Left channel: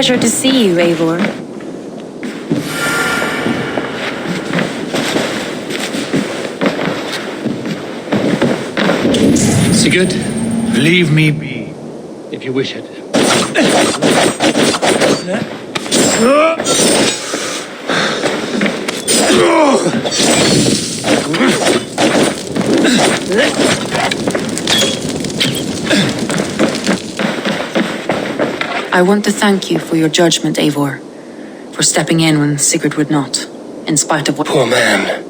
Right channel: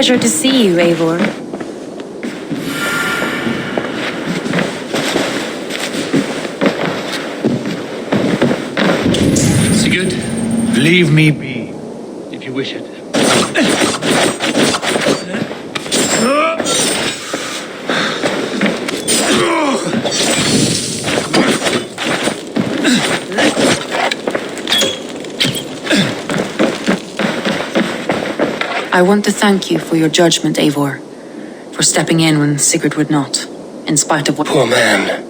pleasure to see you, Eivor. Sigurd, leave me be, if you wish it. I want to thank you for your judgment, Eivor. For stepping in when Sigurd would not, in spite of what— Poor man.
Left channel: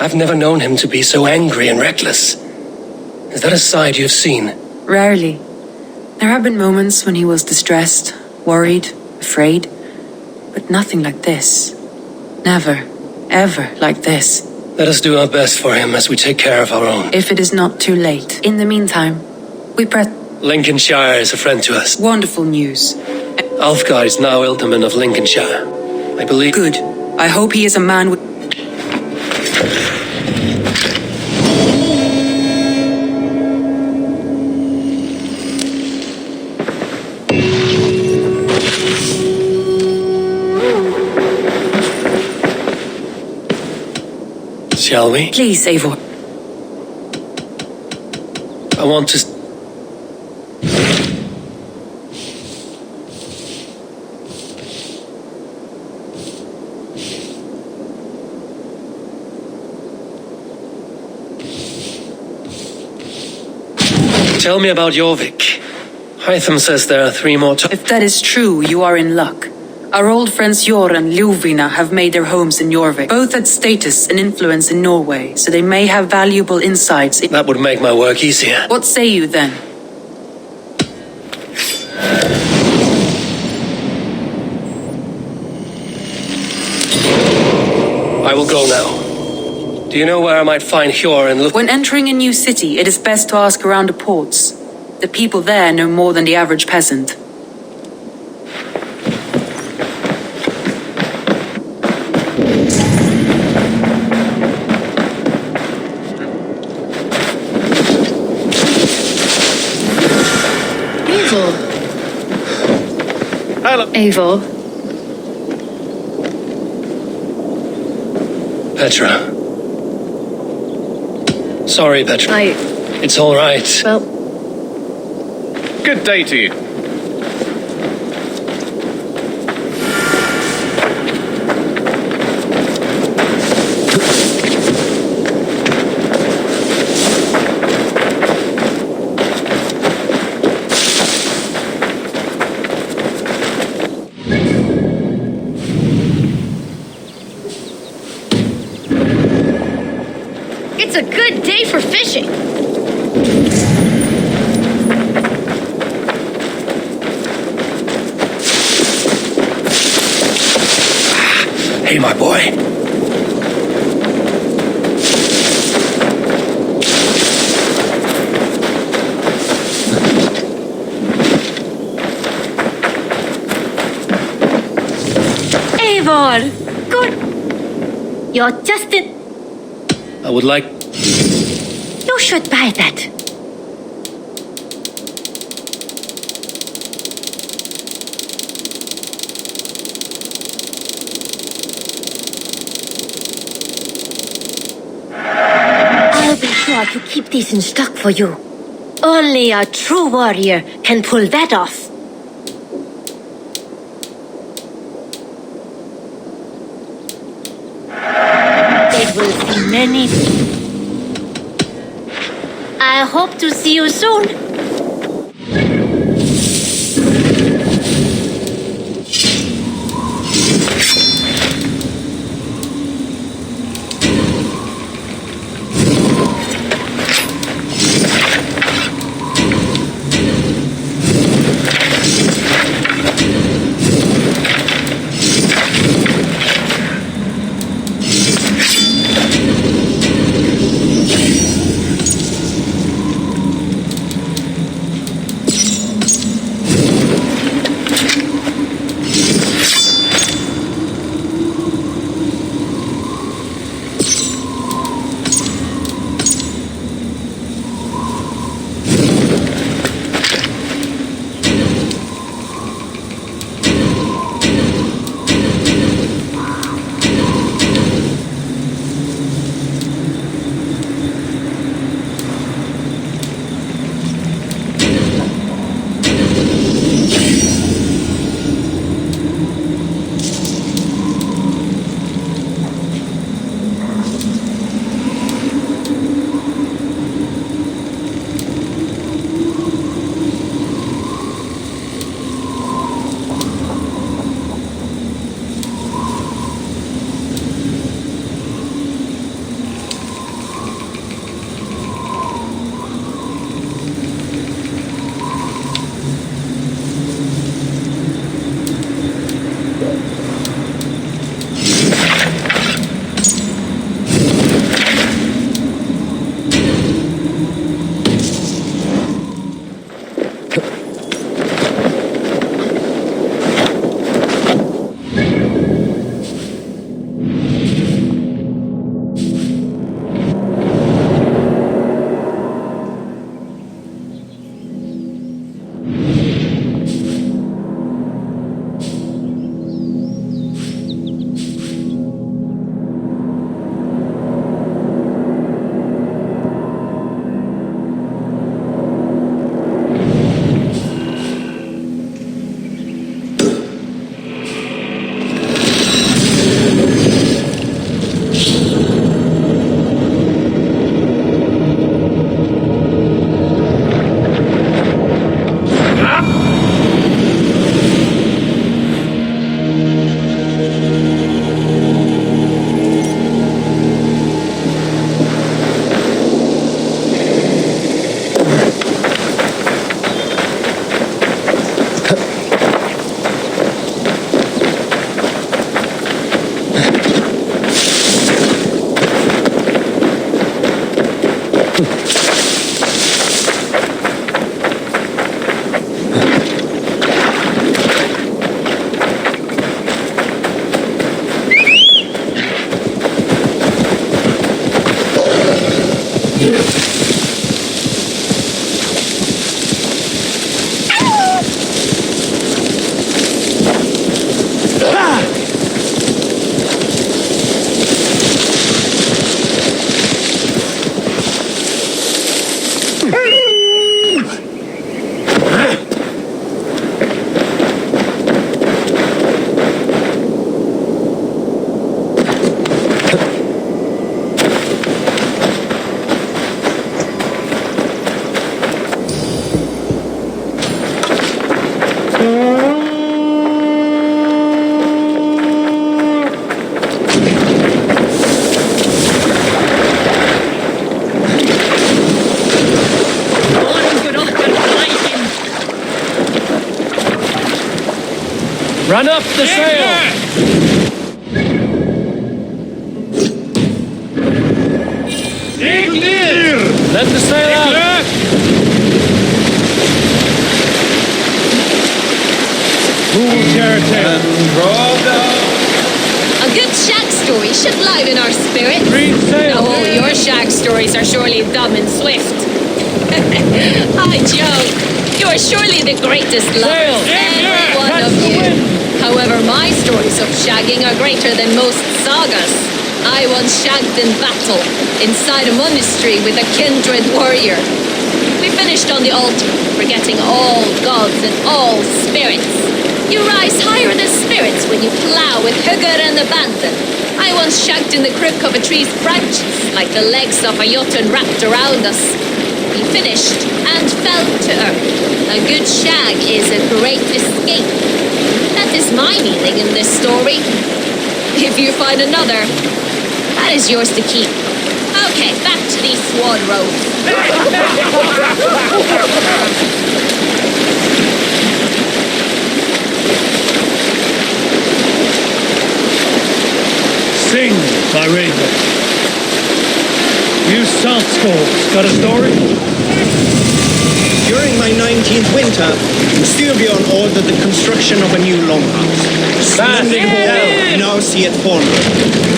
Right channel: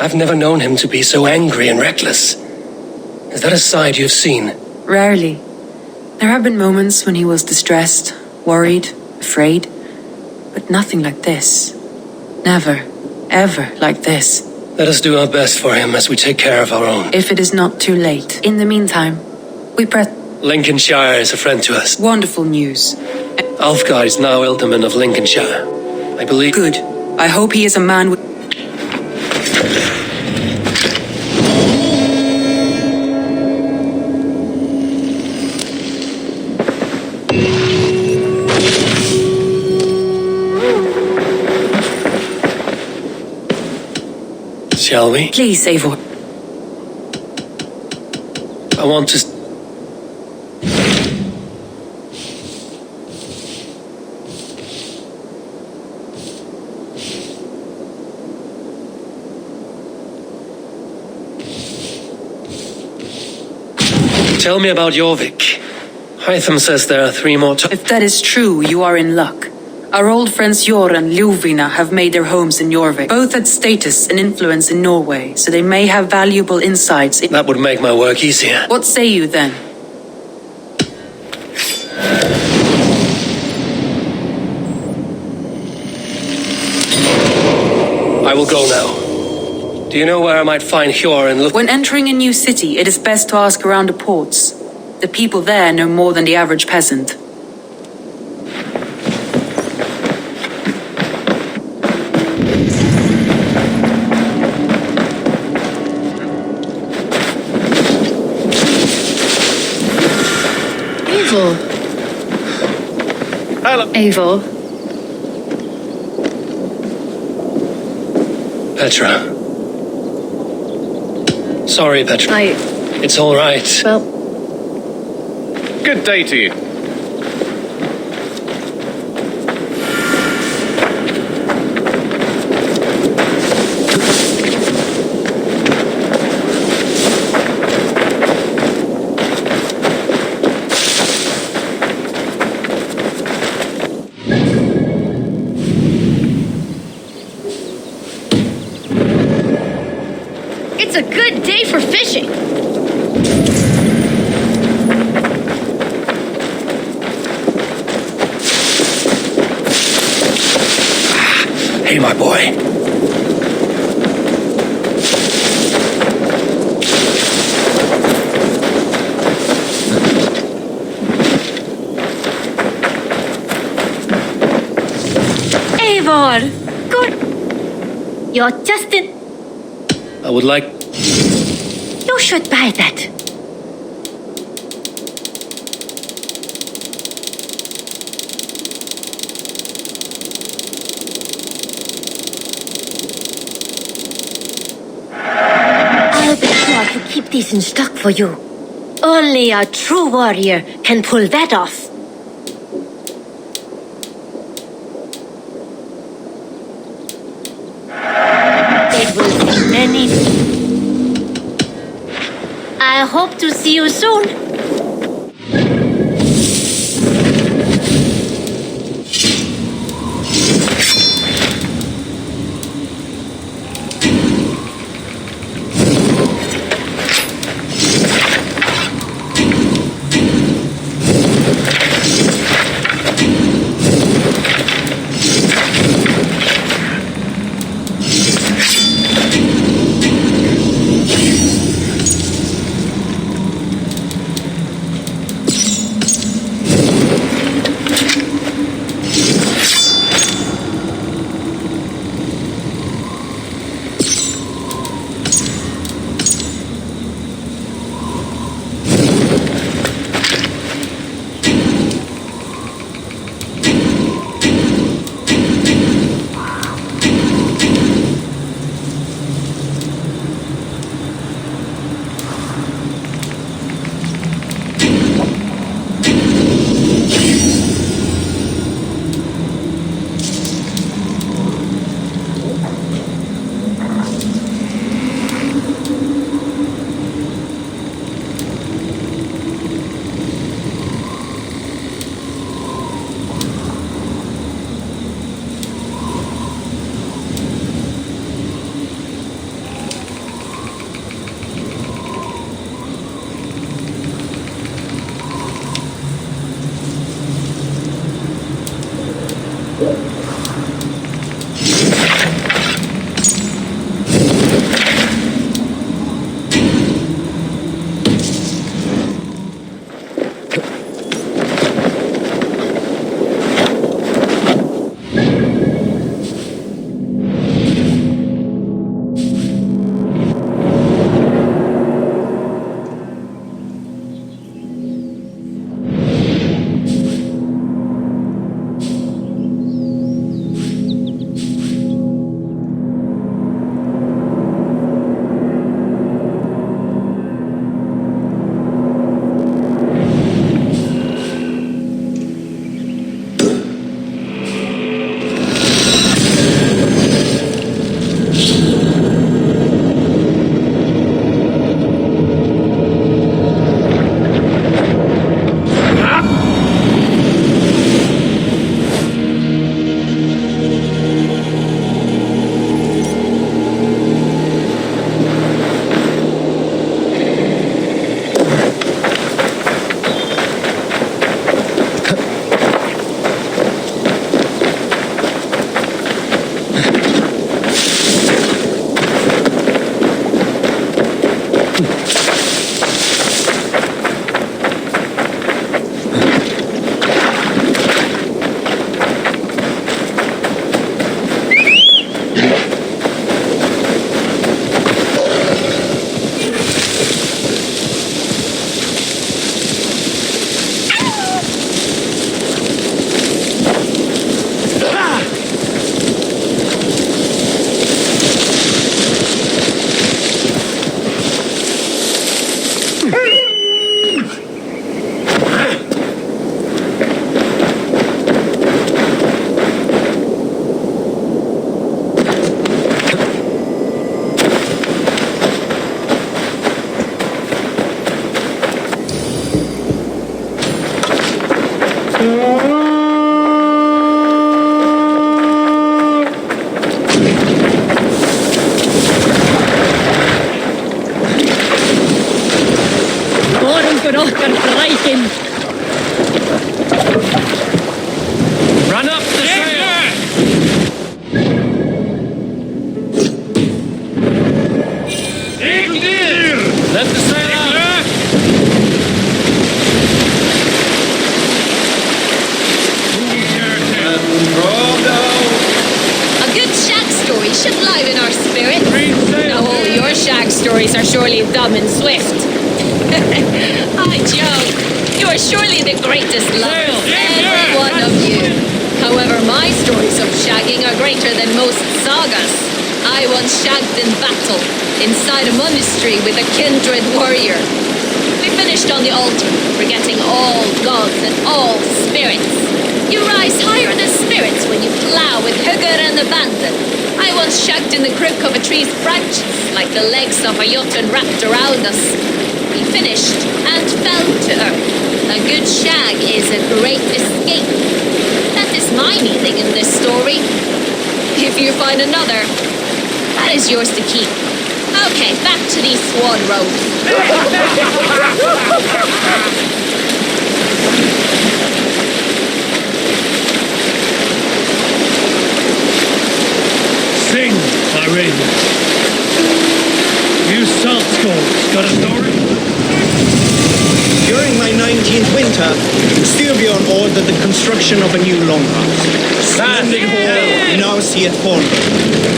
I've never known him to be so angry and reckless. Is that a side you've seen? Rarely. There have been moments when he was distressed, worried, afraid. But nothing like this. Never, ever like this. Let us do our best for him as we take care of our own. If it is not too late. In the meantime, we press— Lincolnshire is a friend to us. Wonderful news. Alfgar is now Ealdorman of Lincolnshire. I believe— Good. I hope he is a man with— Shall we? Please, Eivor. I want to— Tell me about Jorvik. Hytham says there are 3 more— If that is true, you are in luck. Our old friends Jor and Ljuvina have made their homes in Jorvik. Both had status and influence in Norway, so they may have valuable insights in— That would make my work easier. What say you then? I will go now. Do you know where I might find Hjor and look— When entering a new city, it is best to ask around the ports. The people there know more than the average peasant. Eivor. Hello. Eivor. Petra. Sorry, Petra. It's all right. Well, Good day to you. it's a good day for fishing. Hey, my boy. Eivor, good. You're just in. I would like— You should buy that. I'll be sure to keep these in stock for you. Only a true warrior can pull that off. It will be many. I hope to see you soon. Run up the sail! Let the sail out! A good shag story should liven our spirits. Now all your shag stories are surely dumb and swift. I joke. You are surely the greatest lovers, every one of you. However, my stories of shagging are greater than most sagas. I once shagged in battle, inside a monastery with a kindred warrior. We finished on the altar, forgetting all gods and all spirits. You rise higher than spirits when you plow with hugger and abandon. I once shagged in the crook of a tree's branches, like the legs of a jotun wrapped around us. We finished and fell to earth. A good shag is a great escape. That is my meaning in this story. If you find another, that is yours to keep. Okay, back to these swan robes. Sing, my raven. You salt skulls, got a story? During my 19th winter, Styrbjorn ordered the construction of a new longhouse. A splendid hall we now see at Fornburg.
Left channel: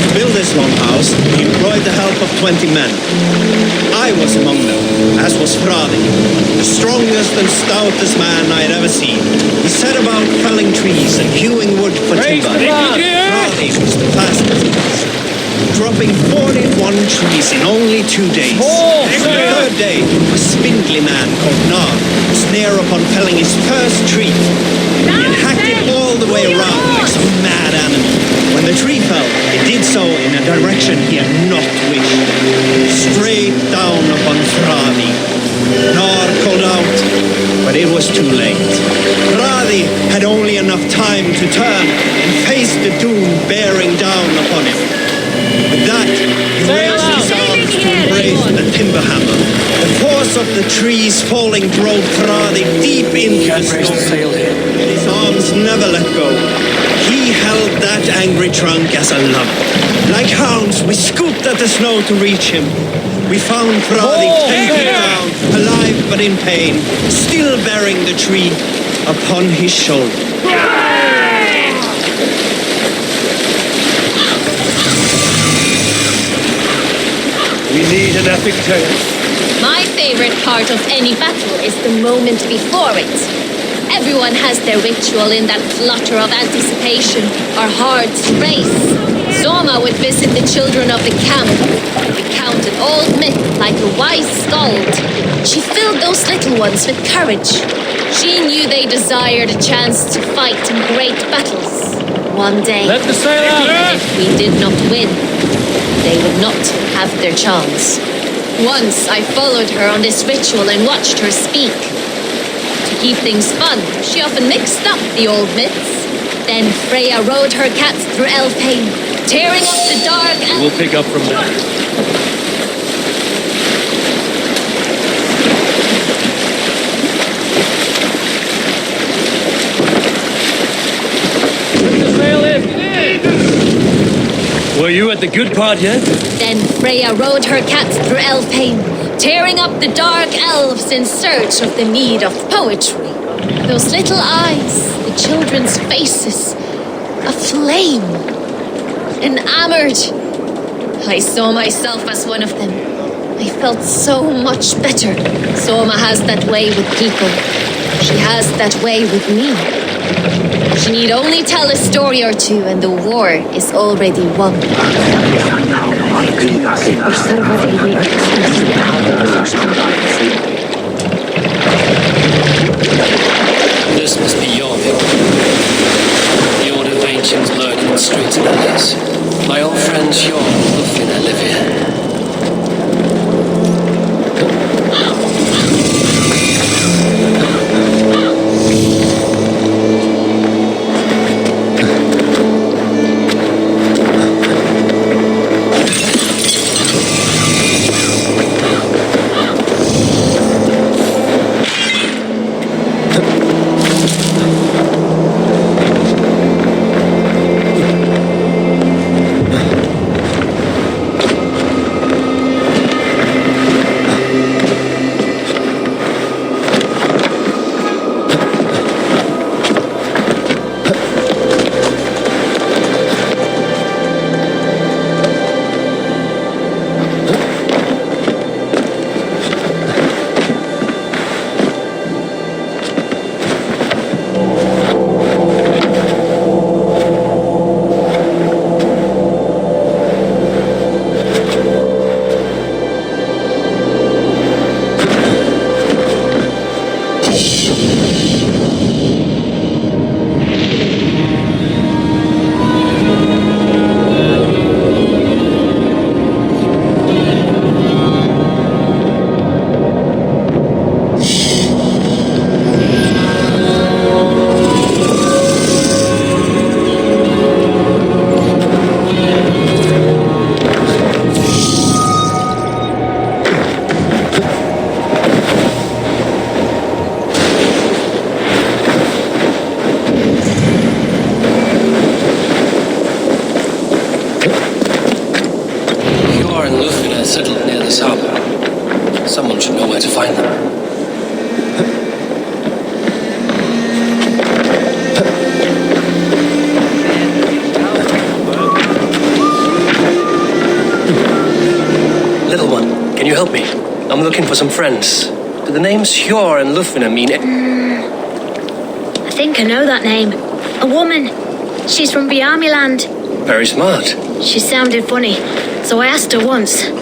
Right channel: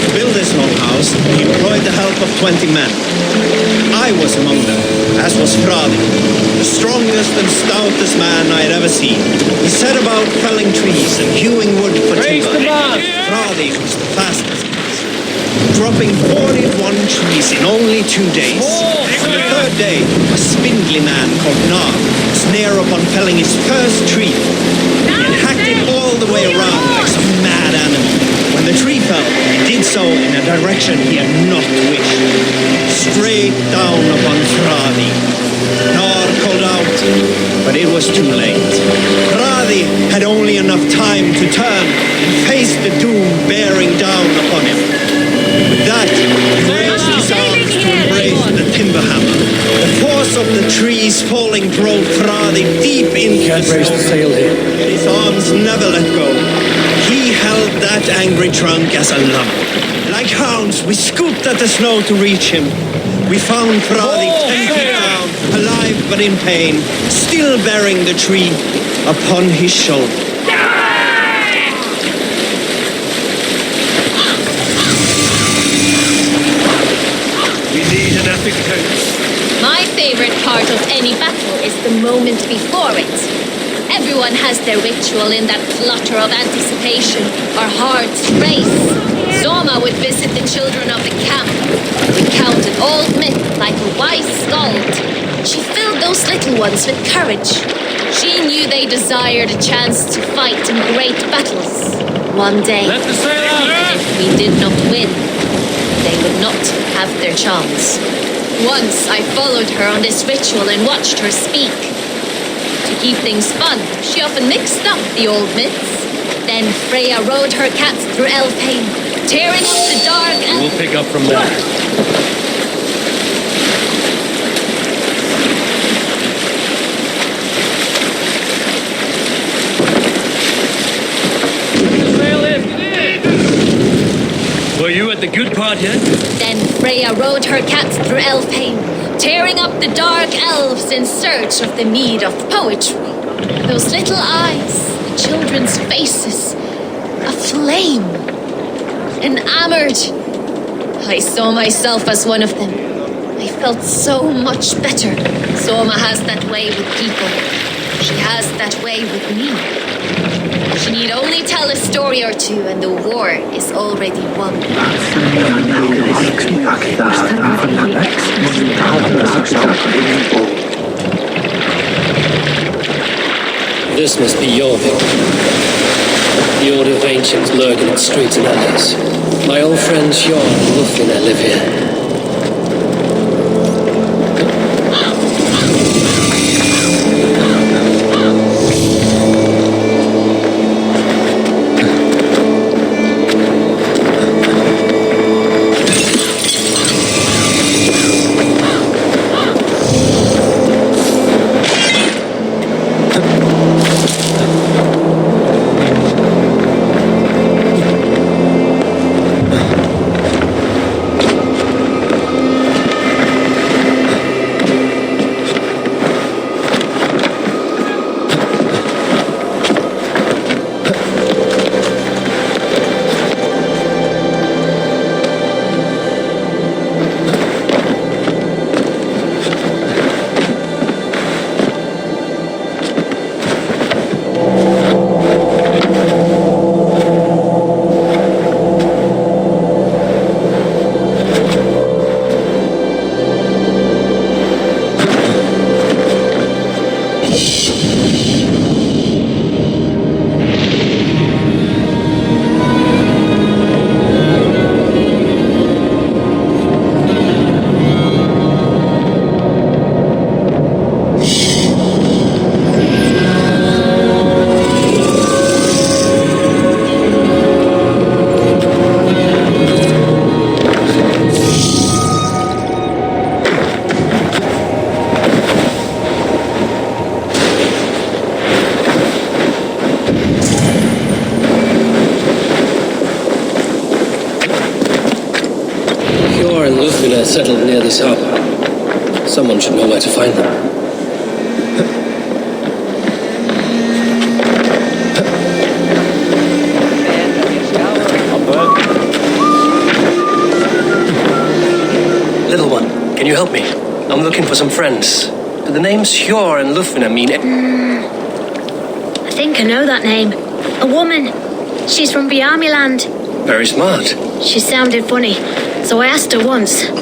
To build this longhouse, he employed the help of 20 men. I was among them, as was Fradi, the strongest and stoutest man I had ever seen. He set about felling trees and hewing wood for timber. Fradi was the fastest, dropping 41 trees in only 2 days. On the third day, a spindly man called Nar was near upon felling his first tree. He had hacked it all the way around like some mad animal. When the tree fell, it did so in a direction he had not wished. Straight down upon Fradi. Nar called out, but it was too late. Fradi had only enough time to turn and face the doom bearing down upon him. With that, he raised his arms to embrace the timber hammer. The force of the trees falling drove Fradi deep into the snow. Yet his arms never let go. He held that angry trunk as a lump. Like hounds, we scooped at the snow to reach him. We found Fradi 10 feet down, alive but in pain, still bearing the tree upon his shoulder. We need an epic tale. My favorite part of any battle is the moment before it. Everyone has their ritual in that flutter of anticipation. Our hearts race. Soma would visit the children of the camp, recounted old myth like a wise skald. She filled those little ones with courage. She knew they desired a chance to fight in great battles. One day, Let the sail out! and if we did not win, they would not have their chance. Once I followed her on this ritual and watched her speak. To keep things fun, she often mixed up the old myths. Then Freya rode her cats through Elfheim, tearing up the dark and... We'll pick up from there. The sail in! Were you at the good part yet? Then Freya rode her cats through Elfheim, tearing up the dark elves in search of the mead of poetry. Those little eyes, the children's faces, aflame, enamored. I saw myself as one of them. I felt so much better. Soma has that way with people. She has that way with me. She need only tell a story or two and the war is already won. This must be Jorvik. The Order of Ancients lurk in the streets and alleys. My old friends Sjorn and Lufina live here. Settled near this harbor. Someone should know where to find them. Little one, can you help me? I'm looking for some friends. Do the names Sjor and Lufina mean I think I know that name. A woman. She's from Biamiland. Very smart. She sounded funny, so I asked her once.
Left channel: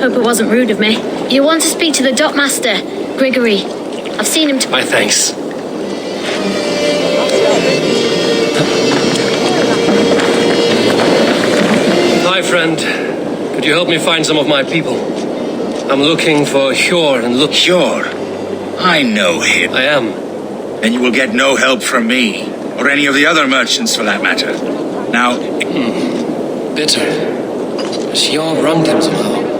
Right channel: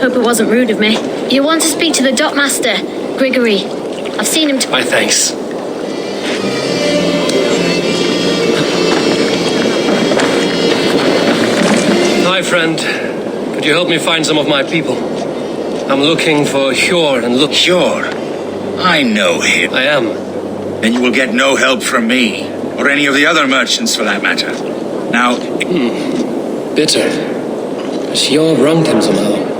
Hope it wasn't rude of me. You want to speak to the dockmaster, Grigory. I've seen him My thanks. Hi, friend. Could you help me find some of my people? I'm looking for Sjor and Sure. I know him. I am. Then you will get no help from me, or any of the other merchants for that matter. Now... Bitter. Sjor wronged him somehow.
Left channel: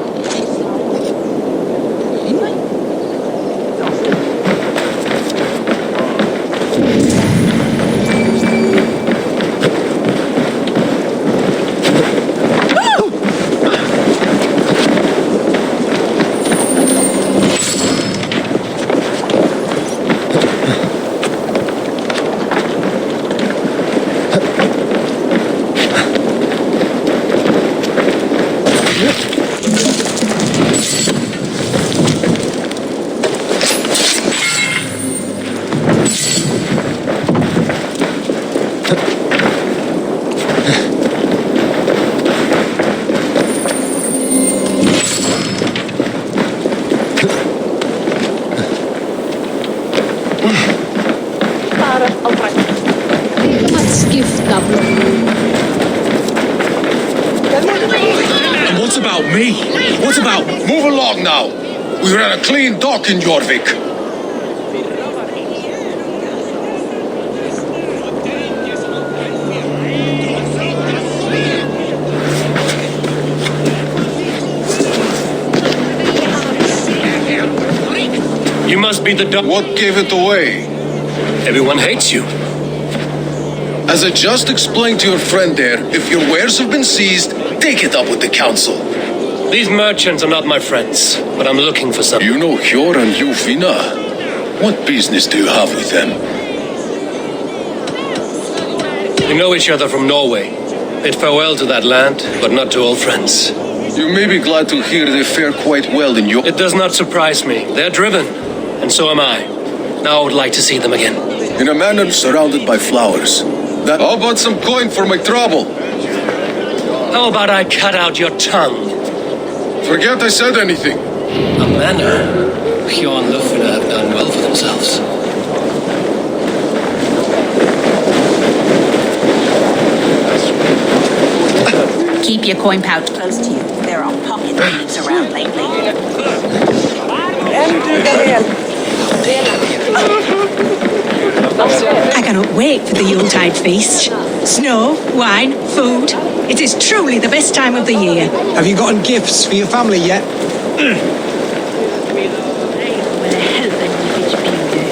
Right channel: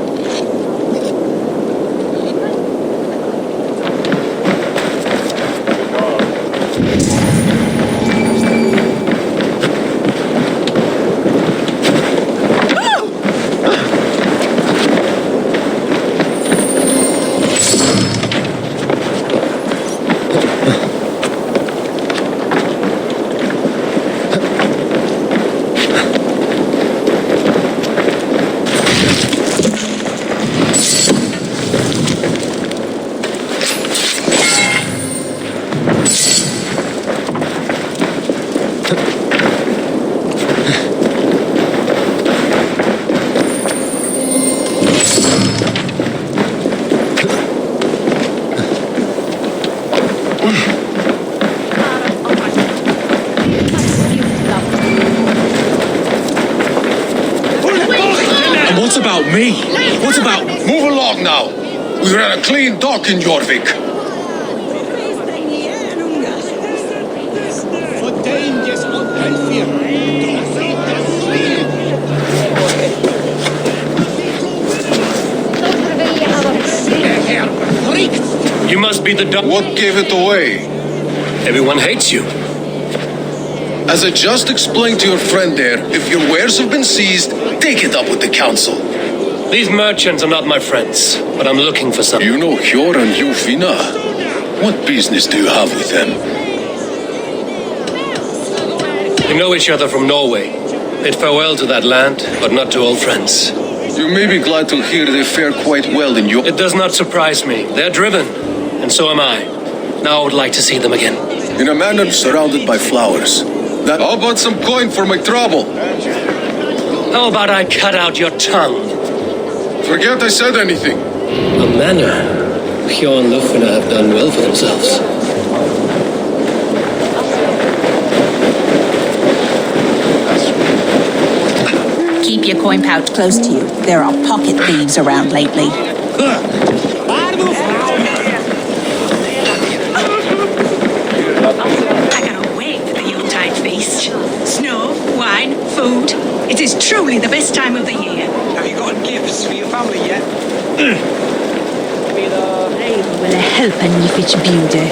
What about me? What about... Move along now. We ran a clean dock in Jorvik. You must be the What gave it away? Everyone hates you. As I just explained to your friend there, if your wares have been seized, take it up with the council. These merchants are not my friends, but I'm looking for some. You know Hjor and Jofina? What business do you have with them? We know each other from Norway. Bid farewell to that land, but not to old friends. You may be glad to hear they fare quite well in your... It does not surprise me. They're driven, and so am I. Now I would like to see them again. In a manor surrounded by flowers. How about some coin for my trouble? How about I cut out your tongue? Forget I said anything. A manor. Hjor and Lufina have done well for themselves. Keep your coin pouch close to you. There are pocket thieves around lately. I cannot wait for the Yuletide feast. Snow, wine, food. It is truly the best time of the year. Have you gotten gifts for your family yet? Raven will help en if it's beauty.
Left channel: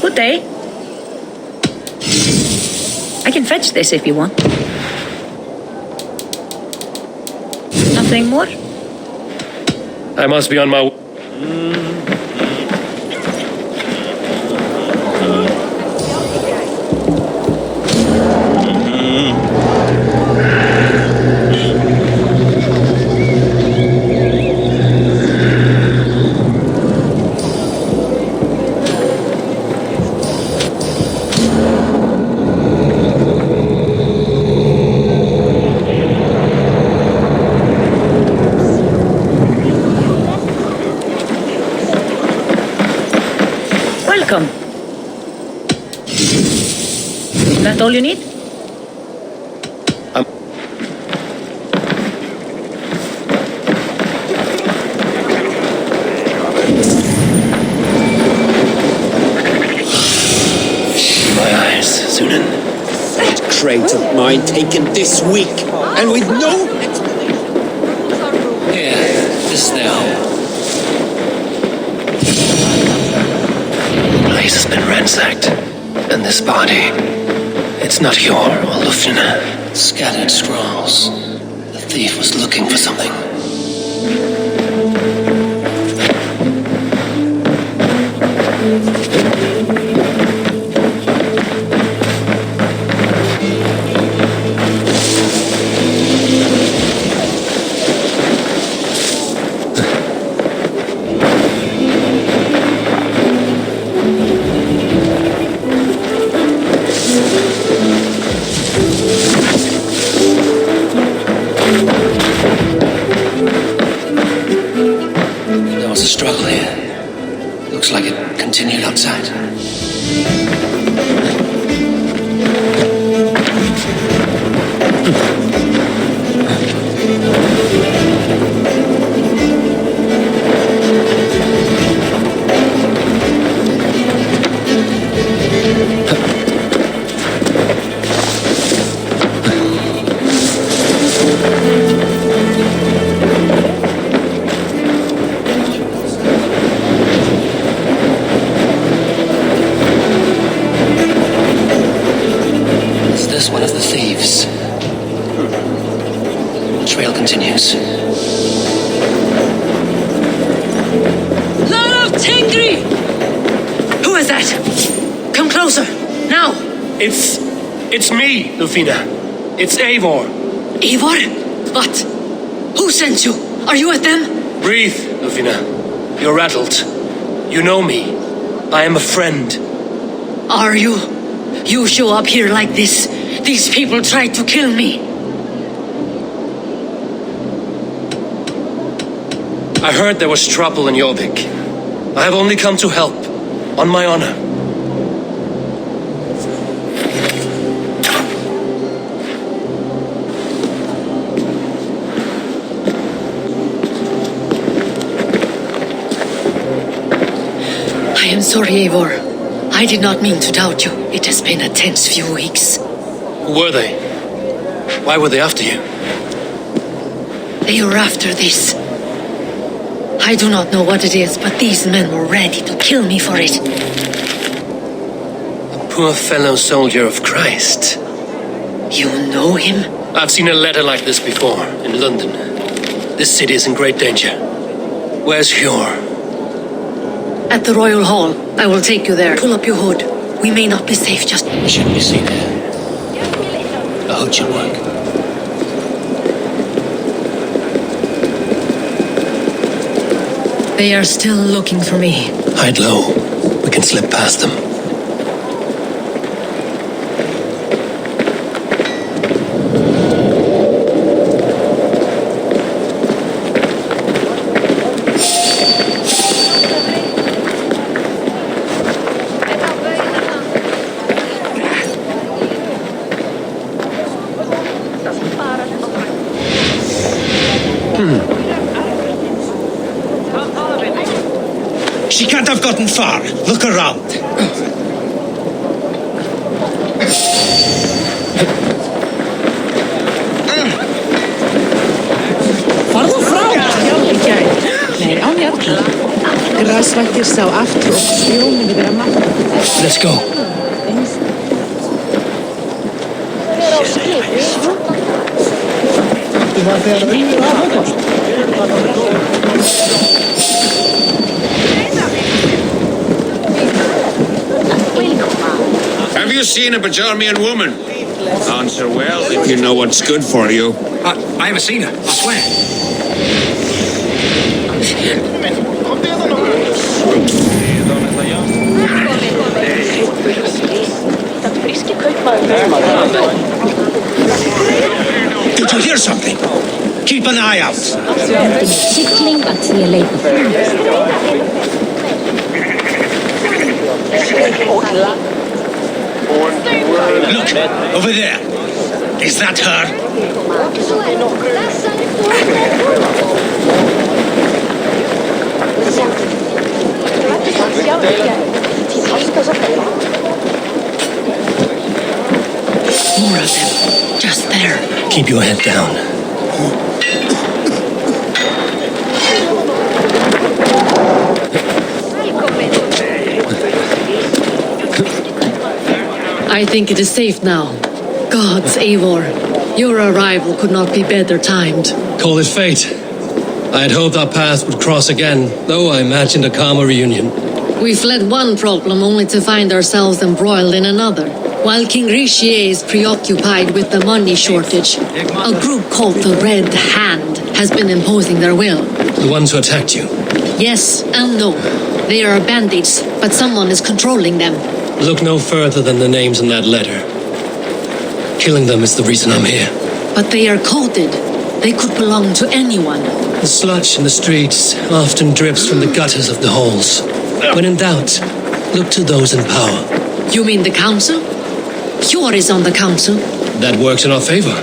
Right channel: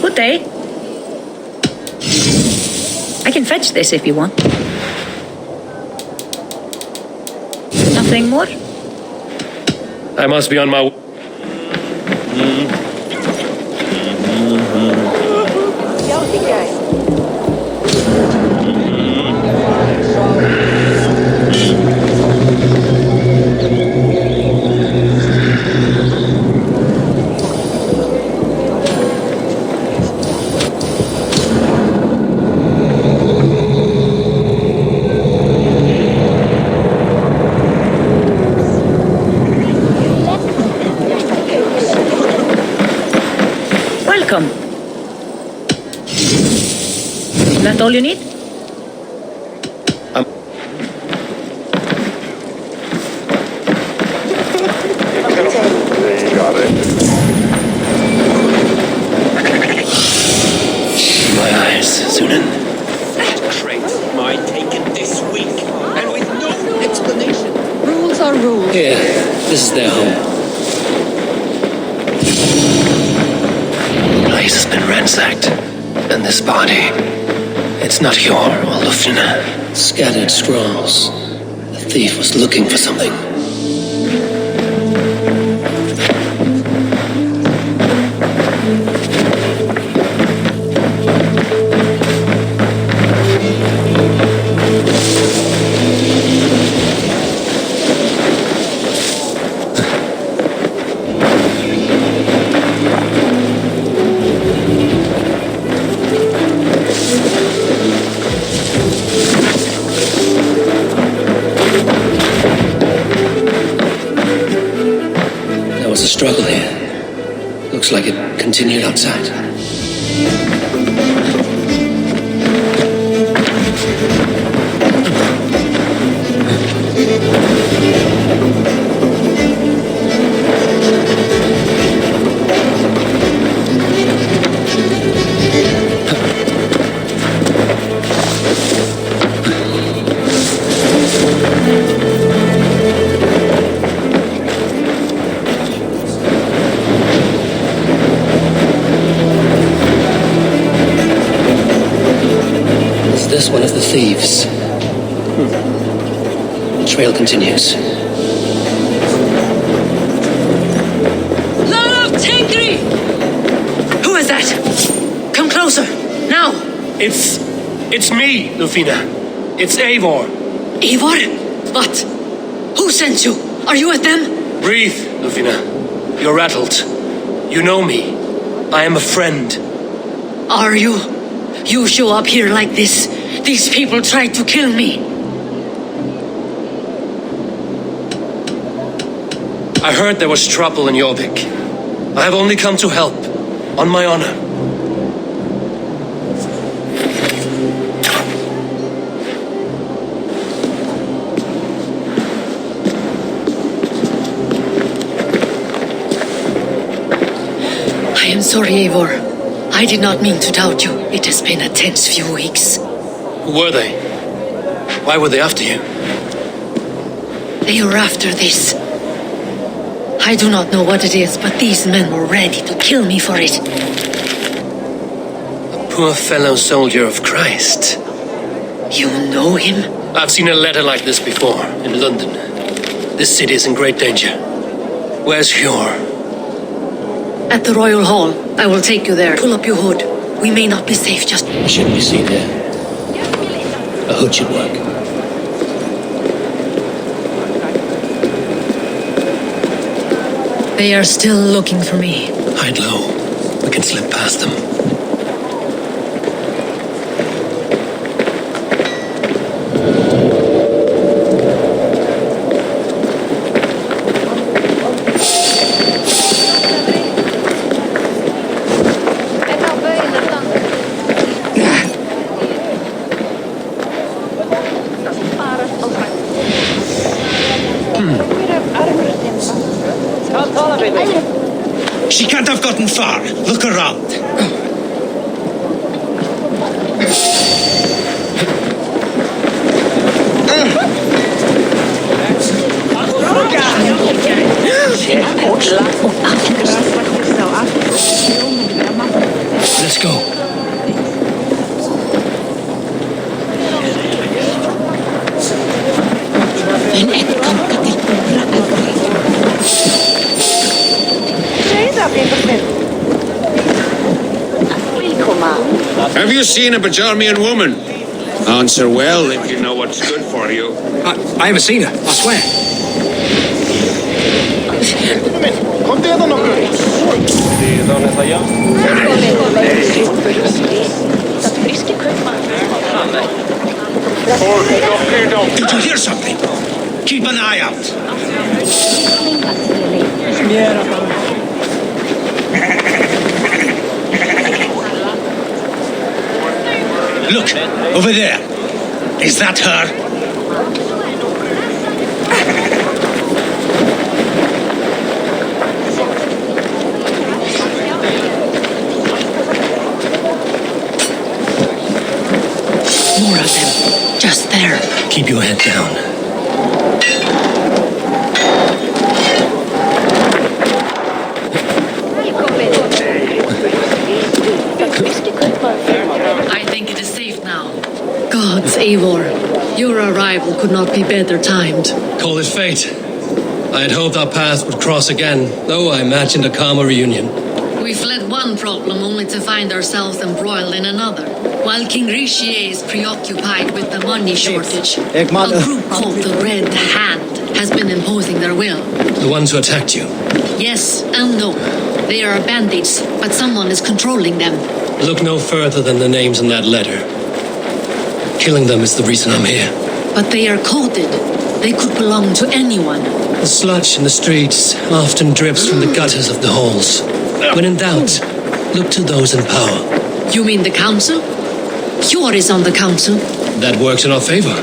Good day. I can fetch this if you want. Nothing more? I must be on my way. Welcome. Is that all you need? My eyes, Sunan. That crate of mine taken this week, and with no explanation. Rules are rules. Here, this is their home. The place has been ransacked. And this body, it's not Hjor or Lufina. Scattered scrolls. The thief was looking for something. Struggle here. Looks like it continued outside. This one of the thieves. The trail continues. Lord of Tengri! Who is that? Come closer, now! It's me, Lufina. It's Eivor. Eivor? What? Who sent you? Are you with them? Breathe, Lufina. You're rattled. You know me. I am a friend. Are you? You show up here like this. These people tried to kill me. I heard there was trouble in Jorvik. I have only come to help. On my honor. I am sorry, Eivor. I did not mean to doubt you. It has been a tense few weeks. Who were they? Why were they after you? They were after this. I do not know what it is, but these men were ready to kill me for it. poor fellow soldier of Christ. You know him? I've seen a letter like this before, in London. This city is in great danger. Where's Hjor? At the Royal Hall. I will take you there. Pull up your hood. We may not be safe just... We shouldn't be seen here. A hood should work. They are still looking for me. Hide low. We can slip past them. She can't have gotten far. Look around. Let's go. Have you seen a Bajarmian woman? Answer well if you know what's good for you. I haven't seen her, I swear. Did you hear something? Keep an eye out. Look, over there. Is that her? More of them. Just there. Keep your head down. I think it is safe now. Gods, Eivor. Your arrival could not be better timed. Call it fate. I had hoped our paths would cross again, though I imagined a calmer reunion. We fled one problem only to find ourselves embroiled in another. While King Richier is preoccupied with the money shortage, a group called the Red Hand has been imposing their will. The ones who attacked you? Yes and no. They are bandits, but someone is controlling them. Look no further than the names in that letter. Killing them is the reason I'm here. But they are coded. They could belong to anyone. The sludge in the streets often drips from the gutters of the halls. When in doubt, look to those in power. You mean the council? Hjor is on the council. That works in our favor.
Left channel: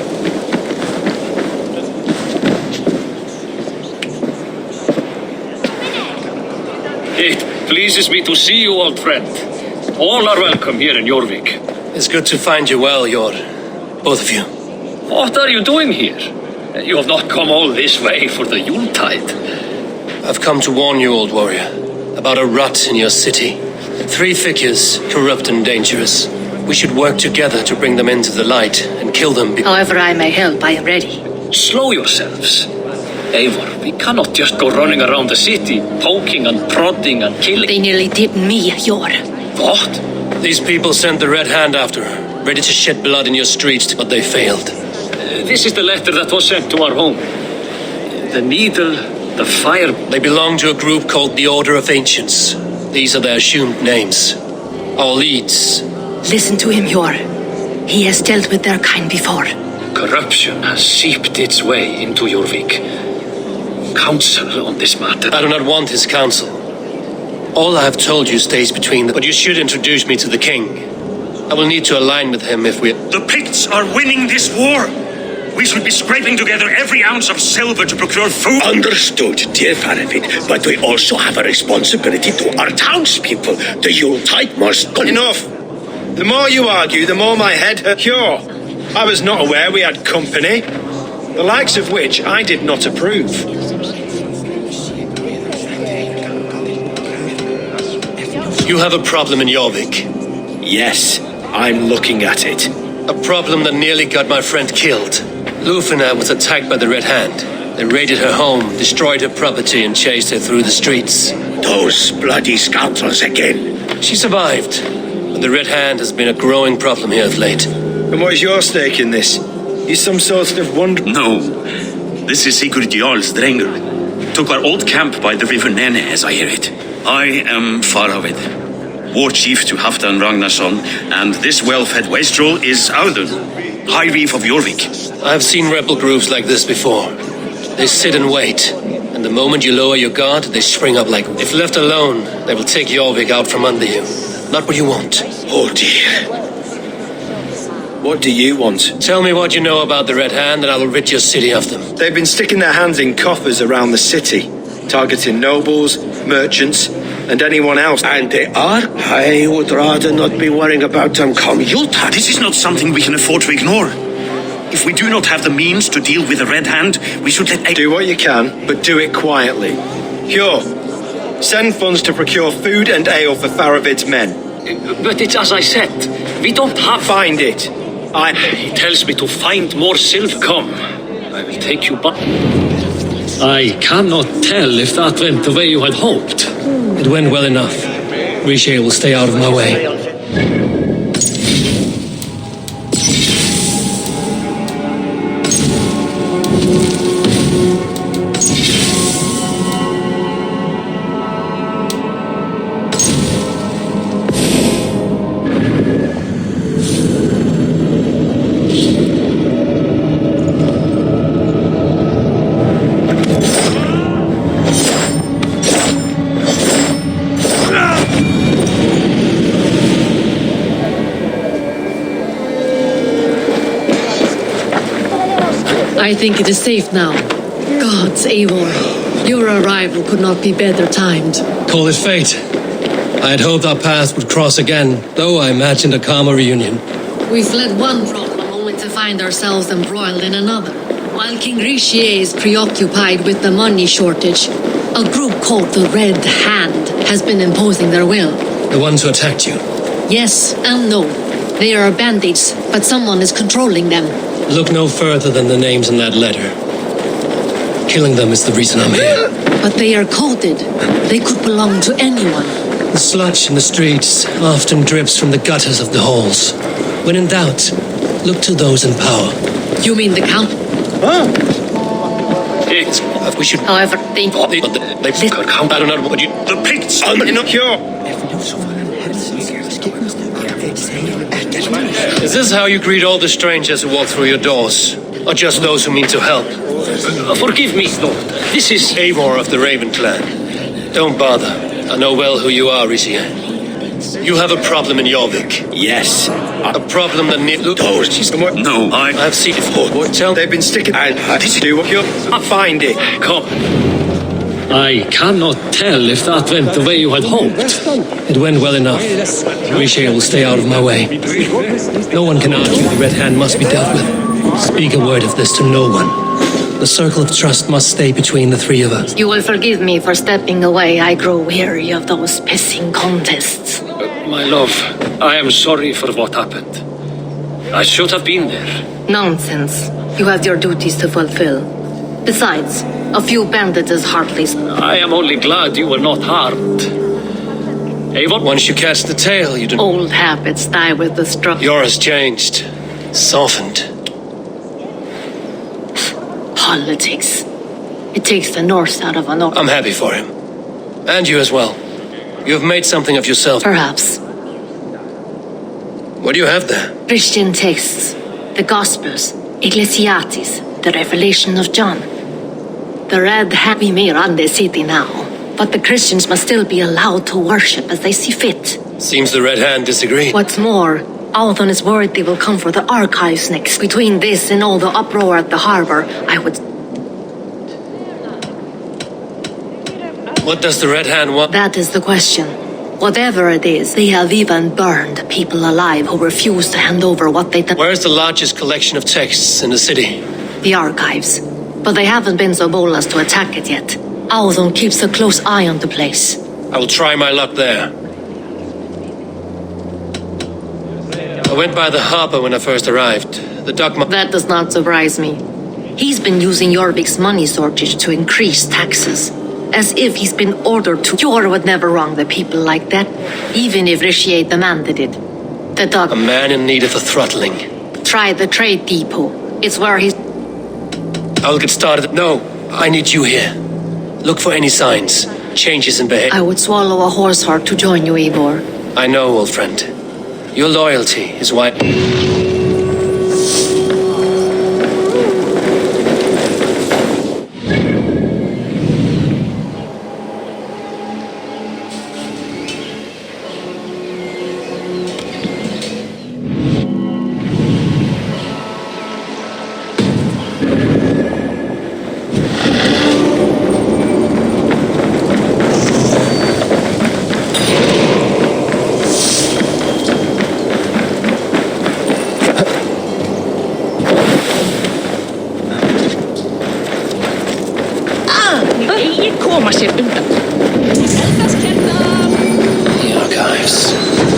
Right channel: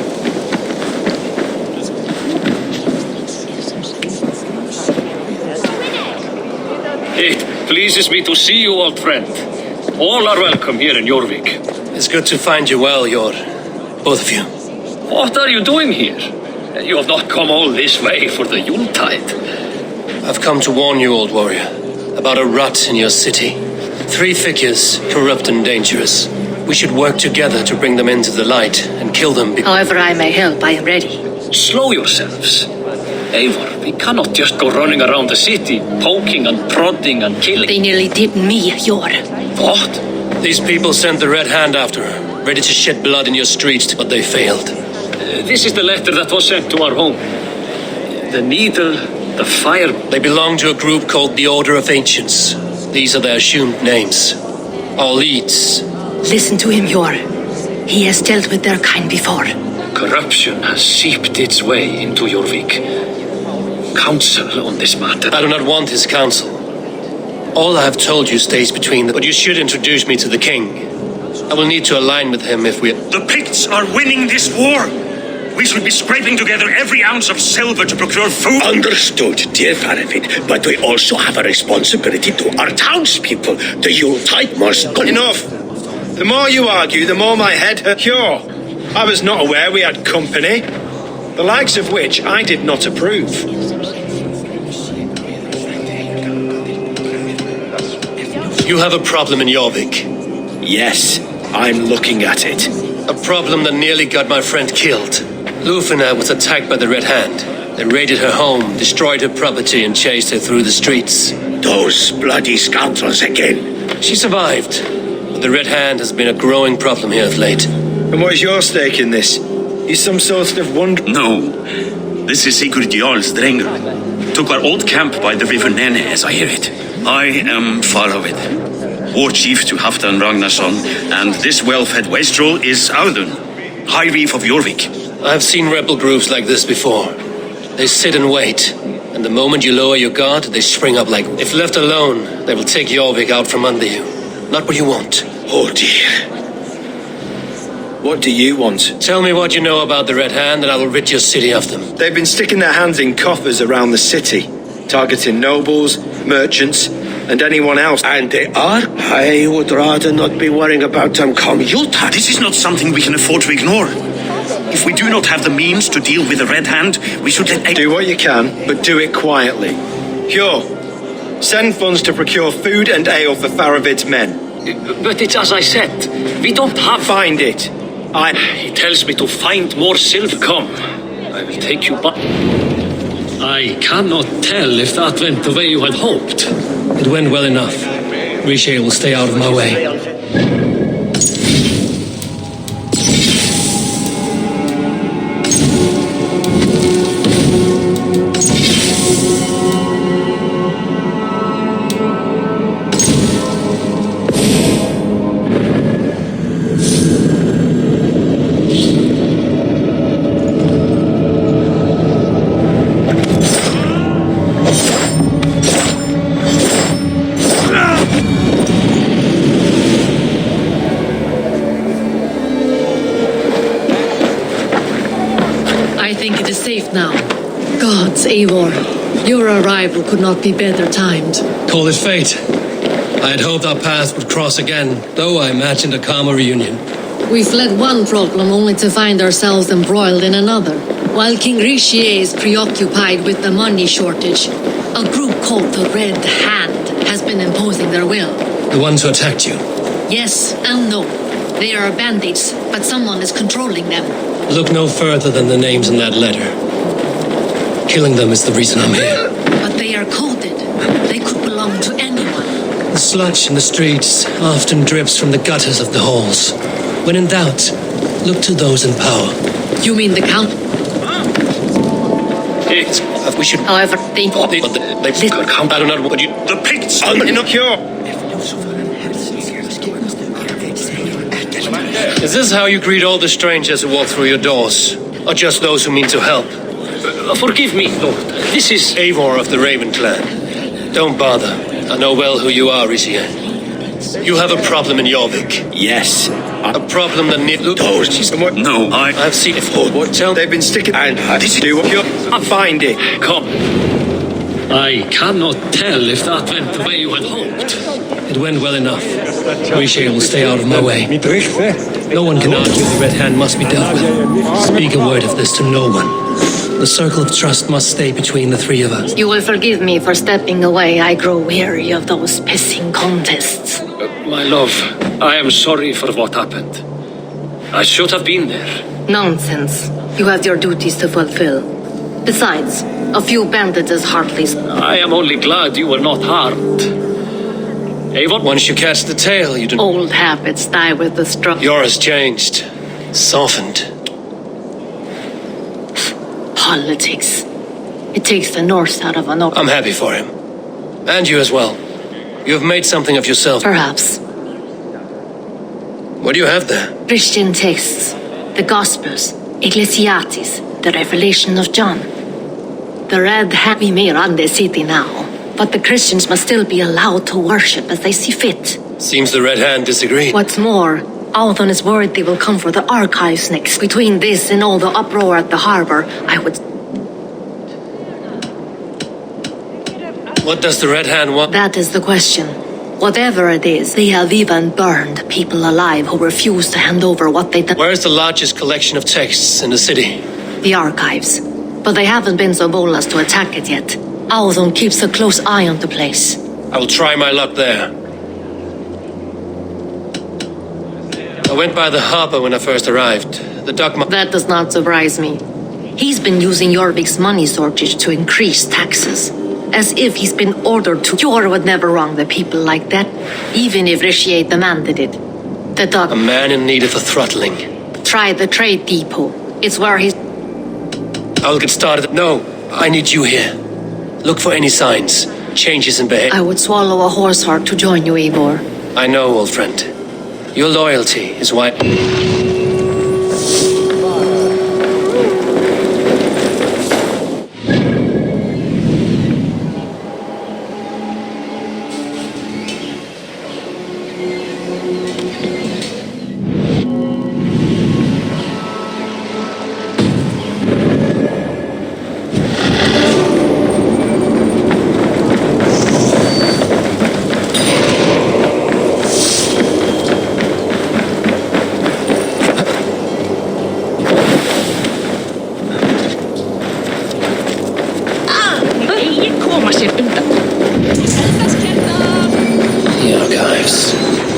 It pleases me to see you, old friend. All are welcome here in Jorvik. It's good to find you well, Hjor. Both of you. What are you doing here? You have not come all this way for the Yuletide. I've come to warn you, old warrior, about a rot in your city. 3 figures, corrupt and dangerous. We should work together to bring them into the light and kill them. However I may help, I am ready. Slow yourselves. Eivor, we cannot just go running around the city, poking and prodding and killing. They nearly did me, Hjor. What? These people sent the Red Hand after her, ready to shed blood in your streets, but they failed. This is the letter that was sent to our home. The needle, the fire... They belong to a group called the Order of Ancients. These are their assumed names. Our leads. Listen to him, Hjor. He has dealt with their kind before. Corruption has seeped its way into Jorvik. Counsel on this matter. I do not want his counsel. All I have told you stays between them, but you should introduce me to the king. I will need to align with him if we... The Picts are winning this war. We should be scraping together every ounce of silver to procure food. Understood, dear Farafit, but we also have a responsibility to our townspeople. The Yuletide must go. Enough. The more you argue, the more my head hurts. Sure. I was not aware we had company, the likes of which I did not approve. You have a problem in Jorvik. Yes, I'm looking at it. A problem that nearly got my friend killed. Lufina was attacked by the Red Hand. They raided her home, destroyed her property, and chased her through the streets. Those bloody scoundrels again. She survived, but the Red Hand has been a growing problem here of late. And what is your stake in this? You some sort of wonder... No. This is Sigurd Jarl's Drengr. Took our old camp by the river Nene, as I hear it. I am Faravid, war chief to Halfdan Ragnarsson, and this well-fed wastrel is Audun, High Reef of Jorvik. I've seen rebel groups like this before. They sit and wait, and the moment you lower your guard, they spring up like... If left alone, they will take Jorvik out from under you. Not what you want. Oh dear. What do you want? Tell me what you know about the Red Hand, and I will rid your city of them. They've been sticking their hands in coffers around the city, targeting nobles, merchants, and anyone else. And they are? I would rather not be worrying about them commuter. This is not something we can afford to ignore. If we do not have the means to deal with the Red Hand, we should let... Do what you can, but do it quietly. Cure. Send funds to procure food and ale for Faravid's men. But it's as I said, we don't have... Find it. He tells me to find more silver. Come, I will take you back. I cannot tell if that went the way you had hoped. It went well enough. Riche will stay out of my way. I think it is safe now. Gods, Eivor, your arrival could not be better timed. Call it fate. I had hoped our paths would cross again, though I imagined a calmer reunion. We fled one problem only to find ourselves embroiled in another. While King Richier is preoccupied with the money shortage, a group called the Red Hand has been imposing their will. The ones who attacked you? Yes and no. They are bandits, but someone is controlling them. Look no further than the names in that letter. Killing them is the reason I'm here. But they are coded. They could belong to anyone. The sludge in the streets often drips from the gutters of the halls. When in doubt, look to those in power. You mean the Count? We should... However, they could count. I don't know what you... The Picts! Is this how you greet all the strangers who walk through your doors? Or just those who mean to help? Forgive me, Lord. This is... Eivor of the Raven clan. Don't bother. I know well who you are, Richier. You have a problem in Jorvik. Yes. A problem that needs... No, I've seen it. What? Tell they've been sticking... And do what you... Find it. Come. I cannot tell if that went the way you had hoped. It went well enough. Riche will stay out of my way. No one can argue the Red Hand must be dealt with. Speak a word of this to no one. The circle of trust must stay between the three of us. You will forgive me for stepping away. I grow weary of those pissing contests. My love, I am sorry for what happened. I should have been there. Nonsense. You have your duties to fulfill. Besides, a few bandits is hardly... I am only glad you were not harmed. Eivor? Once you catch the tail, you don't... Old habits die with the straw. Yours changed. Softened. Politics. It takes the Norse out of a North. I'm happy for him. And you as well. You have made something of yourself. Perhaps. What do you have there? Christian texts. The Gospels. Ecclesiastes. The Revelation of John. The Red Hand may run the city now, but the Christians must still be allowed to worship as they see fit. Seems the Red Hand disagree. What's more, Althon is worried they will come for the archives next. Between this and all the uproar at the harbor, I would... What does the Red Hand want? That is the question. Whatever it is, they have even burned people alive who refuse to hand over what they... Where is the largest collection of texts in the city? The archives. But they haven't been so bold as to attack it yet. Althon keeps a close eye on the place. I will try my luck there. I went by the harbor when I first arrived. The dock... That does not surprise me. He's been using Jorvik's money shortage to increase taxes. As if he's been ordered to. Jor would never wrong the people like that, even if Rishi demanded it. The dock... A man in need of a throttling. Try the trade depot. It's where he's... I'll get started. No, I need you here. Look for any signs, changes in behavior. I would swallow a horse heart to join you, Eivor. I know, old friend. Your loyalty is why... The archives.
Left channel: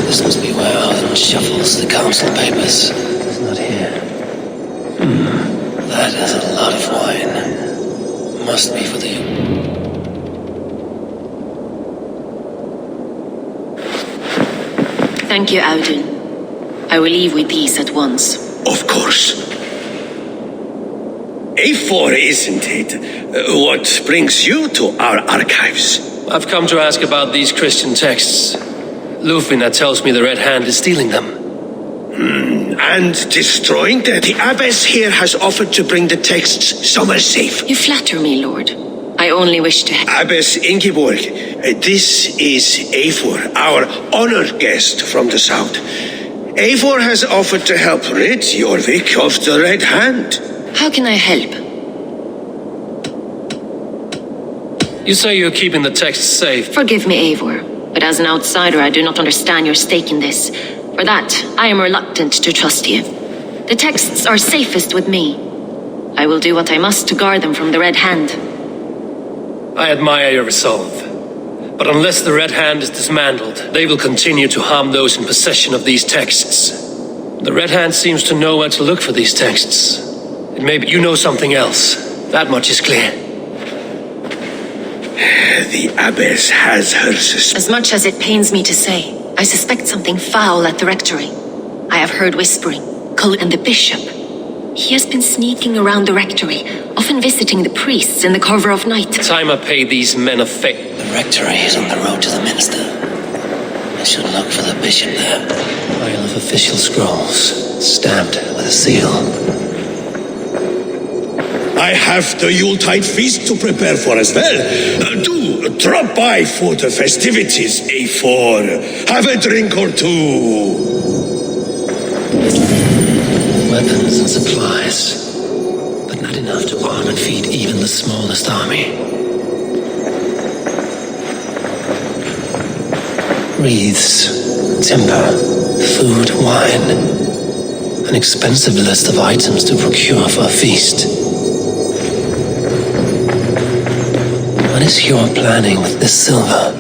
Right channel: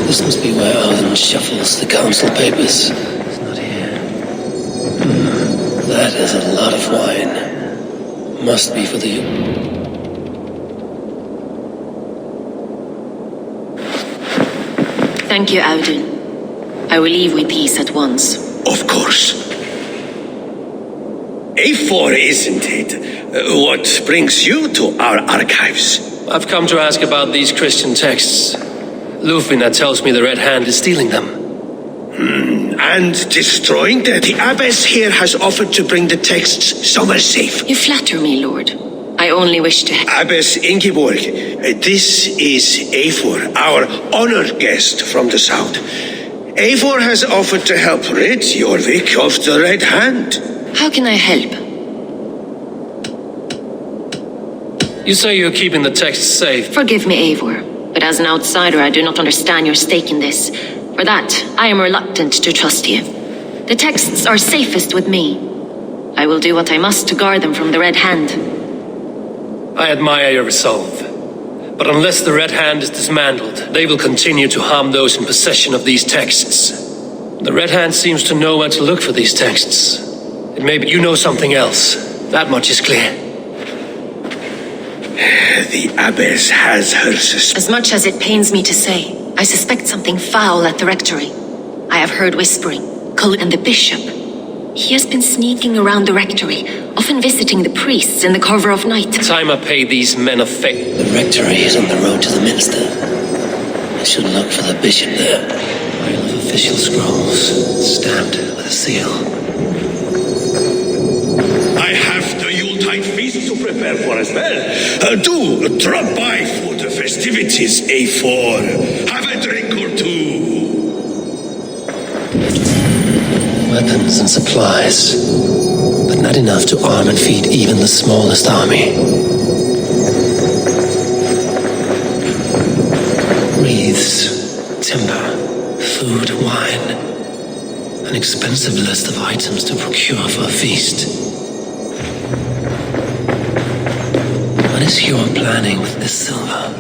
This must be where Oddin shuffles the council papers. It's not here. That is a lot of wine. Must be for the... Thank you, Oddin. I will leave with these at once. Of course. A4, isn't it? What brings you to our archives? I've come to ask about these Christian texts. Lufina tells me the Red Hand is stealing them. And destroying them? The abbess here has offered to bring the texts somewhere safe. You flatter me, Lord. I only wish to... Abbess Ingeborg, this is Eivor, our honored guest from the south. Eivor has offered to help rid Jorvik of the Red Hand. How can I help? You say you're keeping the texts safe. Forgive me, Eivor, but as an outsider, I do not understand your stake in this. For that, I am reluctant to trust you. The texts are safest with me. I will do what I must to guard them from the Red Hand. I admire your resolve. But unless the Red Hand is dismantled, they will continue to harm those in possession of these texts. The Red Hand seems to know where to look for these texts. It may be you know something else. That much is clear. The abbess has her suspicions. As much as it pains me to say, I suspect something foul at the rectory. I have heard whispering, and the bishop. He has been sneaking around the rectory, often visiting the priests in the cover of night. Time I pay these men of faith. The rectory is on the road to the minster. I should look for the bishop there. Pile of official scrolls, stamped with a seal. I have the Yuletide feast to prepare for as well. Do drop by for the festivities, A4. Have a drink or two. Weapons and supplies, but not enough to arm and feed even the smallest army. Wreaths, timber, food, wine. An expensive list of items to procure for a feast. What is your planning with this silver?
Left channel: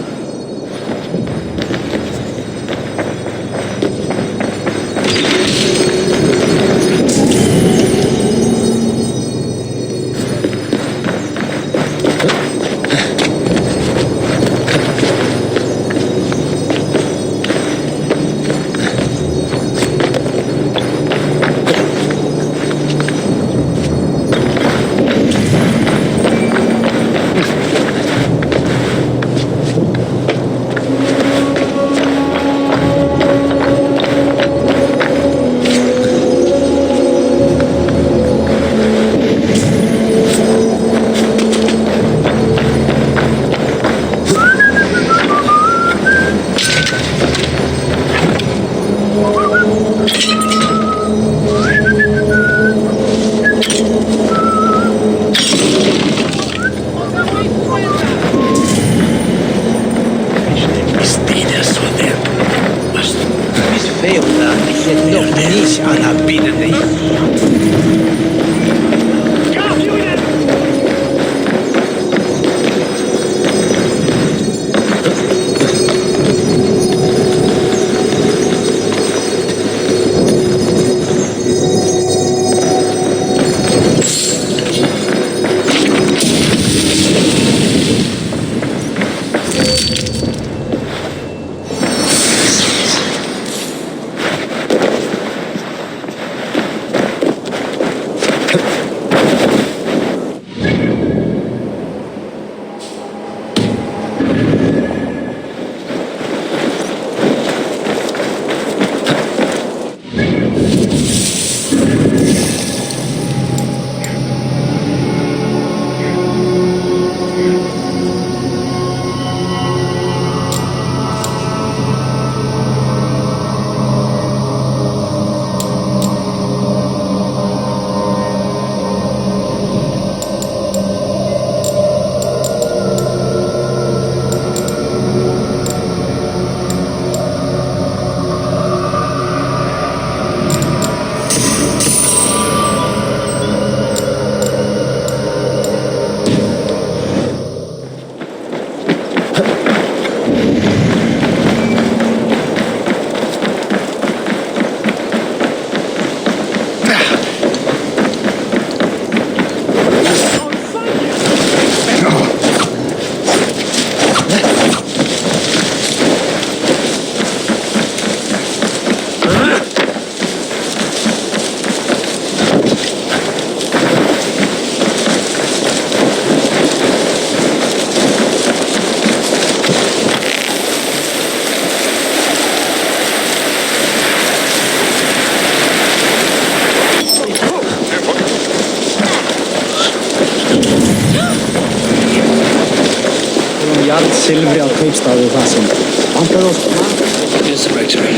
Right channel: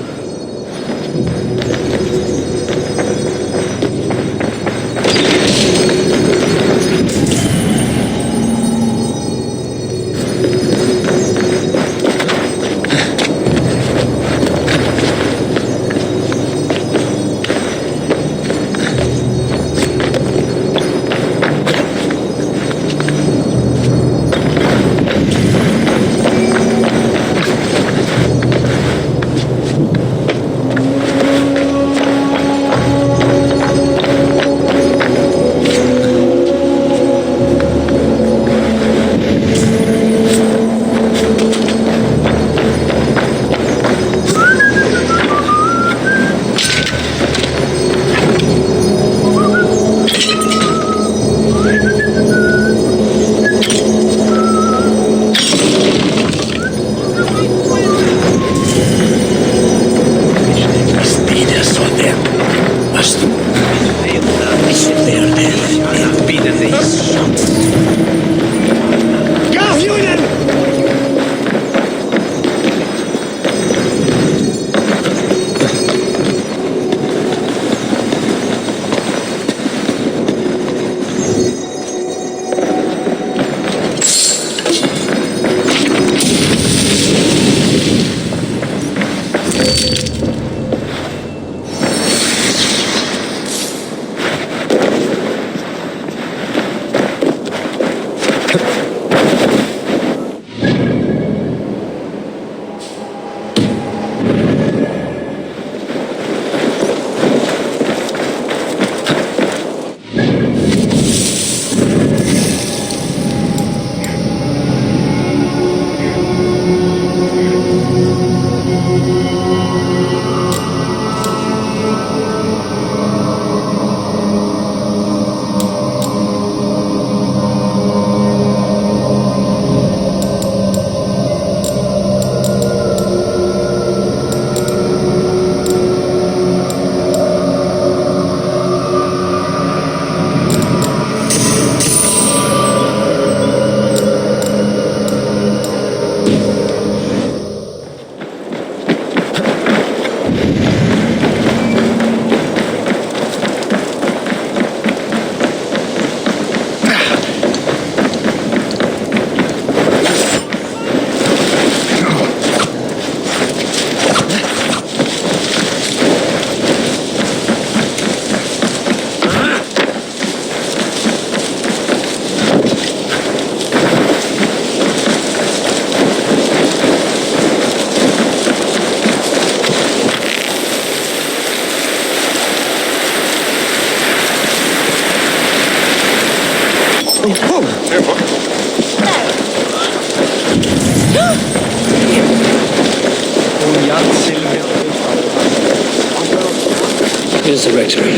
Here's the rectory.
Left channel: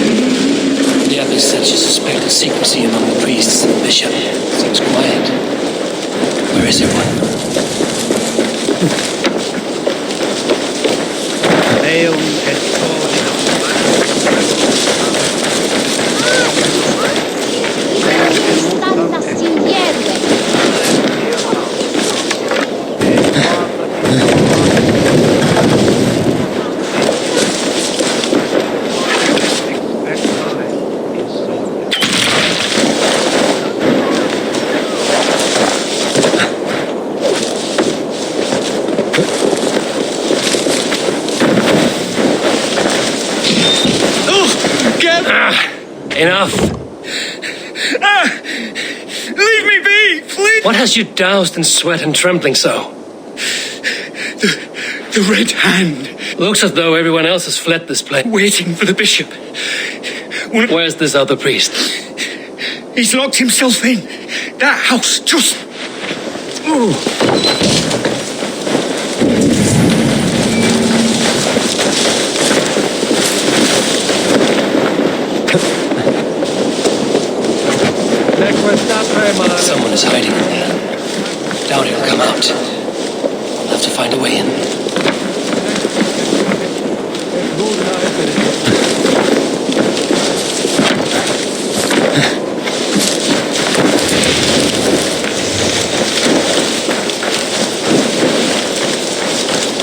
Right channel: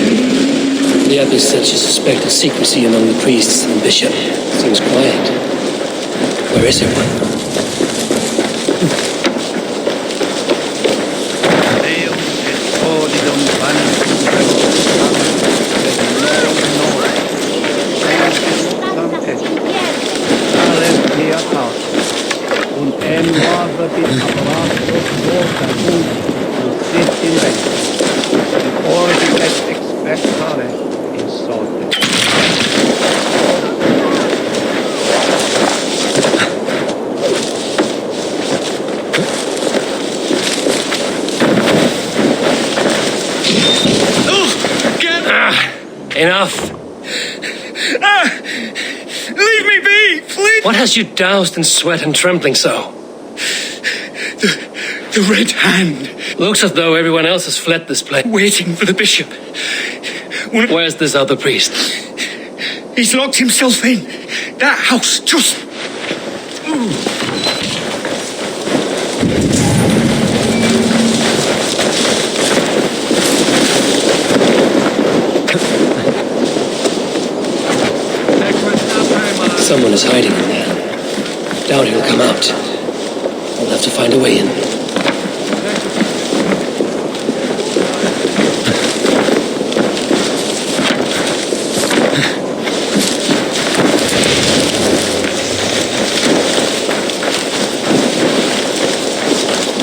The abbess said she suspected secrecy among the priests and the bishop. Seems quiet. Where is everyone? Enough! Leave me be, please! What has you doused in sweat and trembling so? The Red Hand. Looks as though everyone else has fled this place. Waiting for the bishop. Where's this other priest? He's locked himself in. That house just... Someone is hiding in there. Doubt he'll come out. I'll have to find a way in.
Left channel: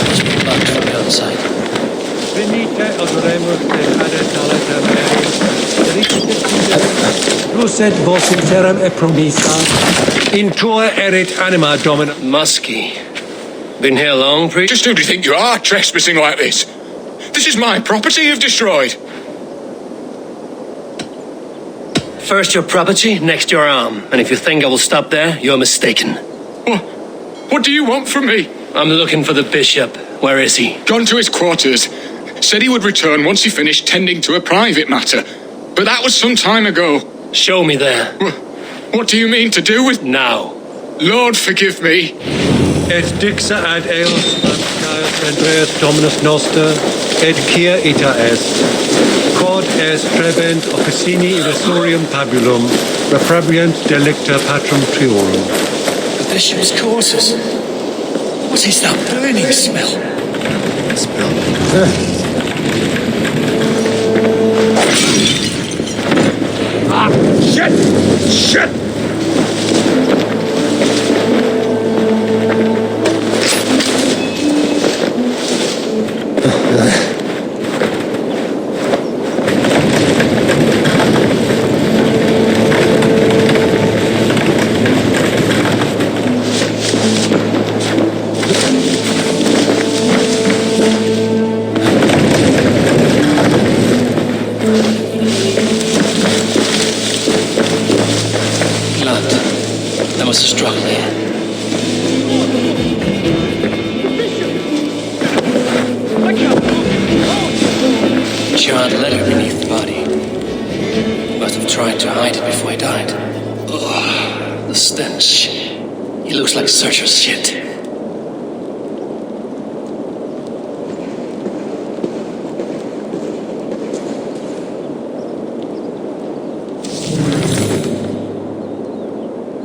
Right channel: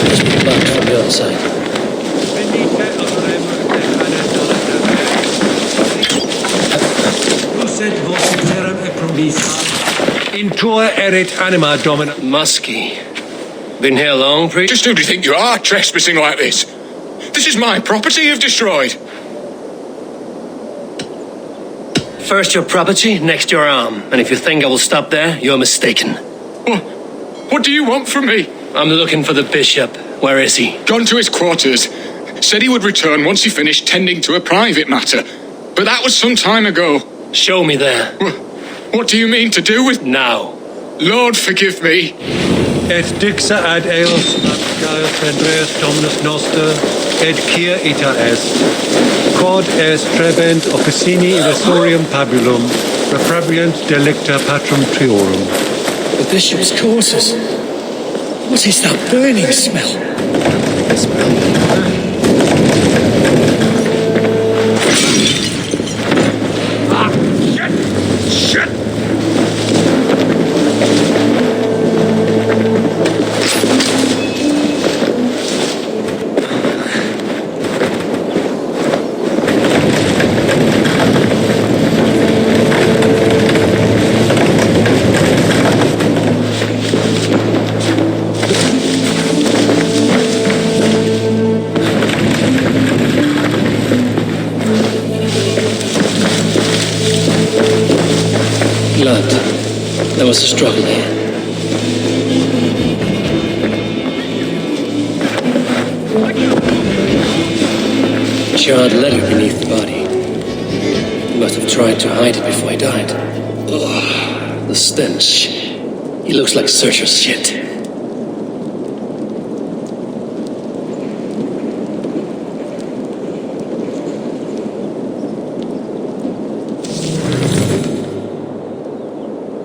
Just be back from the other side. Lucet vos interim e promissa, in tua erit anima domina. Muskie. Been here long, priest? Just who do you think you are, trespassing like this? This is my property you've destroyed. First your property, next your arm. And if you think I will stop there, you're mistaken. What do you want from me? I'm looking for the bishop. Where is he? Gone to his quarters. Said he would return once he finished tending to a private matter. But that was some time ago. Show me there. What do you mean to do with... Now. Lord, forgive me. Et dixa ad eos abscae prendreas dominus noster, et cia ita est. Quod est trebent officini illusorium pabulum, reprobient delicta patrum triorum. The bishop's quarters. What is that burning smell? Shit! There was a struggle here. Charred letter beneath the body. He must have tried to hide it before he died. Ugh, the stench. He looks like Searcher's shit.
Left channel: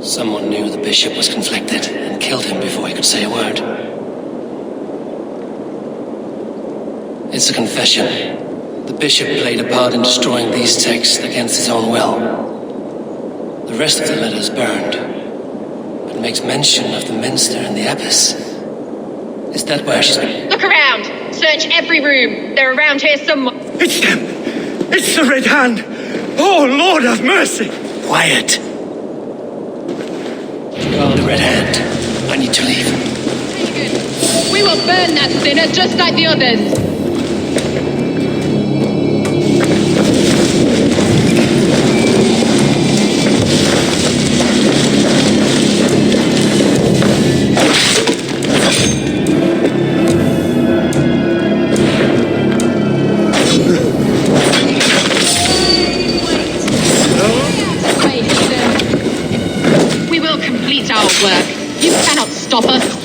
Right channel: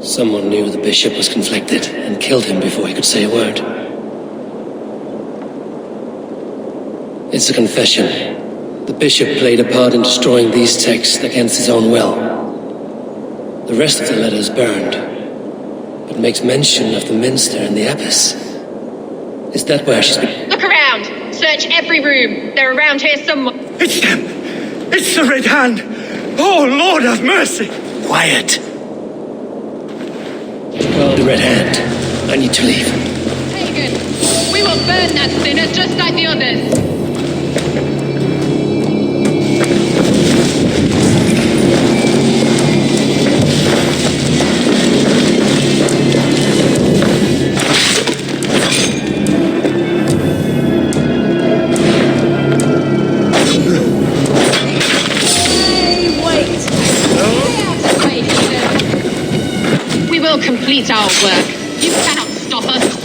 Someone knew the bishop was conflicted and killed him before he could say a word. It's a confession. The bishop played a part in destroying these texts against his own will. The rest of the letter is burned, but makes mention of the minster and the abbess. Is that where she's been? Look around. Search every room. They're around here somewhere. It's them! It's the Red Hand! Oh, Lord have mercy! Quiet. Call the Red Hand. I need to leave. Pagan, we will burn that sinner just like the others. We will complete our work. You cannot stop us.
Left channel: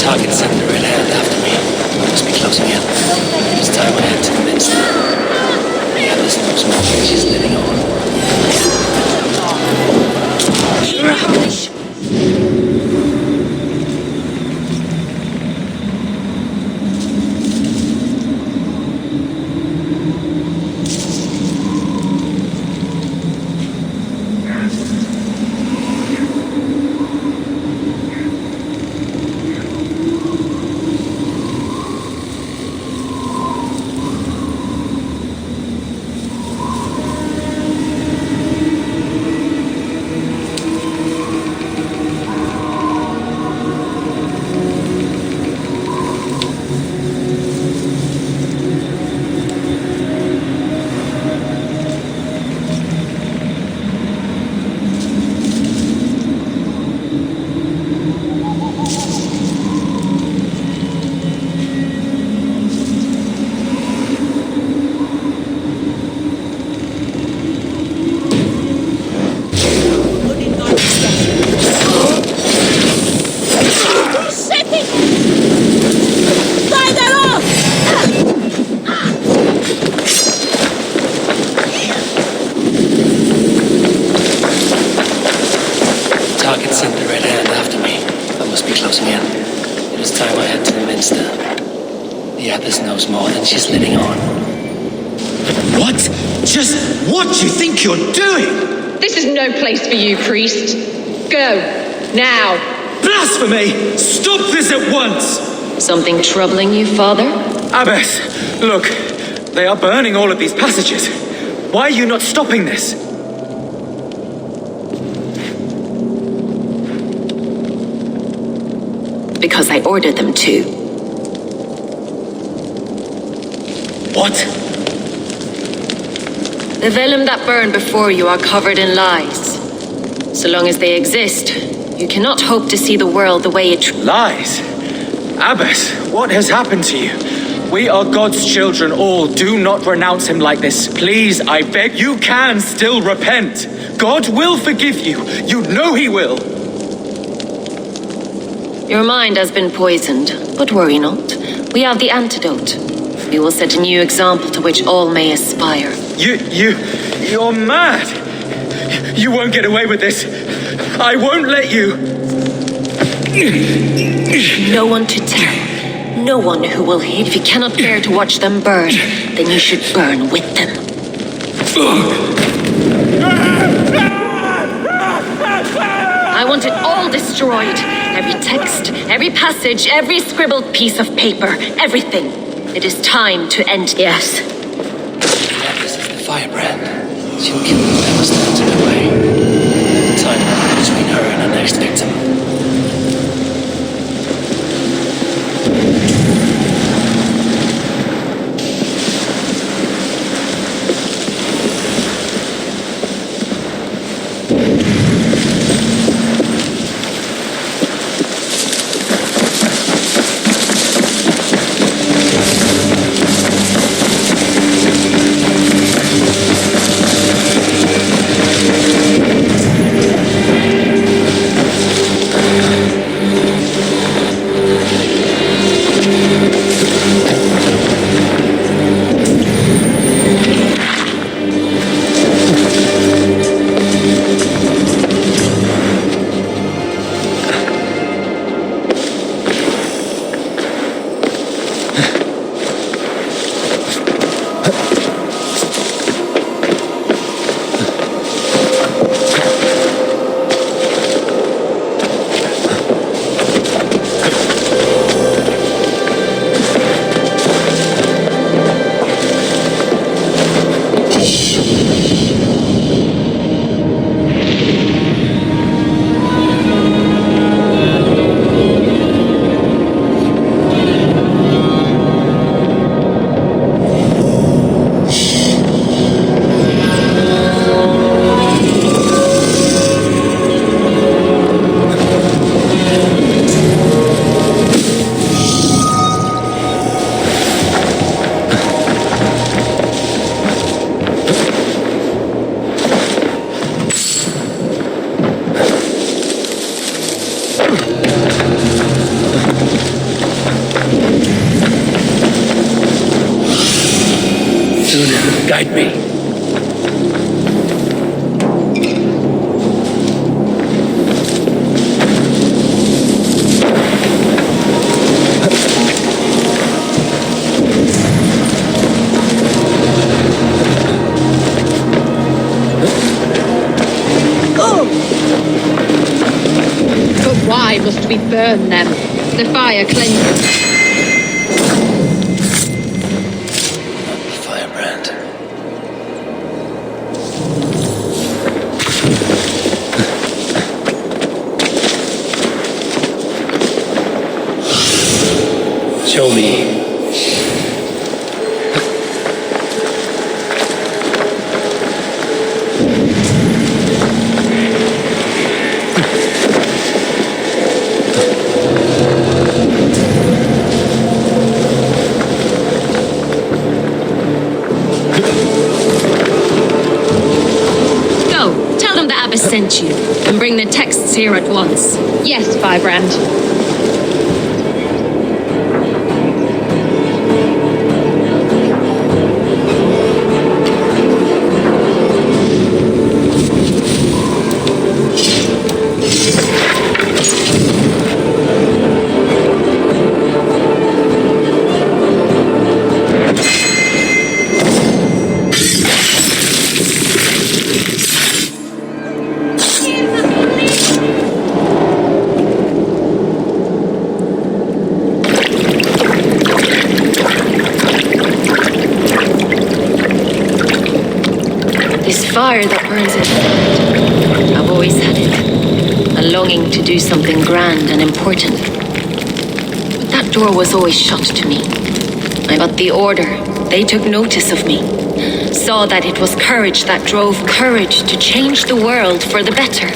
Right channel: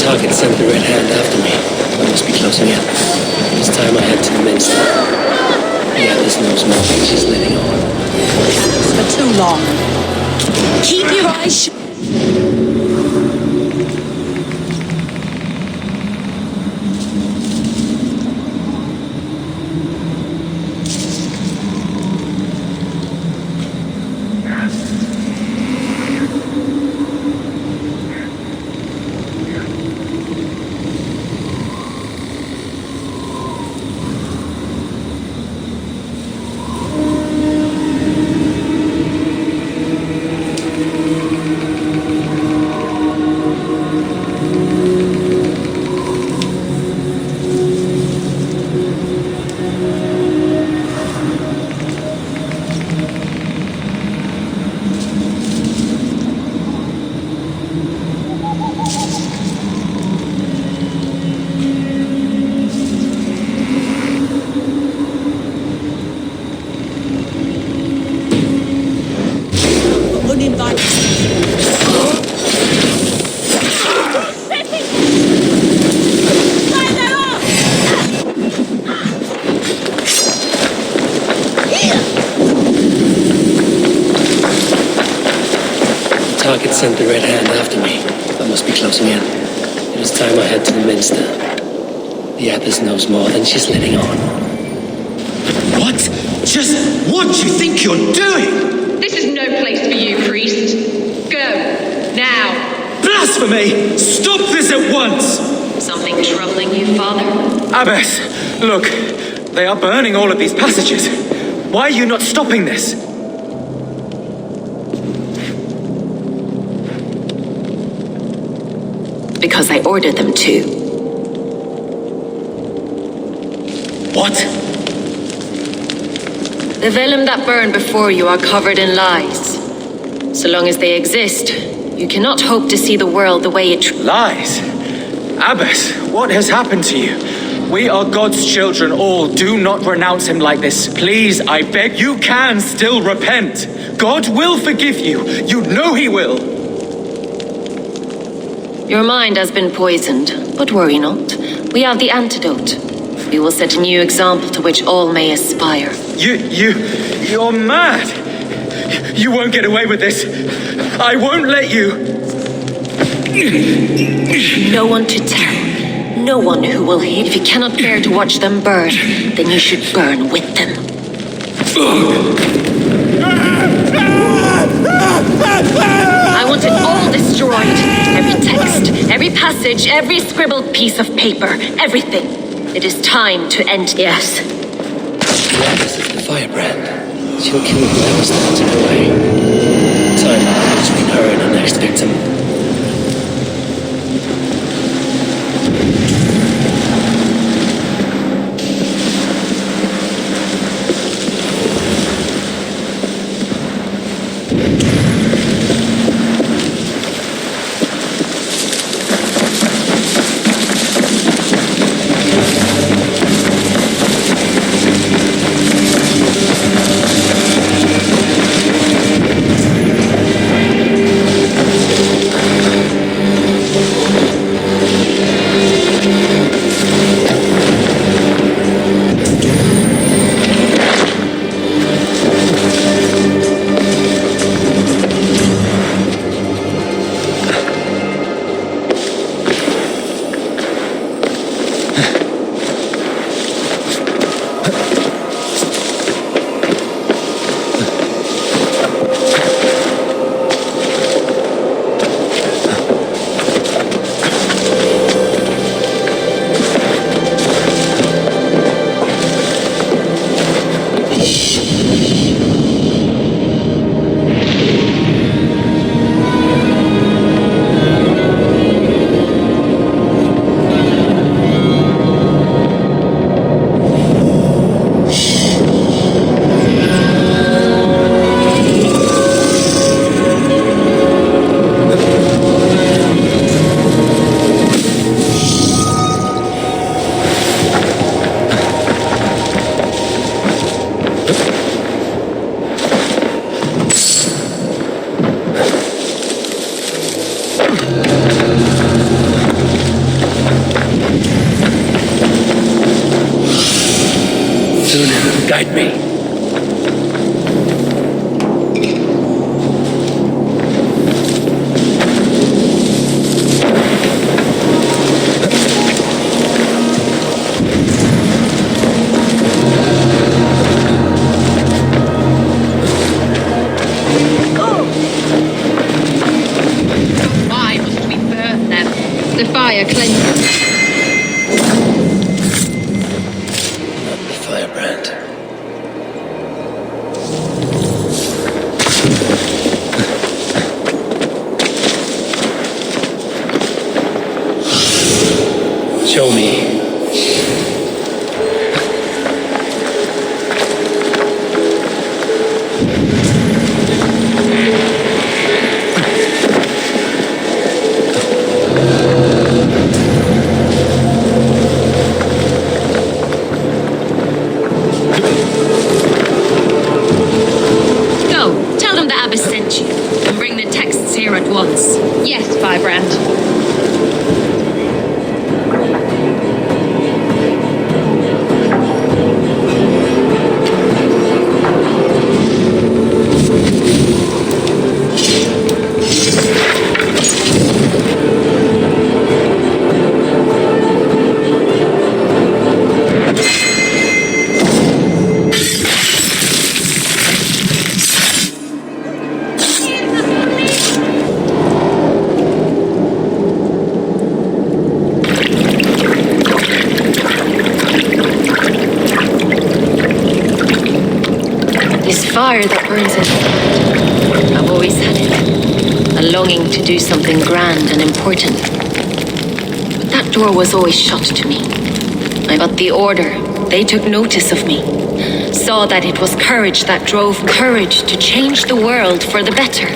Target sent the Red Hand after me. I must be closing in. It's time I head to the minster. Yeah, this knows more than she's letting on. Too long. Keep your eyes shut. Target sent the Red Hand after me. I must be closing in. It is time I head to the minster. The abbess knows more than she's letting on. What? Just what do you think you're doing? This is no place for you, priest. Go. Now. Blasphemy! Stop this at once! Something troubling you, Father? Abbess, look. They are burning all of these passages. Why are you not stopping this? Because I ordered them to. What? The vellum that burned before you are covered in lies. So long as they exist, you cannot hope to see the world the way it... Lies? Abbess, what has happened to you? We are God's children all. Do not renounce him like this. Please, I beg. You can still repent. God will forgive you. You know he will. Your mind has been poisoned, but worry not. We have the antidote. We will set a new example to which all may aspire. You're mad. You won't get away with this. I won't let you. No one to tell. no one who will hit. If you cannot bear to watch them burn, then you should burn with them. I want it all destroyed. Every text, every passage, every scribbled piece of paper, everything. It is time to end. Yes. This is the firebrand. She'll kill whoever stands in her way. Time running between her and her next victim. Sunan, guide me. But why must we burn them? The fire cleanses. Show me. Go, tell them the abbess sent you, and bring the texts here at once. Yes, Firebrand. This fire that burns inside, I've always had it. A longing to do something grand and important. But that door was always shut to me. But the Order, they took notice of me. Saw that it was courage that drove me. Courage to change the world for the better.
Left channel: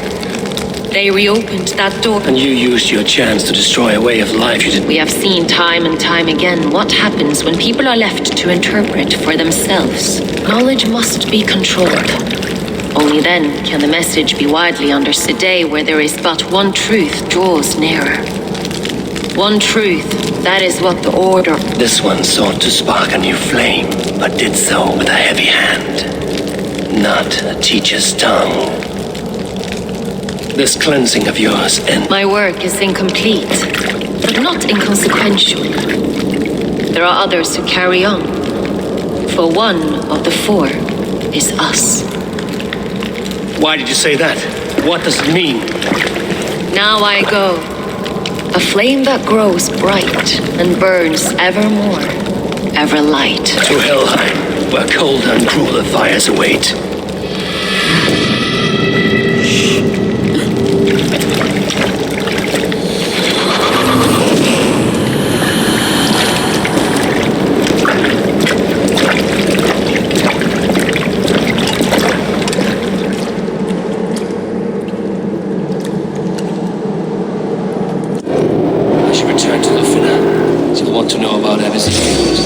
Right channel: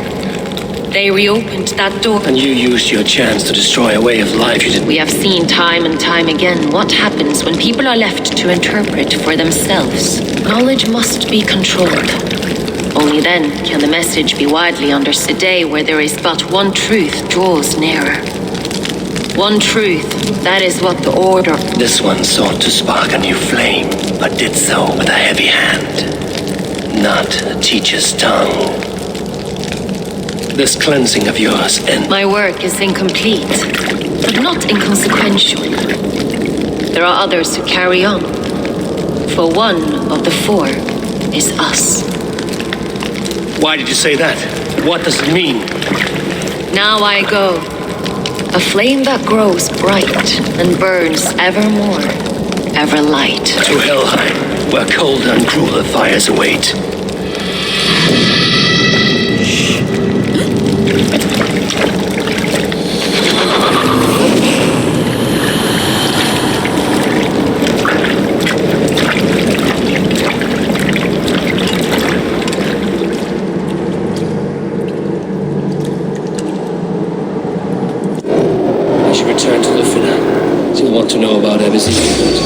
They reopened that door. And you used your chance to destroy a way of life you didn't. We have seen time and time again what happens when people are left to interpret for themselves. Knowledge must be controlled. Only then can the message be widely understood. Today, where there is but one truth, draws nearer. One truth, that is what the Order... This one sought to spark a new flame, but did so with a heavy hand, not a teacher's tongue. This cleansing of yours and... My work is incomplete, but not inconsequential. there are others who carry on. For one of the four is us. Why did you say that? What does it mean? Now I go. A flame that grows bright and burns ever more, ever light. To Helheim, where colder and crueler fires await. Return to Lufina. She'll want to know about everything going to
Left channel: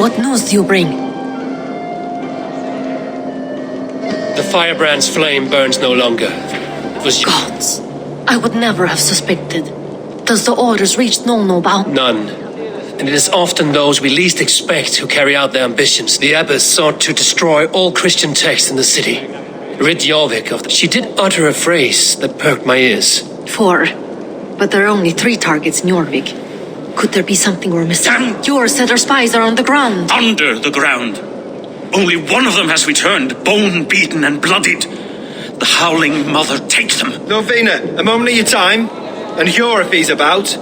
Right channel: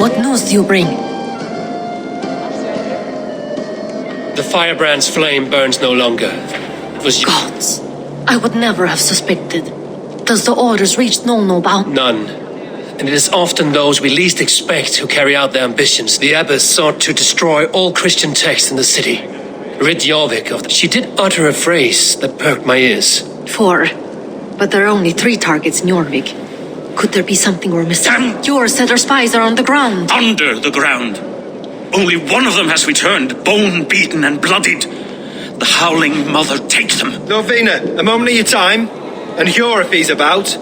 What news do you bring? The firebrand's flame burns no longer. It was Gods, I would never have suspected. Does the orders reach no bound? None. And it is often those we least expect who carry out their ambitions. The abbess sought to destroy all Christian texts in the city. Rid Jorvik of She did utter a phrase that perked my ears. 4. But there are only 3 targets in Jorvik. Could there be something we're missing? Damn! Your said our spies are on the ground. Under the ground. Only one of them has returned, bone-beaten and bloodied. The Howling Mother take them. Lovina, a moment of your time. And Hjor if he's about.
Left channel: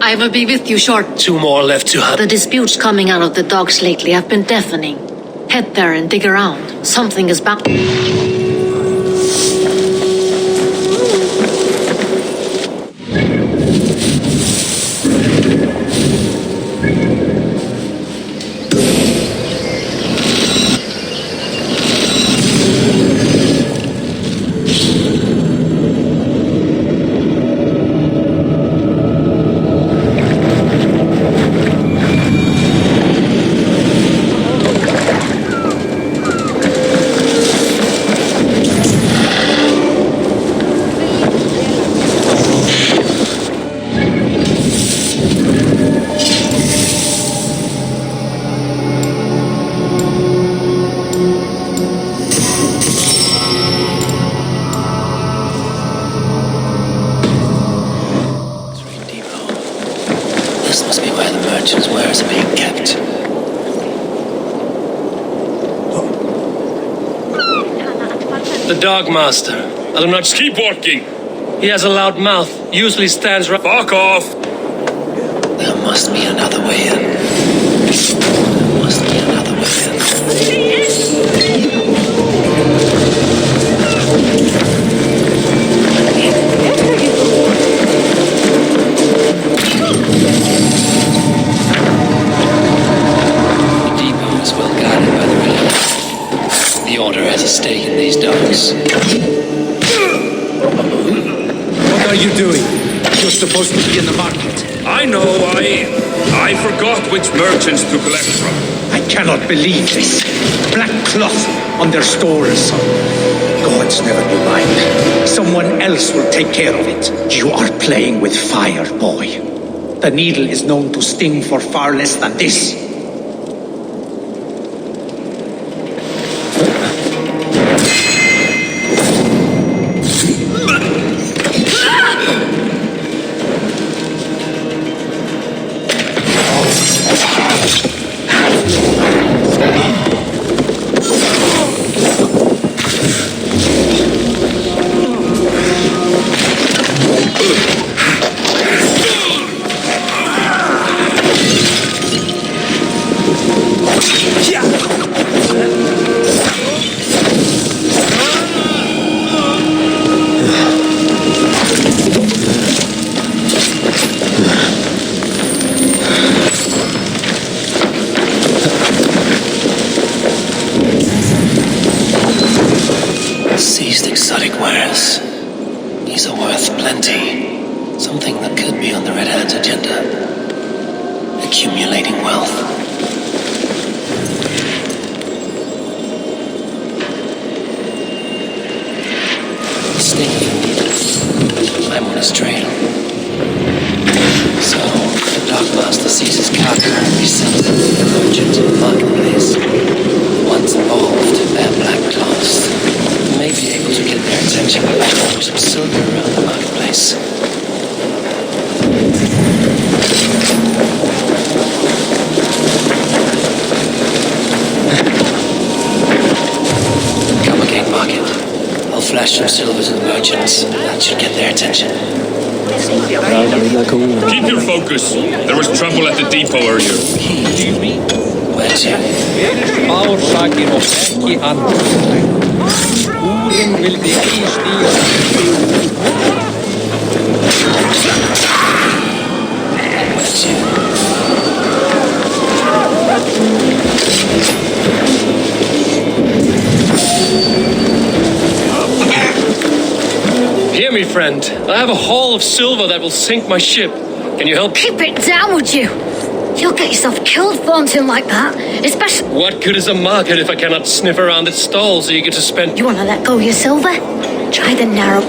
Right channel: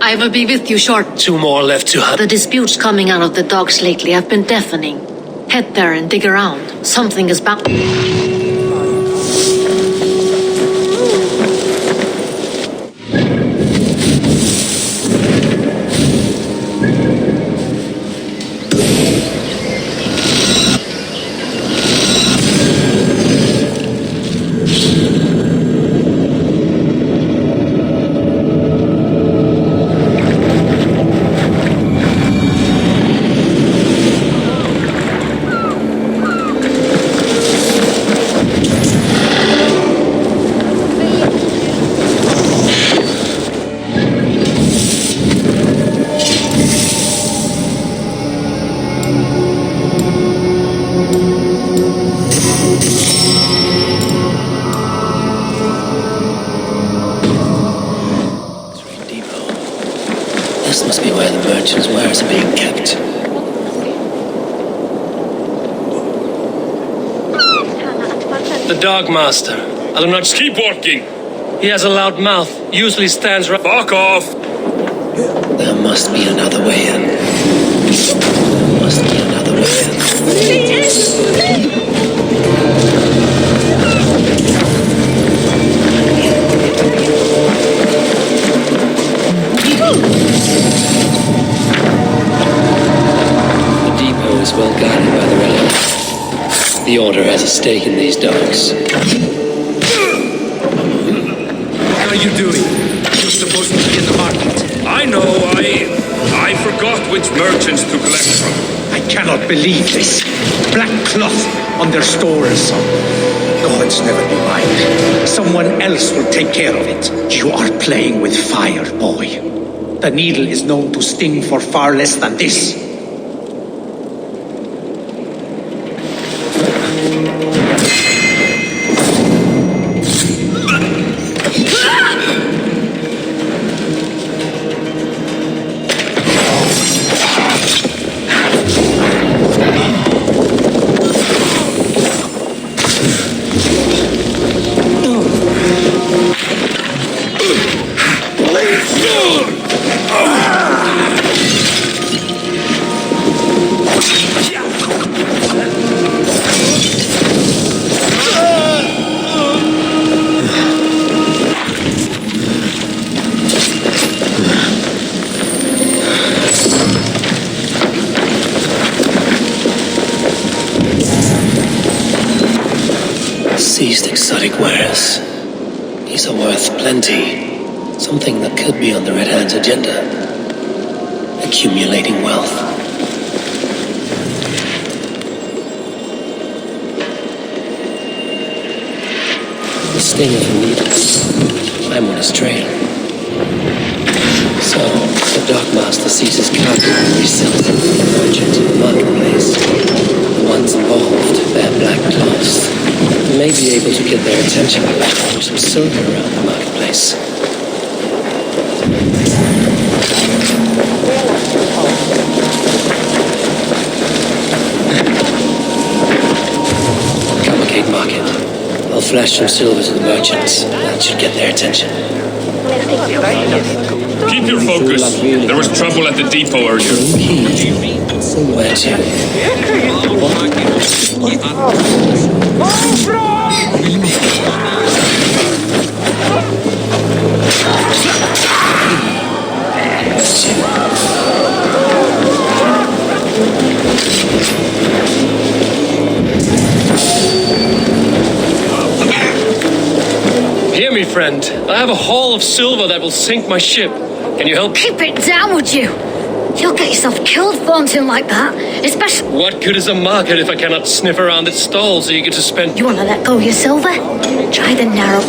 I will be with you short. 2 more left to hunt. The disputes coming out of the docks lately have been deafening. Head there and dig around. Something is bound. This must be where the merchants' wares are being kept. The Dogmaster. I do not Keep walking. He has a loud mouth. Usually stands right. Fuck off. There must be another way in. There must be another way in. The Order has a stake in these docks. What are you doing? You're supposed to be in the market. I know, I forgot which merchants to collect from. I cannot believe this. Black cloth on their stores. Gods never do mind. Someone else will take care of it. You are playing with fire, boy. The needle is known to sting for far less than this. Seized exotic wares. These are worth plenty. Something that could be on the Red Hand's agenda. Accumulating wealth. The sting of the needle. I'm on his trail. So, the Dockmaster seizes cargo and resells it to the merchants in the marketplace. The ones involved bear black cloths. We may be able to get their attention by throwing some silver around the marketplace. Coppercake Market. I'll flash some silver to the merchants. That should get their attention. Keep your focus. There was trouble at the depot earlier. Where to? Hear me, friend. I have a haul of silver that will sink my ship. Can you help? Keep it down, would you? You'll get yourself killed flaunting like that, especially... What good is a market if I cannot sniff around its stalls eager to spend... You want to let go of your silver? Try the narrow...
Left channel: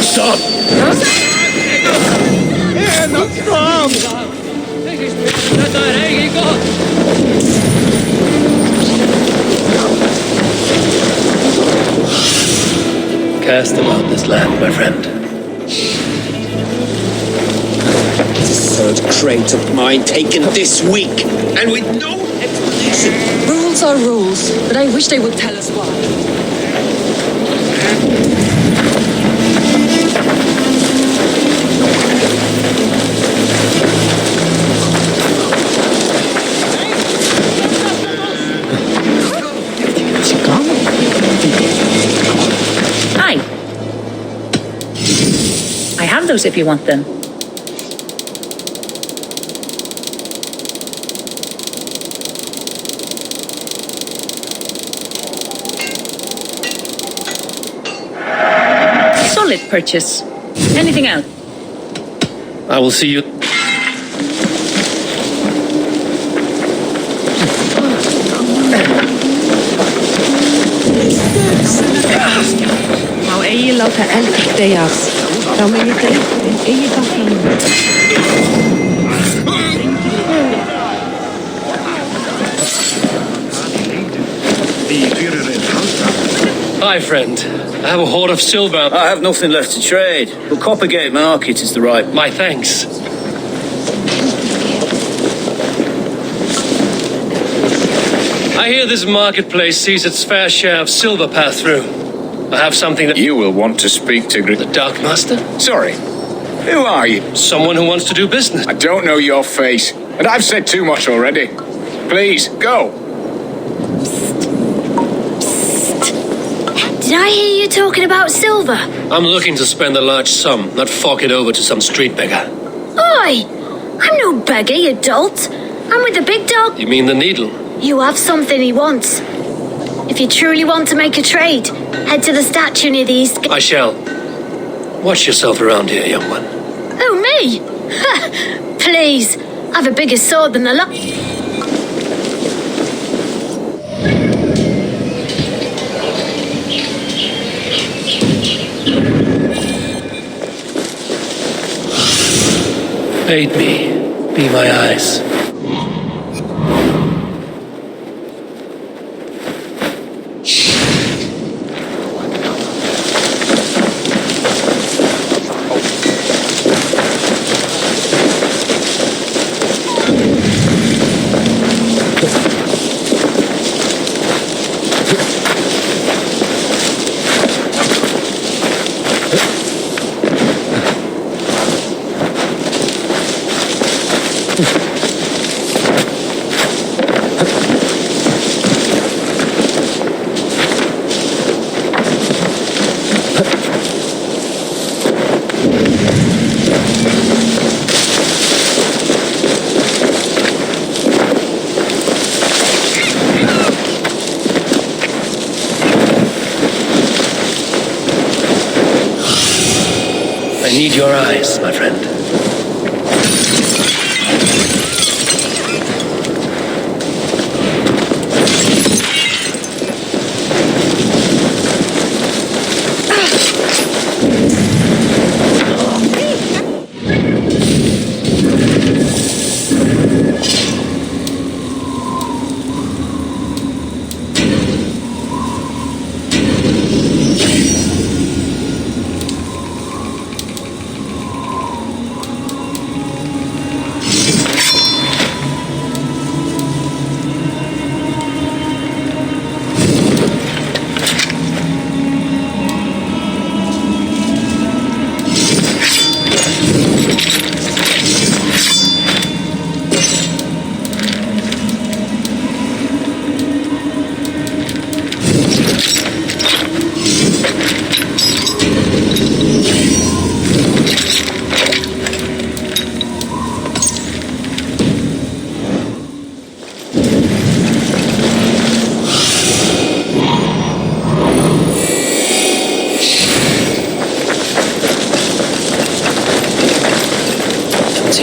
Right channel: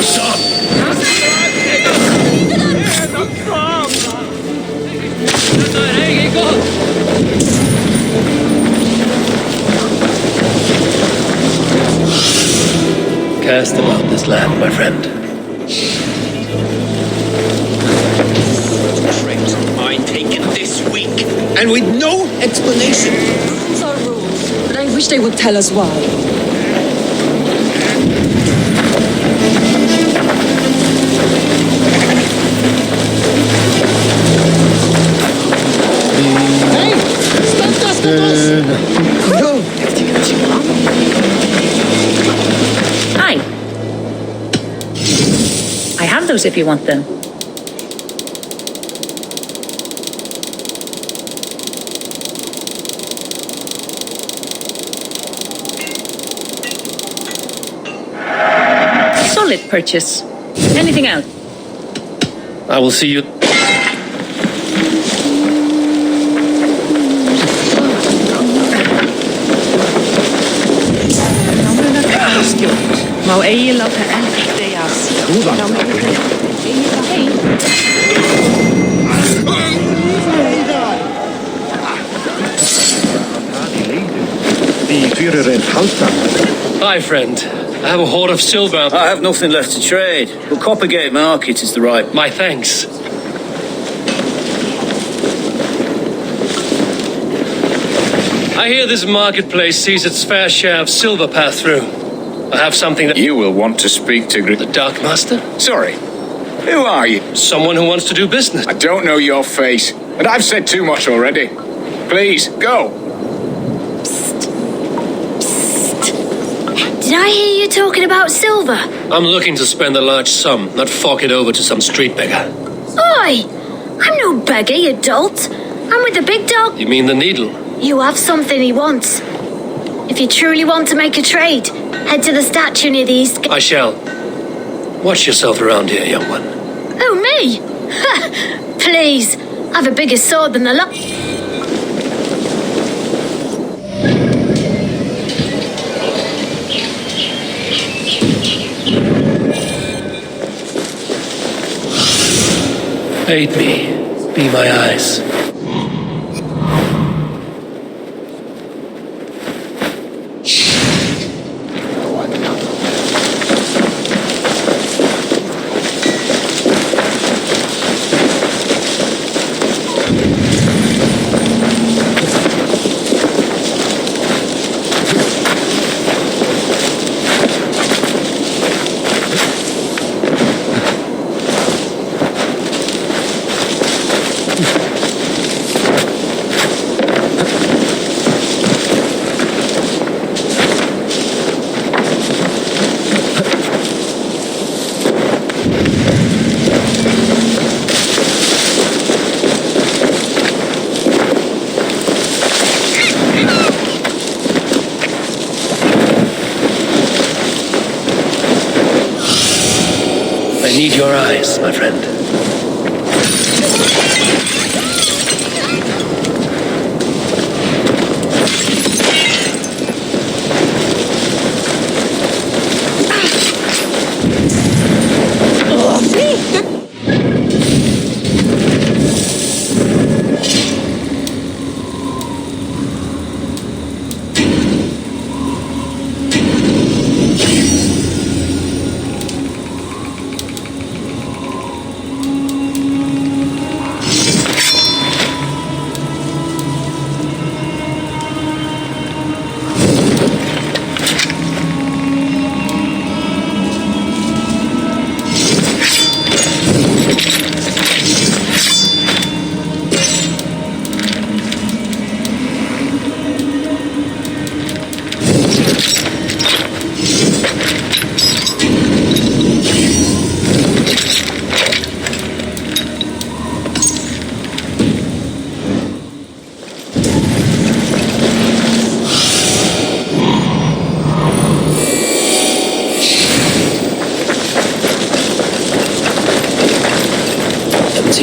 Stop! Cast them out this land, my friend. Crate of mine taken this week, and with no explanation. Rules are rules, but I wish they would tell us why. Hi. I have those if you want them. Solid purchase. Anything else? I will see you... Má eigi láta eld deyjas. Hi, friend. I have a hoard of silver. I have nothing left to trade, but Coppergate Market is the right... My thanks. I hear this marketplace sees its fair share of silver pass through. I have something that... You will want to speak to... The Darkmaster? Sorry. Who are you? Someone who wants to do business. I don't know your face, and I've said too much already. Please, go. Did I hear you talking about silver? I'm looking to spend a large sum, not fork it over to some street beggar. Oi! I'm no beggar, you dolt. I'm with the big dog. You mean the needle? You have something he wants. If you truly want to make a trade, head to the statue near the east. I shall. Watch yourself around here, young one. Oh, me? Please. I've a bigger sword than the lot. Aid me. Be my eyes. I need your eyes, my friend.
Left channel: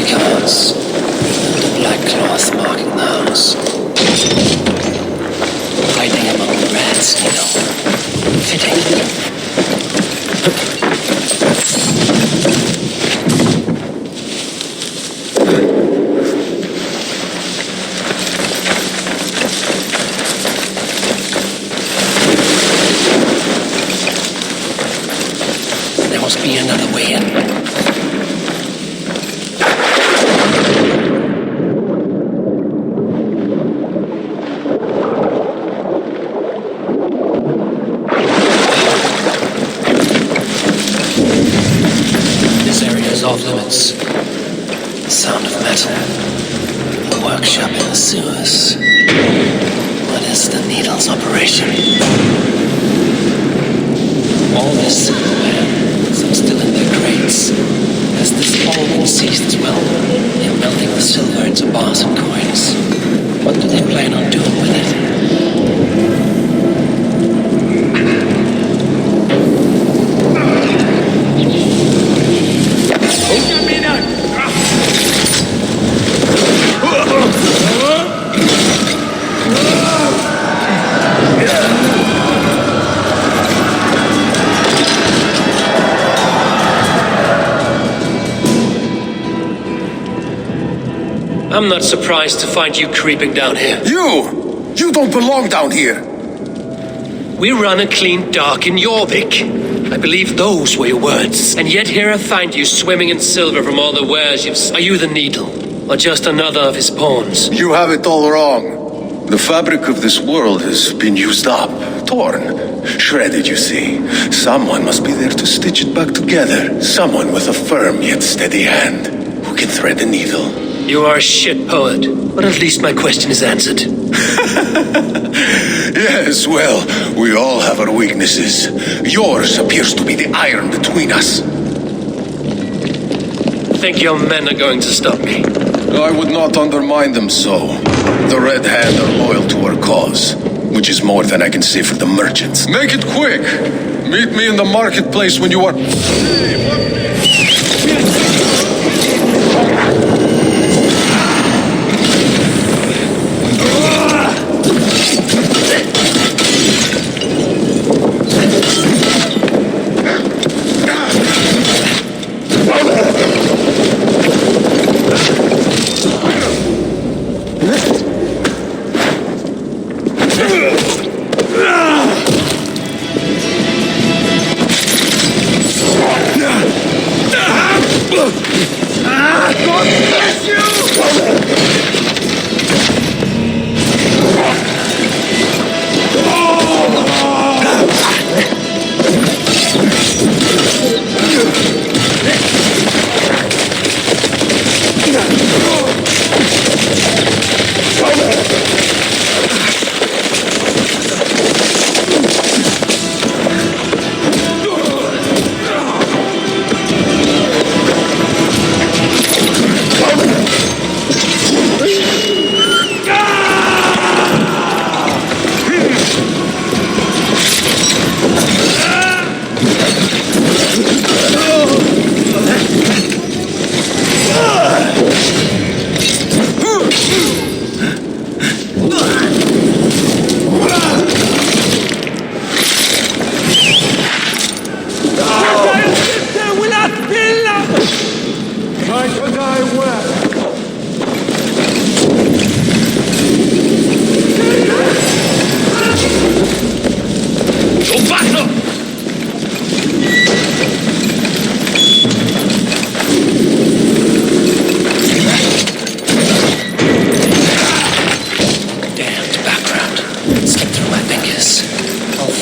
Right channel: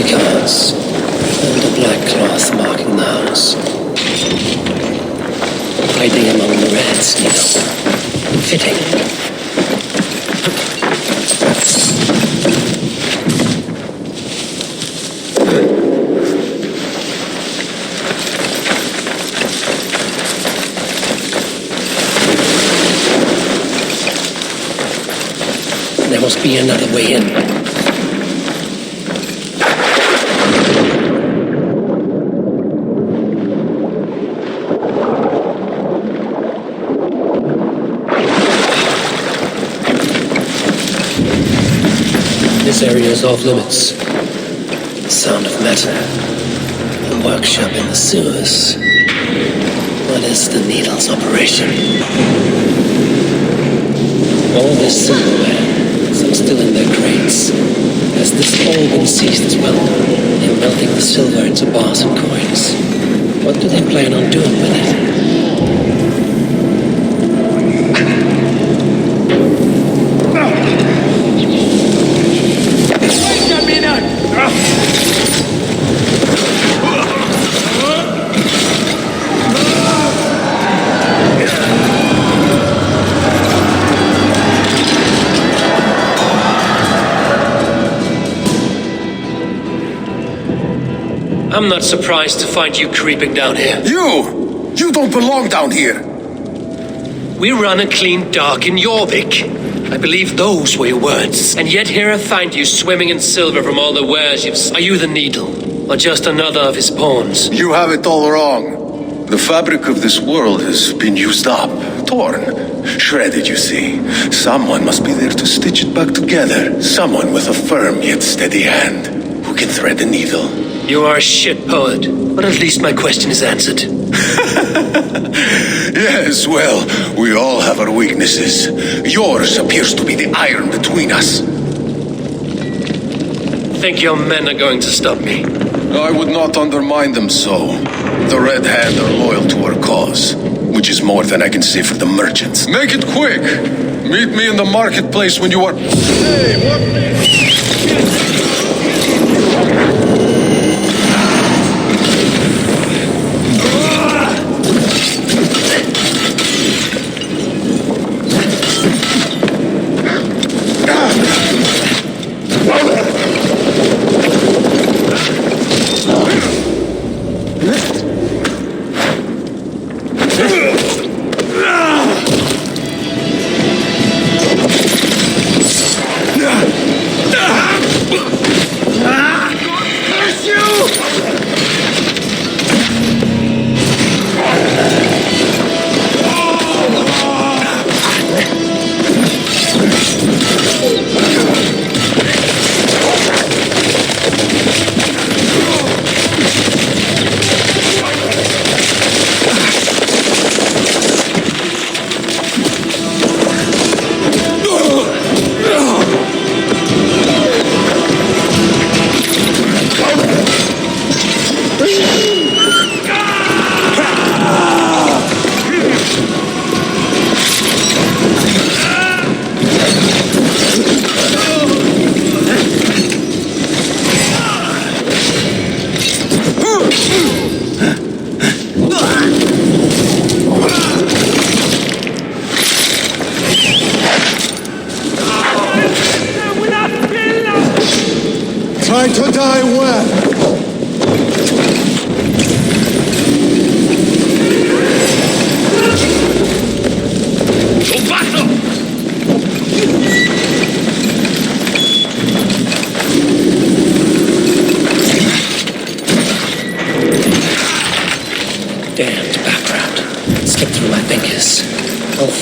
Cards and a black cloth marking the house. Hiding among the rats, you know. Fitting. There must be another way in. This area is off limits. The sound of metal. A workshop in the sewers. What is the needle's operation? All this silverware, some still in their crates. Has this all been seized as well? They're melting the silver into bars and coins. What do they plan on doing with it? I'm not surprised to find you creeping down here. You don't belong down here! We run a clean dock in Jorvik. I believe those were your words. And yet here I find you swimming in silver from all the wares you've... Are you the needle? Or just another of his pawns? You have it all wrong. The fabric of this world has been used up, torn, shredded, you see. Someone must be there to stitch it back together. Someone with a firm yet steady hand, who can thread the needle. You are a shit poet, but at least my question is answered. Yes, well, we all have our weaknesses. Yours appears to be the iron between us. Think your men are going to stop me? I would not undermine them so. The Red Hand are loyal to our cause, which is more than I can say for the merchants. Make it quick! Meet me in the marketplace when you are... Hey, what?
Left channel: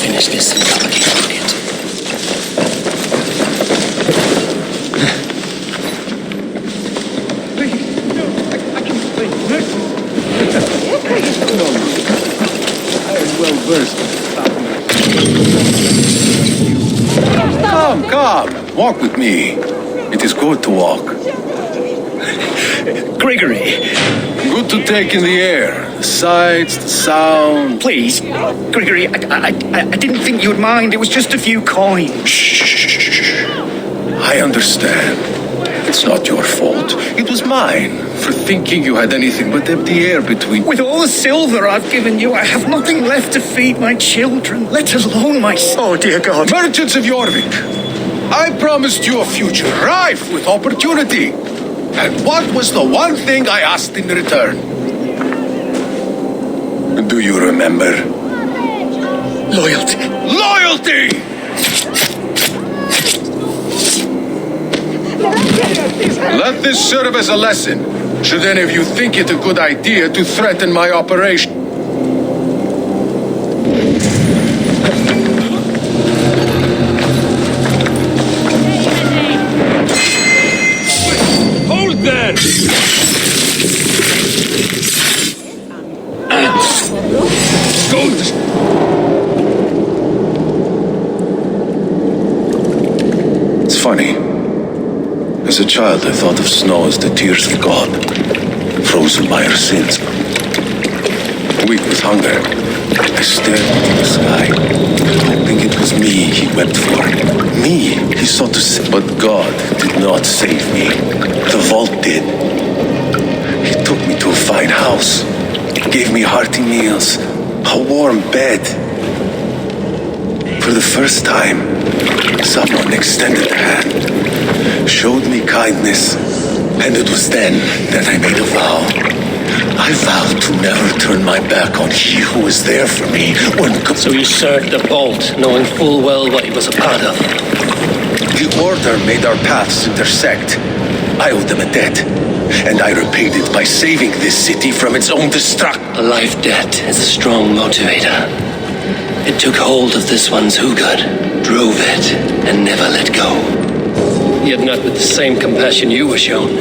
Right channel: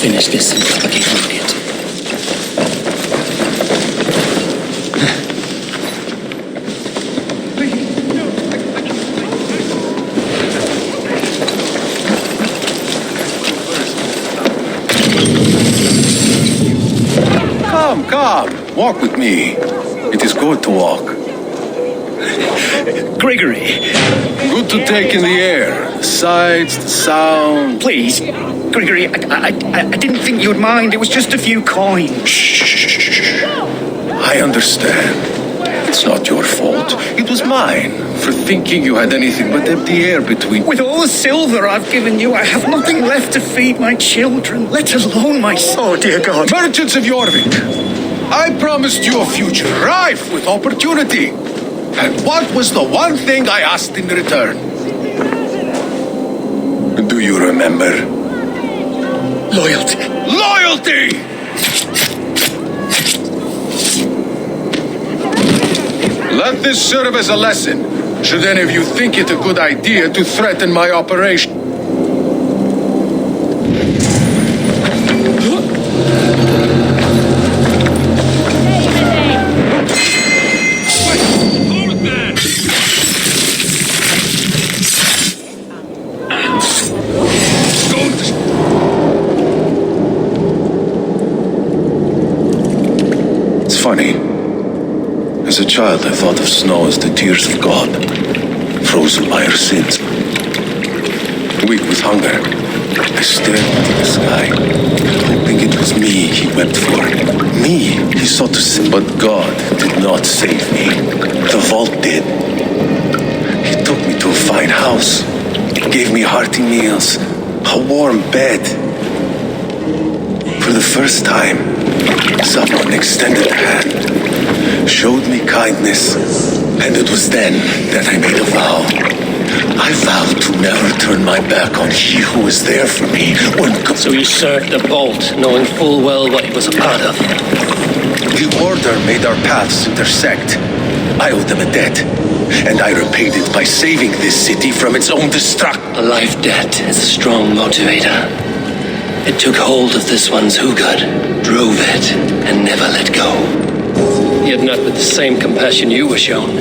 Finish this and propagate the market. Come, walk with me. It is good to walk. Gregory. Good to take in the air. The sights, the sound. Please, Gregory, I didn't think you would mind. It was just a few coins. Shh. I understand. It's not your fault. It was mine for thinking you had anything but empty air between... With all the silver I've given you, I have nothing left to feed my children, let alone my... Oh, dear God. Merchants of Jorvik, I promised you a future rife with opportunity. And what was the one thing I asked in return? Do you remember? Loyalty. Loyalty! Let this serve as a lesson, should any of you think it a good idea to threaten my operation. Hold there! It's funny. As a child, I thought of snow as the tears of God, frozen by our sins. Weak with hunger, I stared into the sky, hoping it was me he wept for. Me he sought to save, but God did not save me. The vault did. He took me to a fine house, gave me hearty meals, a warm bed. For the first time, someone extended a hand, showed me kindness, and it was then that I made a vow. I vowed to never turn my back on he who was there for me when... So you served the Bolt, knowing full well what he was a part of? The Order made our paths intersect. I owed them a debt, and I repaid it by saving this city from its own destruction. A life debt is a strong motivator. It took hold of this one's Hugad, drove it, and never let go. Yet not with the same compassion you were shown.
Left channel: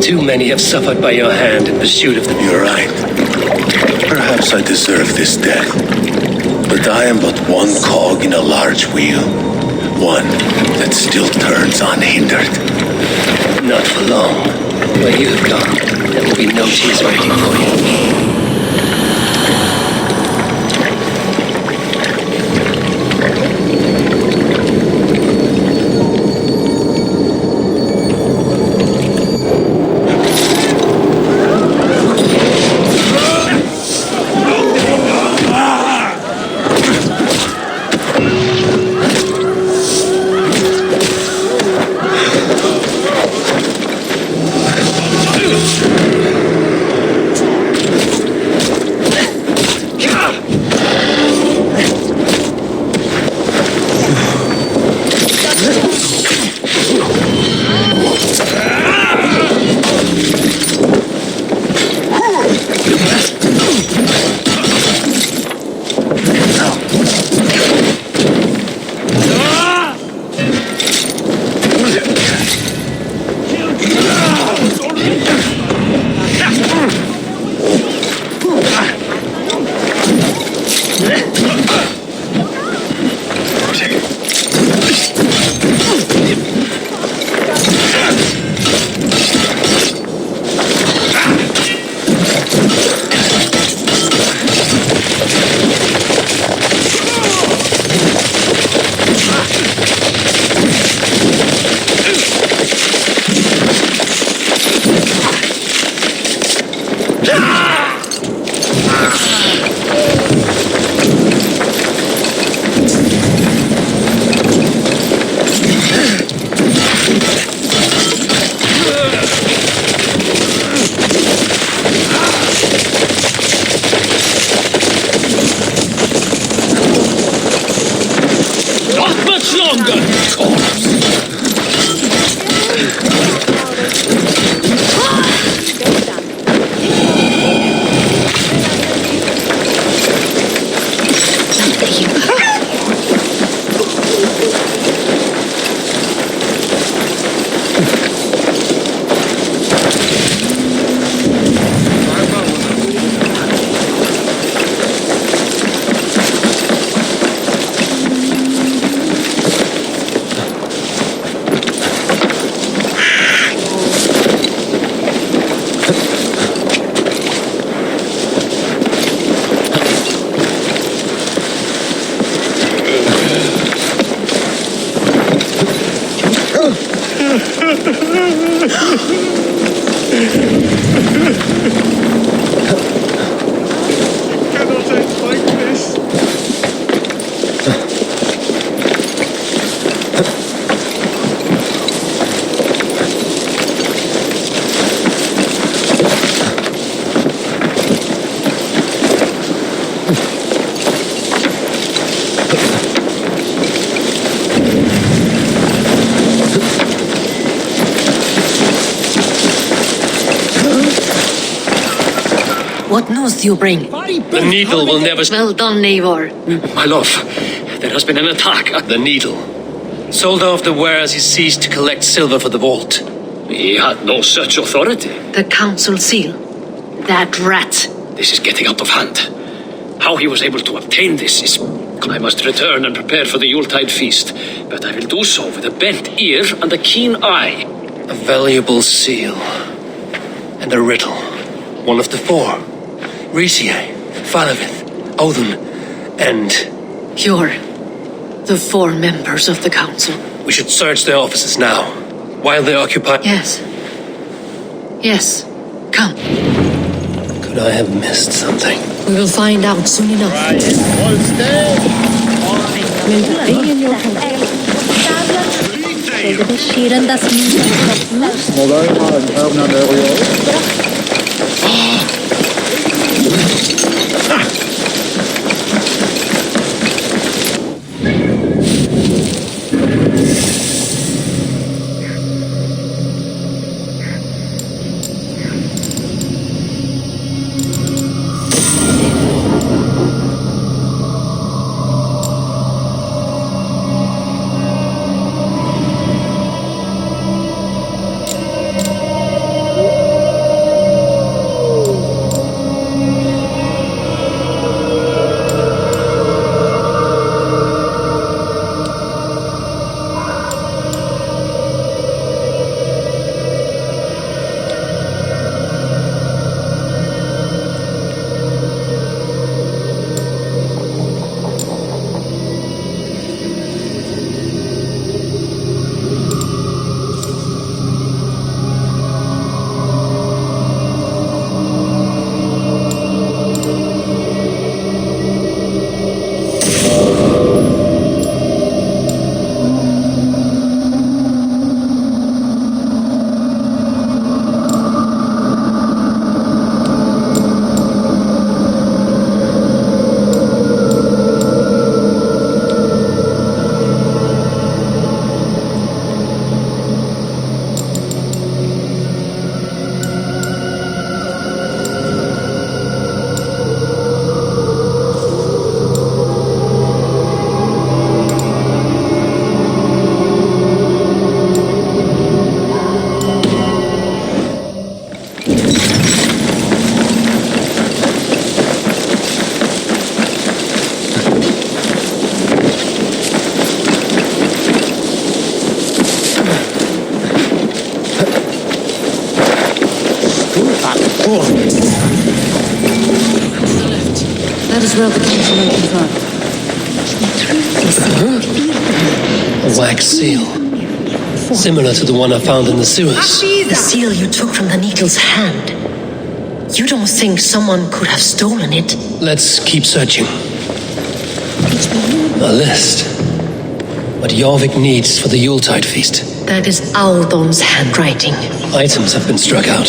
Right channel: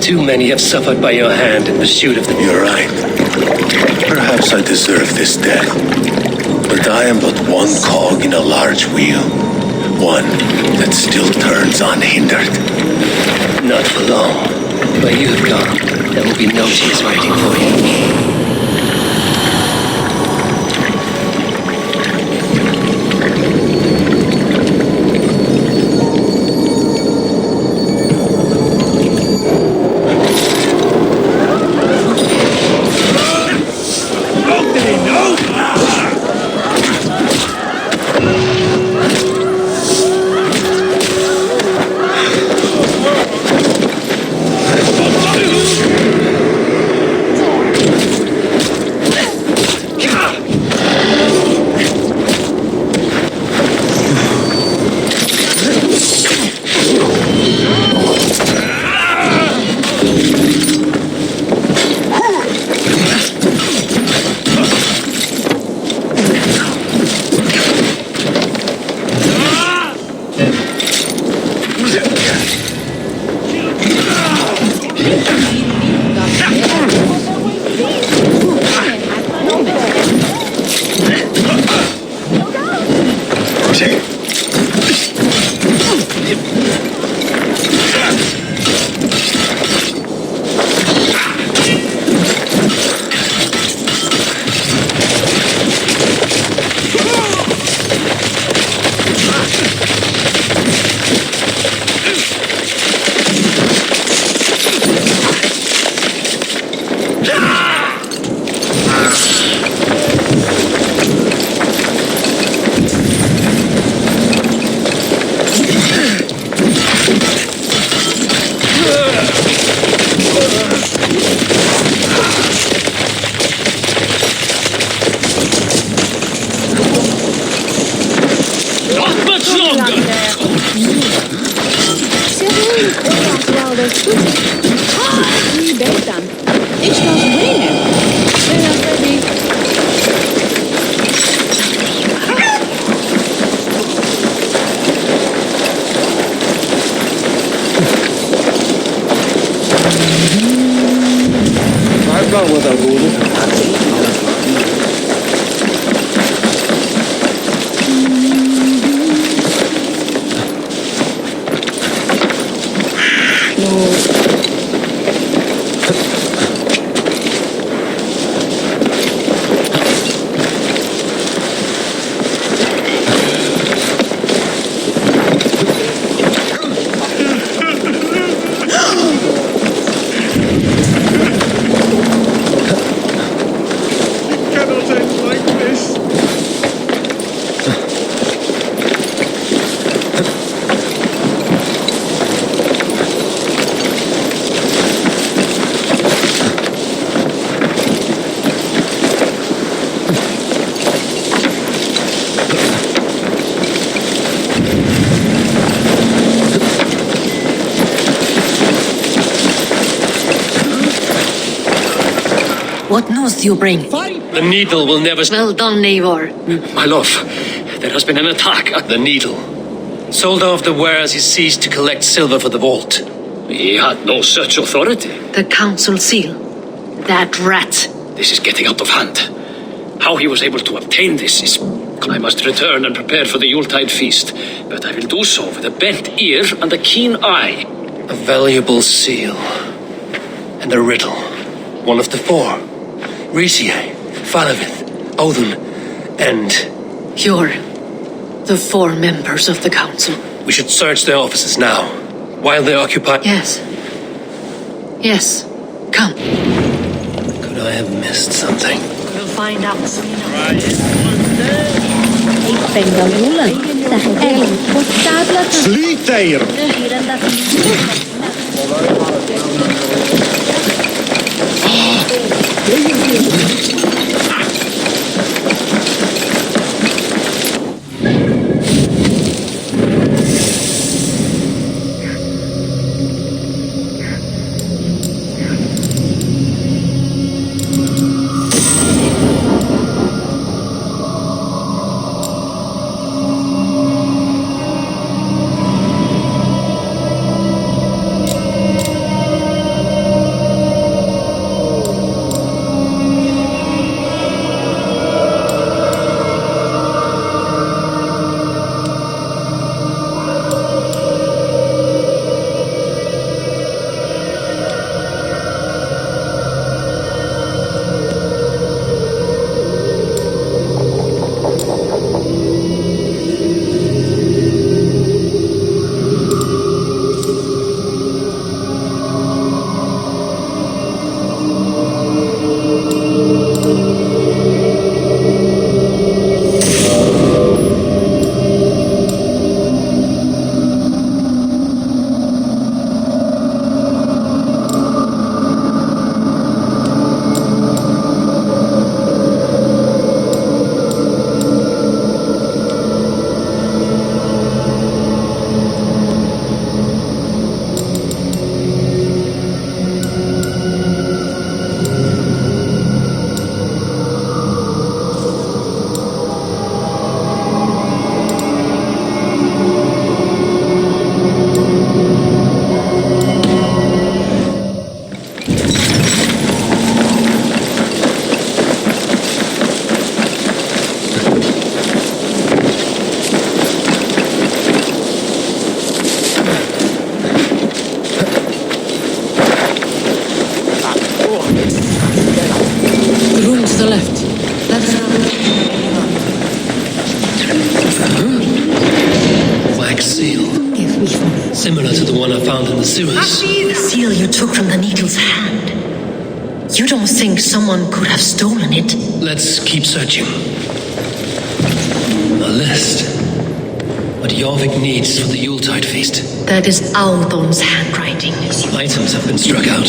Too many have suffered by your hand in pursuit of the... You're right. Perhaps I deserve this death. But I am but one cog in a large wheel. One that still turns unhindered. Not for long. Where you have gone, there will be no tears waiting for you. What news do you bring? The needle will never... Well done, Eivor. My love, there has been an attack. The needle. Soldier of the wares, he ceased to collect silver for the vault. He had no such authority. The council seal. That rat. This is getting out of hand. How he was able to obtain this is... I must return and prepare for the Yuletide feast, but I will do so with a bent ear and a keen eye. A valuable seal. And a riddle. One of the four. Risier, Falavith, Odin, and... You're the four members of the council. We should search their offices now, while they occupy... Yes. Yes. Come. Could I have missed something? We will find out soon enough. Sleep there! wax seal. Similar to the one I found in the sewers. The seal you took from the Needle's hand. You don't think someone could have stolen it? Let's keep searching. A list. What Jorvik needs for the Yuletide feast. That is Audon's handwriting. Items have been struck out.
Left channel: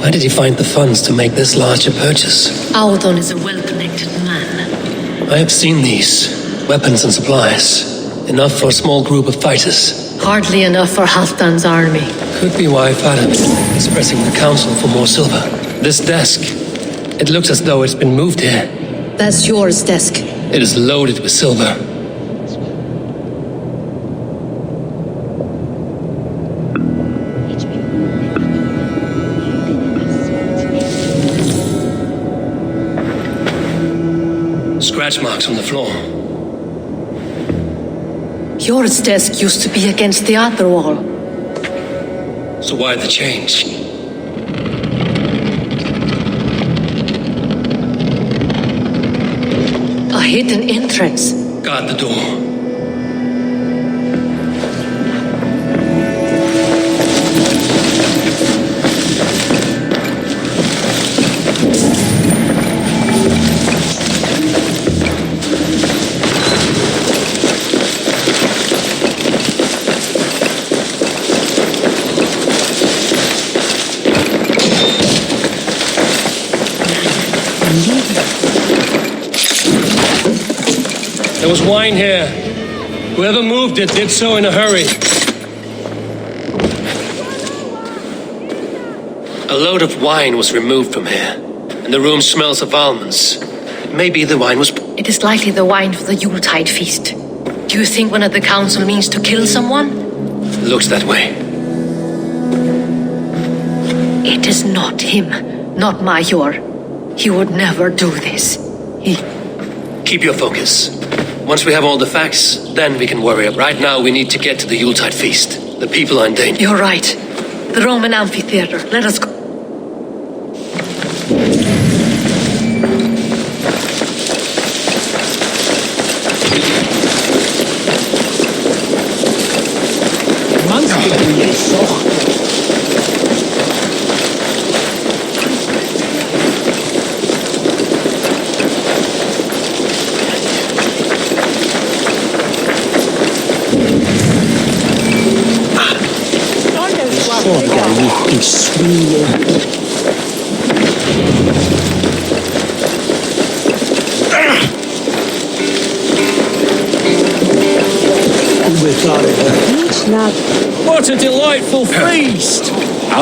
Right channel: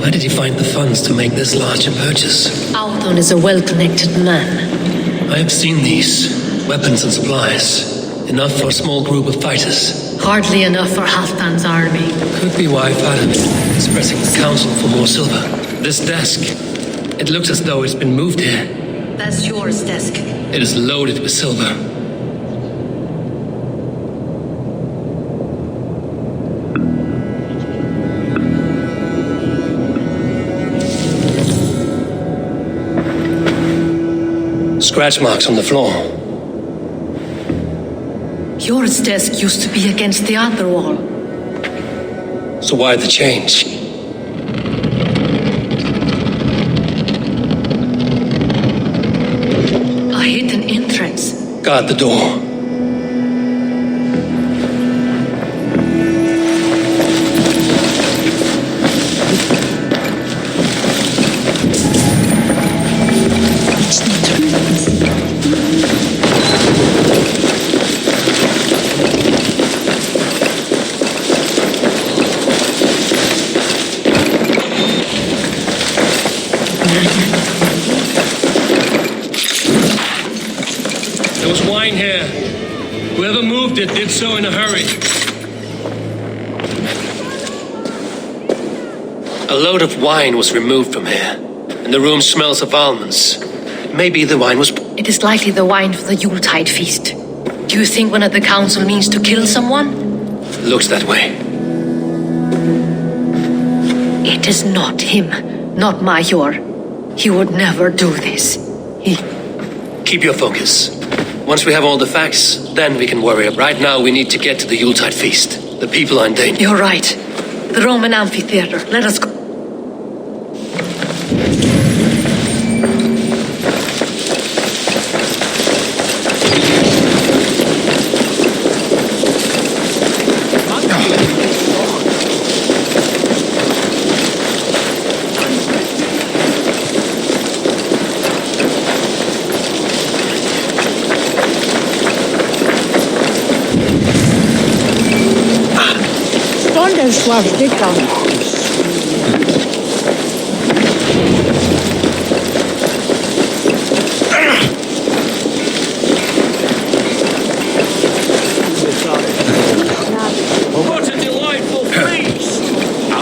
Where did he find the funds to make this large a purchase? Audon is a well-connected man. I have seen these. Weapons and supplies. Enough for a small group of fighters. Hardly enough for Halfdan's army. Could be why Fadim is pressing the council for more silver. This desk. It looks as though it's been moved here. That's yours, desk. It is loaded with silver. Scratch marks on the floor. Yours desk used to be against the other wall. So why the change? A hidden entrance. Guard the door. There was wine here. Whoever moved it did so in a hurry. A load of wine was removed from here, and the room smells of almonds. It may be the wine was... It is likely the wine for the Yuletide feast. Do you think one of the council means to kill someone? Looks that way. It is not him, not Major. He would never do this. Keep your focus. Once we have all the facts, then we can worry. Right now, we need to get to the Yuletide feast. The people are in danger. You're right. The Roman amphitheater. Let us go.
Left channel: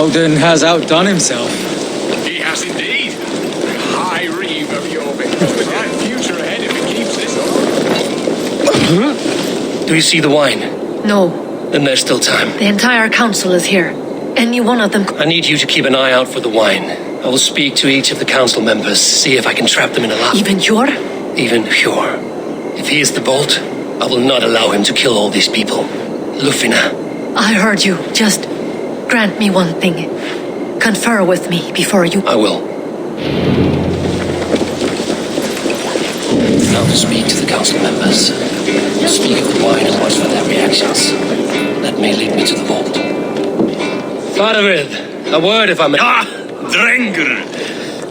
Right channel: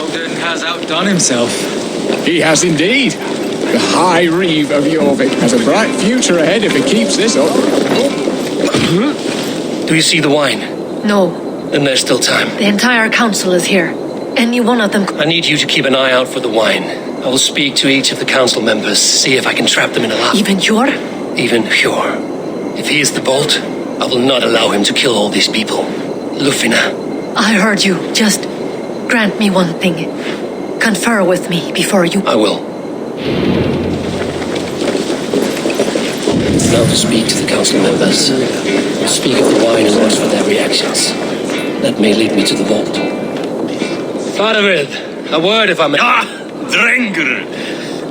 Oddin has outdone himself. He has indeed. The High Reeve of Jorvik has a bright future ahead if he keeps this up. Do you see the wine? No. Then there's still time. The entire council is here. Any one of them... I need you to keep an eye out for the wine. I will speak to each of the council members, see if I can trap them in a lab. Even Hjor? Even Hjor. If he is the Vault, I will not allow him to kill all these people. Lufina. I heard you. Just grant me one thing. Confer with me before you... I will. Now to speak to the council members. Speak of the wine and watch for their reactions. That may lead me to the Vault. Faravid, a word if I may... Ah, Drengr!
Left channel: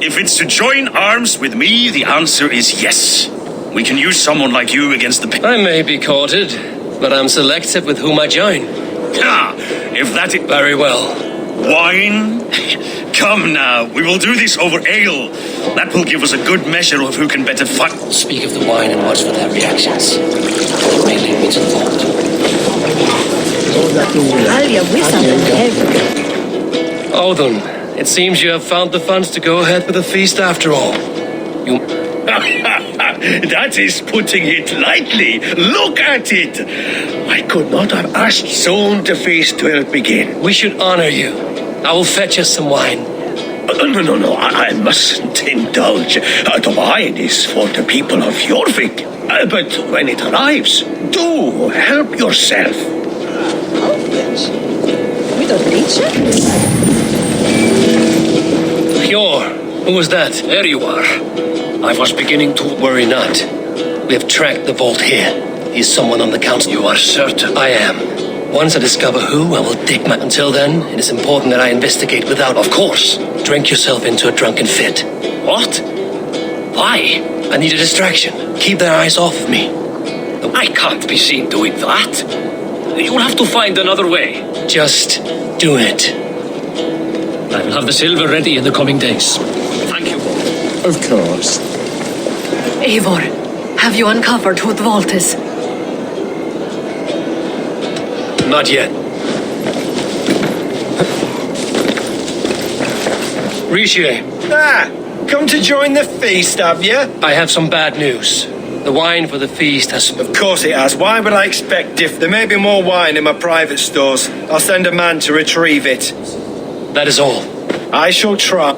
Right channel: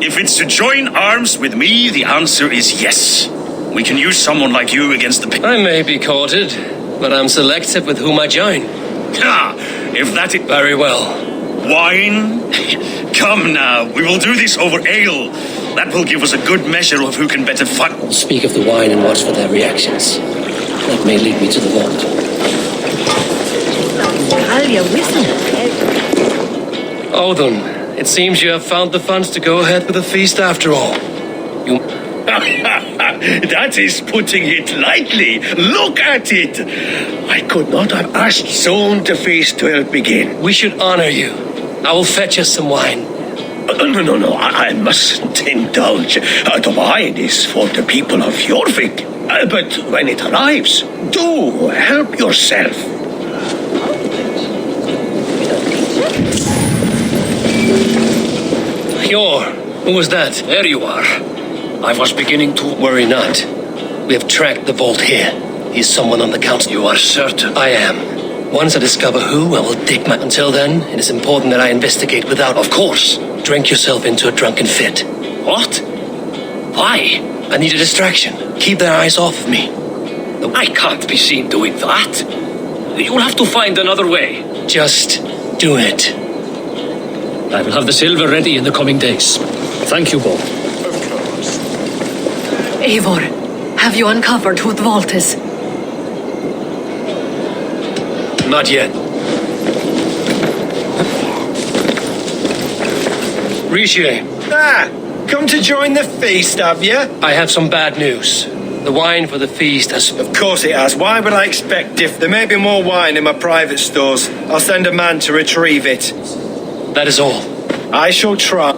If it's to join arms with me, the answer is yes. We can use someone like you against the... I may be courted, but I'm selective with whom I join. Ah, if that is... Very well. Wine? Come now, we will do this over ale. That will give us a good measure of who can better fight. I'll speak of the wine and watch for their reactions. That may lead me to the Vault. Odin, it seems you have found the funds to go ahead with the feast after all. You... That is putting it lightly. Look at it. I could not have asked soon the feast will begin. We should honor you. I will fetch us some wine. No. I mustn't indulge. The wine is for the people of Jorvik. But when it arrives, do help yourself. Hjor, who was that? There you are. I was beginning to... Worry not. We have tracked the Vault here. He's someone on the council. You are certain? I am. Once I discover who, I will dig my... Until then, it is important that I investigate without... Of course. Drink yourself into a drunken fit. What? Why? I need a distraction. Keep their eyes off of me. I can't be seen doing that. You'll have to find another way. Just do it. I will have the silver ready in the coming days. Thank you. Of course. Eivor, have you uncovered who the vault is? Not yet. Riche. Ah, come to join the feast, have you? I have some bad news. The wine for the feast has... Of course it has. Why would I expect if there may be more wine in my private stores? I'll send a man to retrieve it. That is all. I shall try.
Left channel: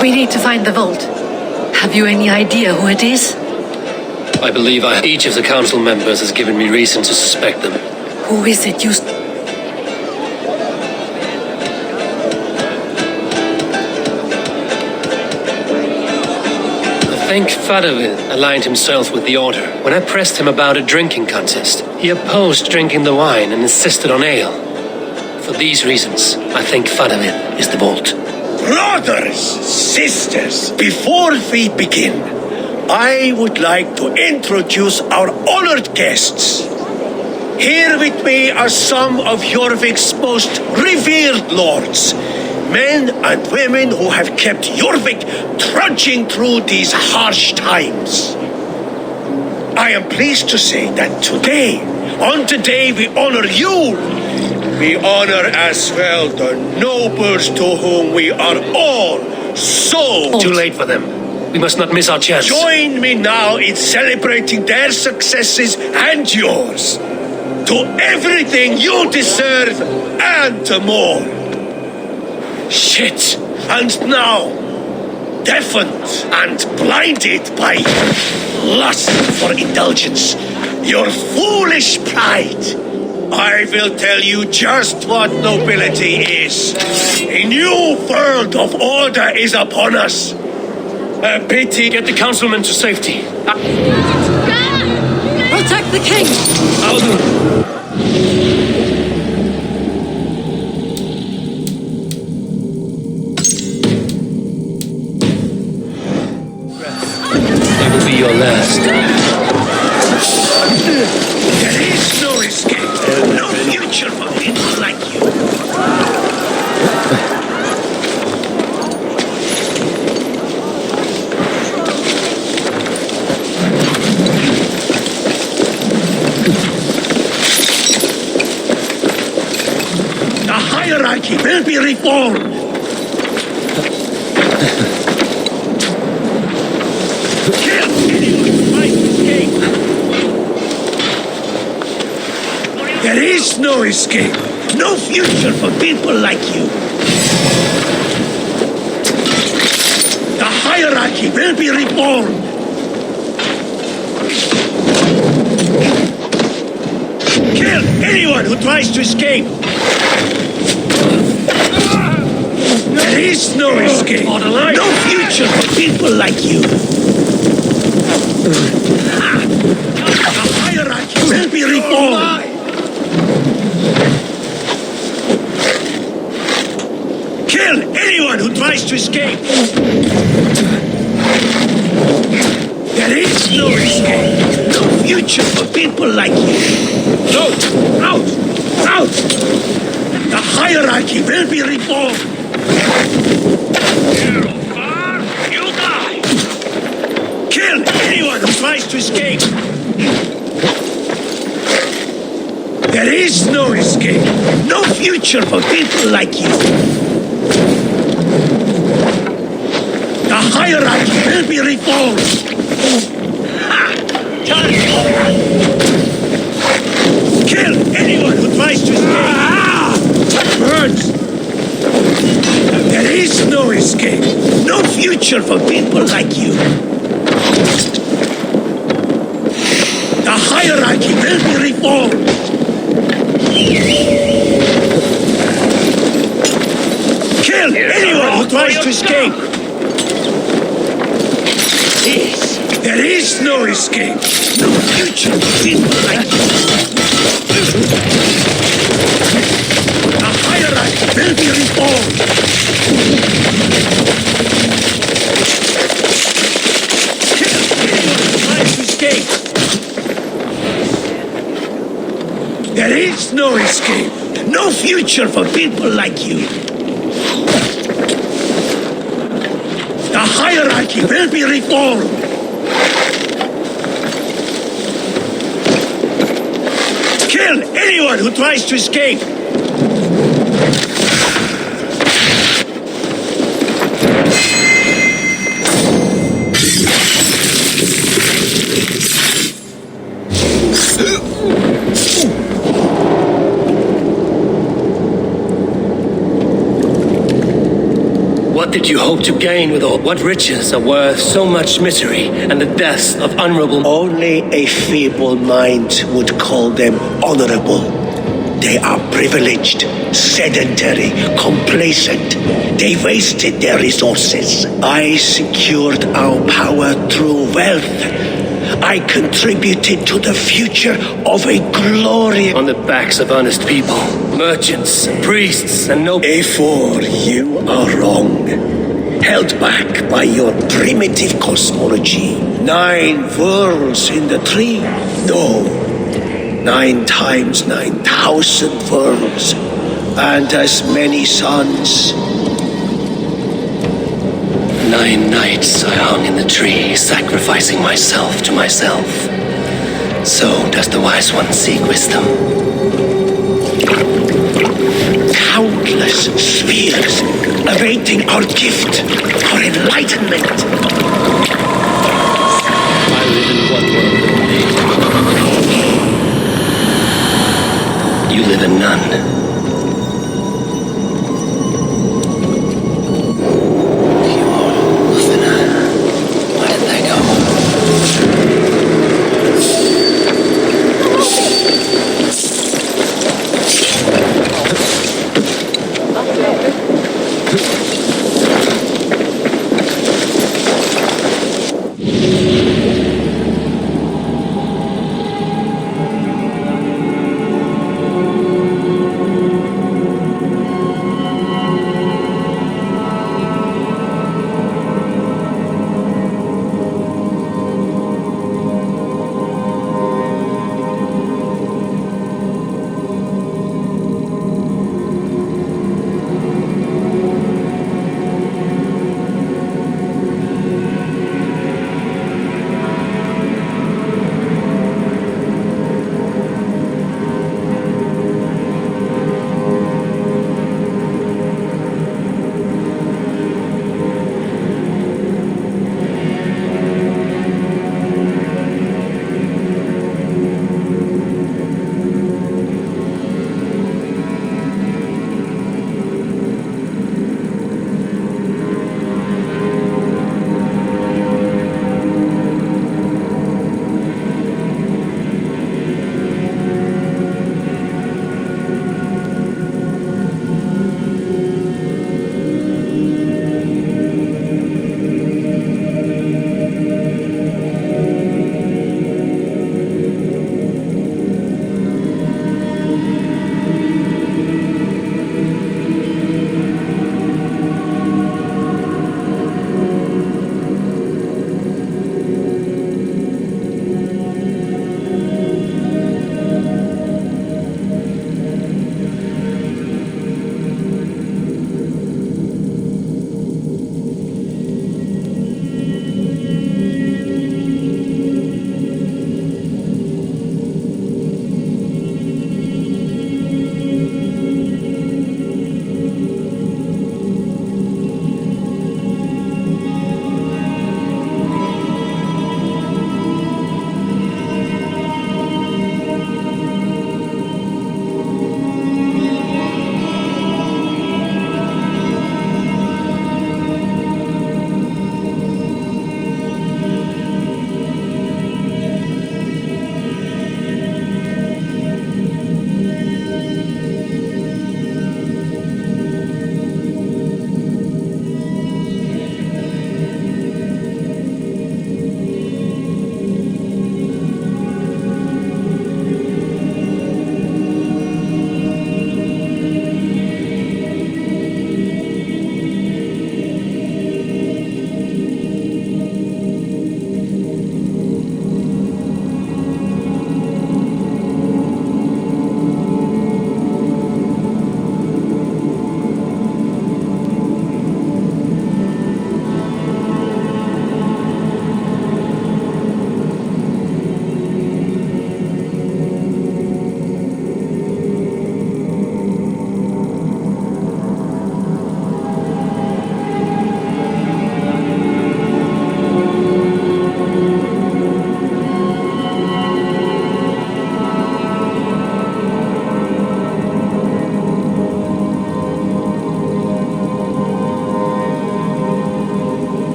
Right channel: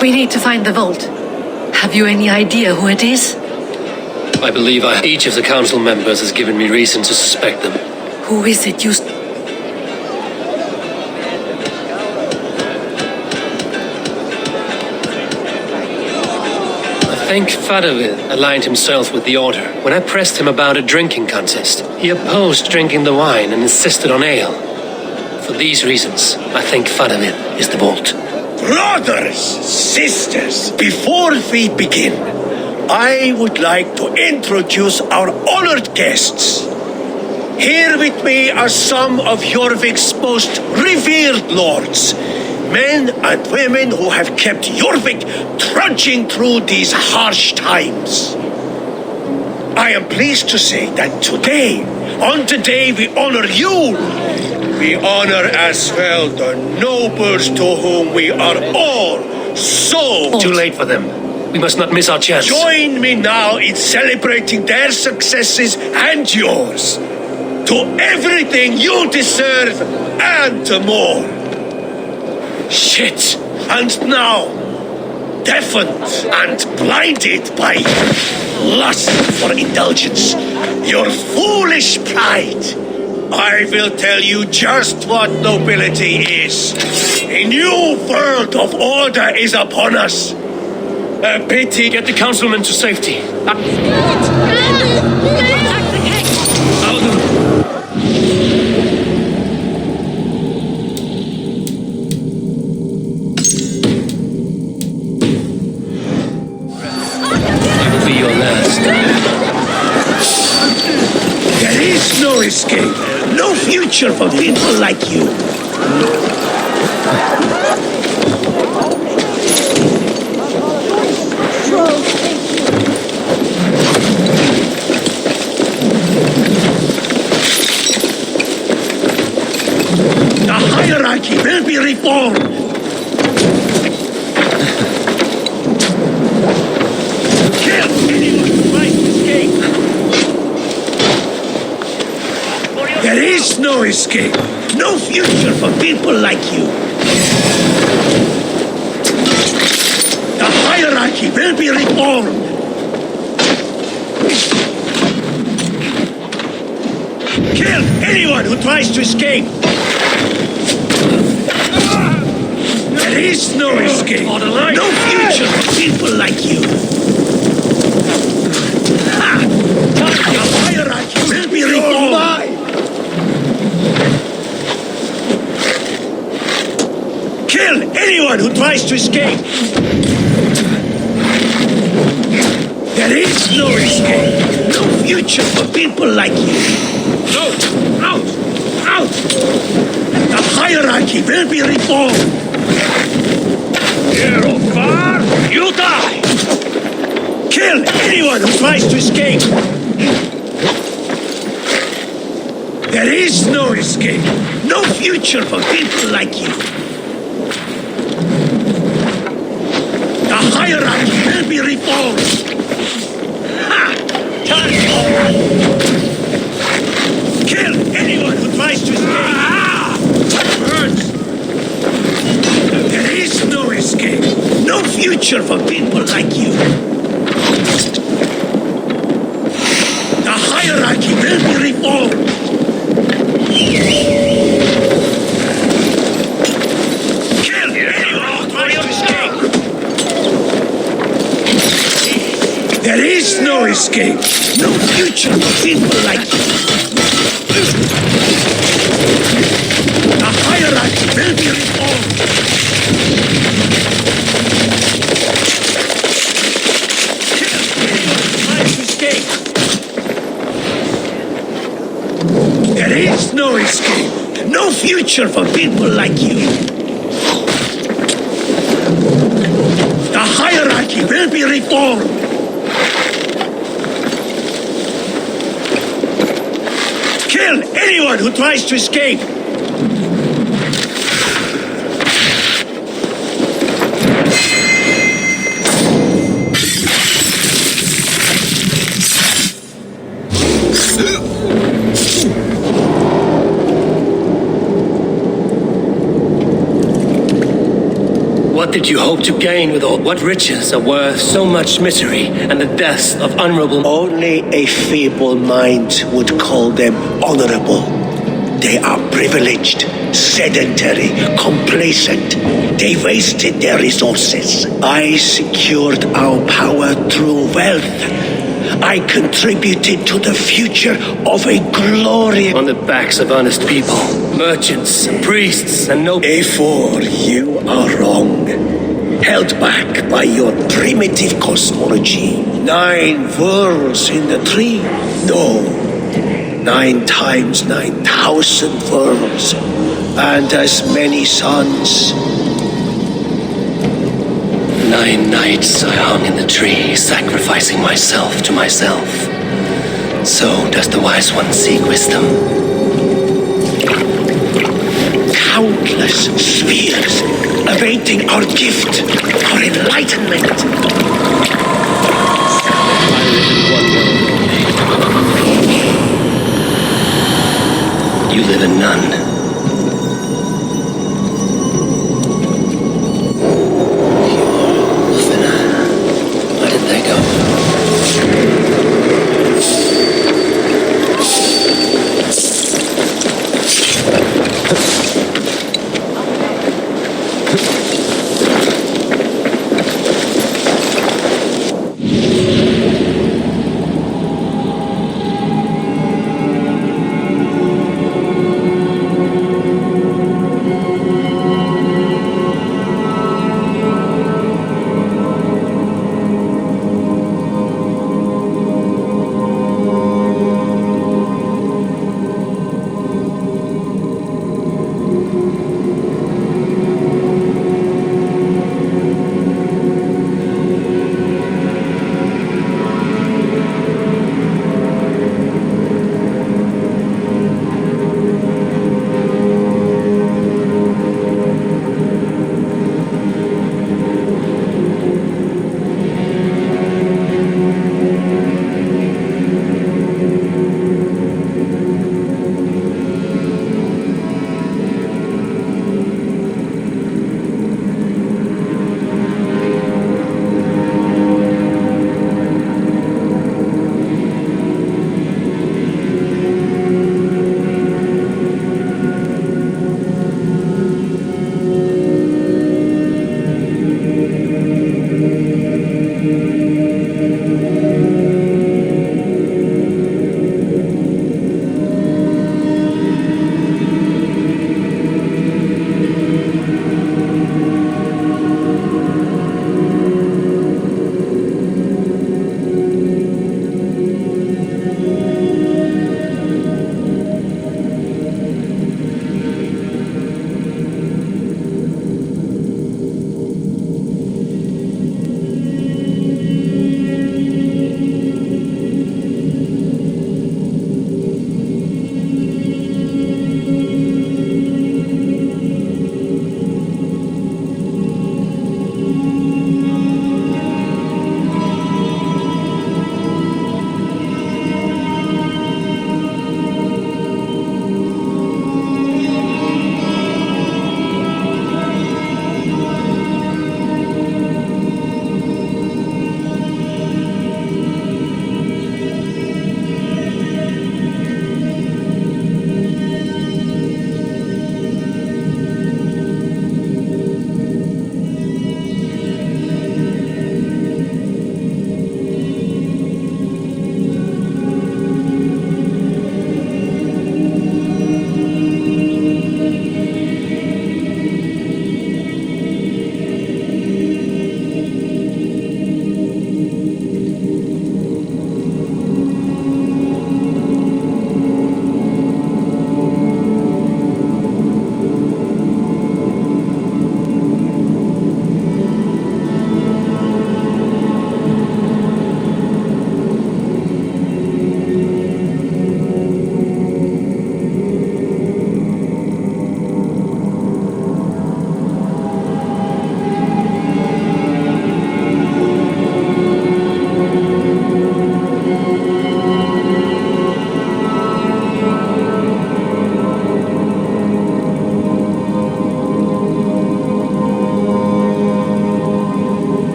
We need to find the vault. Have you any idea who it is? I believe each of the council members has given me reason to suspect them. Who is it you... I think Fadavid aligned himself with the Order. When I pressed him about a drinking contest, he opposed drinking the wine and insisted on ale. For these reasons, I think Fadavid is the vault. Brothers, sisters, before we begin, I would like to introduce our honored guests. Here with me are some of Jorvik's most revered lords, men and women who have kept Jorvik trudging through these harsh times. I am pleased to say that today, on the day we honor Yule, we honor as well the nobles to whom we are all so... Too late for them. We must not miss our chance. Join me now in celebrating their successes and yours. To everything you deserve and to more. Shit. And now, deafened and blinded by lust for indulgence, your foolish pride, I will tell you just what nobility is. A new world of order is upon us. A pity. Get the councilmen to safety. Protect the king! I'll do it. It will be your last. There is no escape, no future for people like you. The hierarchy will be reformed. Kill anyone who tries to escape. There is no escape, no future for people like you. The hierarchy will be reformed. Kill anyone who tries to escape. There is no escape, no future for people like you. The hierarchy will be reformed. Kill anyone who tries to escape! There is no escape, no future for people like you! Out! Out! Out! The hierarchy will be reformed. You die! Kill anyone who tries to escape. There is no escape. No future for people like you. The hierarchy will be reformed. Ha! Kill anyone who tries to escape. Birds. There is no escape. No future for people like you. The hierarchy will be reformed. Kill anyone who tries to escape. There is no escape. No future for people like you. The hierarchy will be reformed. Kill anyone who tries to escape. There is no escape. No future for people like you. The hierarchy will be reformed. Kill anyone who tries to escape. What did you hope to gain with all? What riches are worth so much misery and the deaths of honorable? Only a feeble mind would call them honorable. They are privileged, sedentary, complacent. They wasted their resources. I secured our power through wealth. I contributed to the future of a glorious... On the backs of honest people, merchants and priests and nobles. A4, you are wrong. Held back by your primitive cosmology. 9 worlds in the tree? No. 9 times 9,000 worlds. And as many suns. 9 nights I hung in the tree, sacrificing myself to myself. So does the wise one seek wisdom. Countless spheres awaiting our gift, our enlightenment. I live in one world only. You live in none.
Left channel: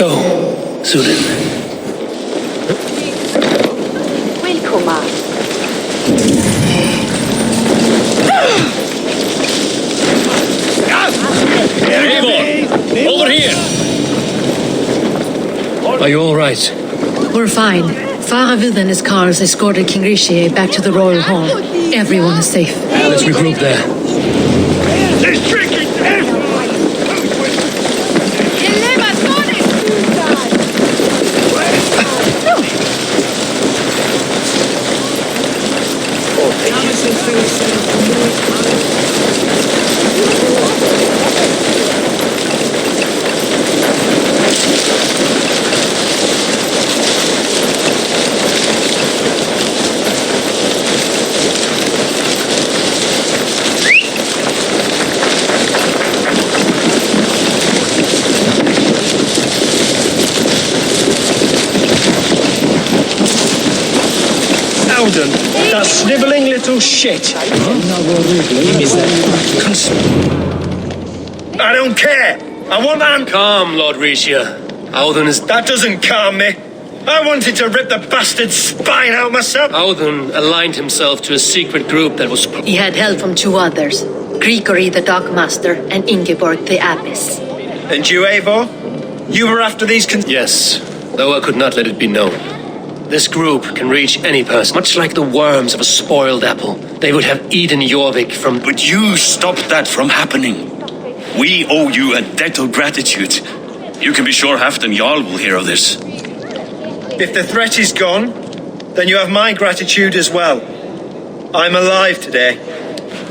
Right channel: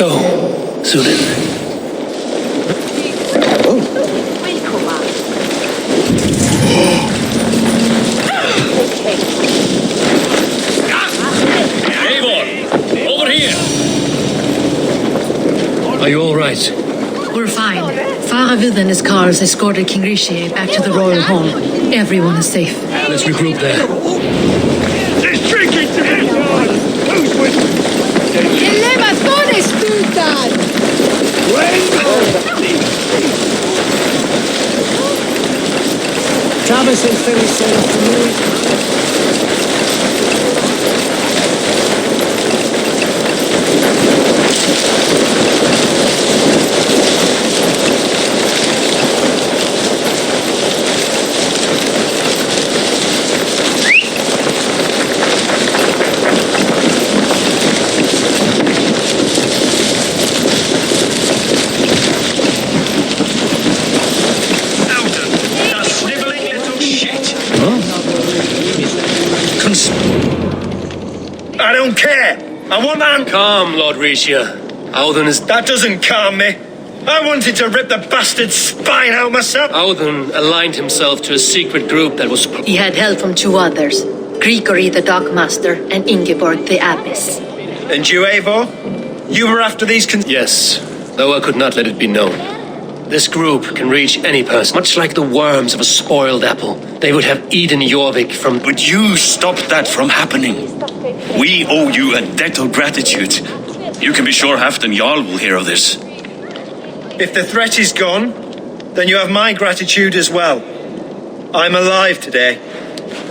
go, Sudan. Welcome. Eivor, over here. Are you all right? We're fine. Faravid and his cars escorted King Rishi back to the royal hall. Everyone is safe. Let's regroup there. There's drinking! Oddin, that snivelling little shit. I don't care. I want that. Calm, Lord Risha. Audun is... That doesn't calm me. I wanted to rip the bastard's spine out myself. Audun aligned himself to a secret group that was... He had help from two others, Grigory the Dockmaster and Ingeborg the Abbess. And you, Eivor? You were after these Yes, though I could not let it be known. This group can reach any person, much like the worms of a spoiled apple. They would have eaten Jorvik from... But you stopped that from happening. We owe you a debt of gratitude. You can be sure Halfdan Jarl will hear of this. If the threat is gone, then you have my gratitude as well. I'm alive today.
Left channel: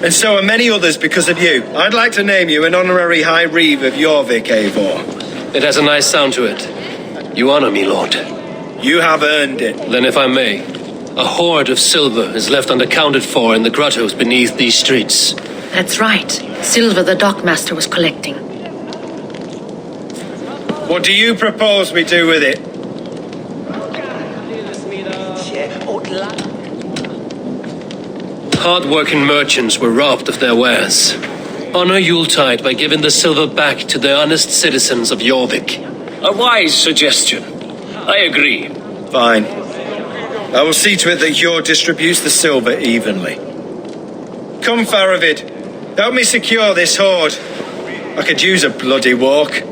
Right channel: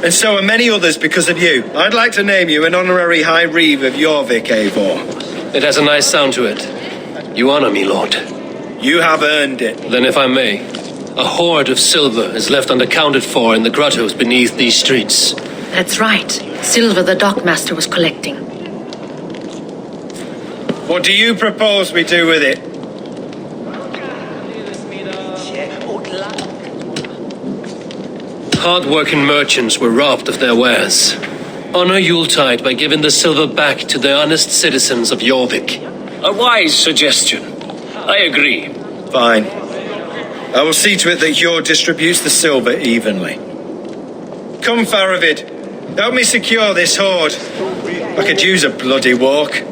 And so are many others because of you. I'd like to name you an honorary High Reeve of Jorvik, Eivor. It has a nice sound to it. You honor me, Lord. You have earned it. Then if I may, a hoard of silver is left unaccounted for in the grottos beneath these streets. That's right. Silver the Dockmaster was collecting. What do you propose we do with it? Hard-working merchants were robbed of their wares. Honor Yuletide by giving the silver back to the honest citizens of Jorvik. A wise suggestion. I agree. Fine. I will see to it that Hjord distributes the silver evenly. Come, Faravid. Help me secure this hoard. I could use a bloody walk.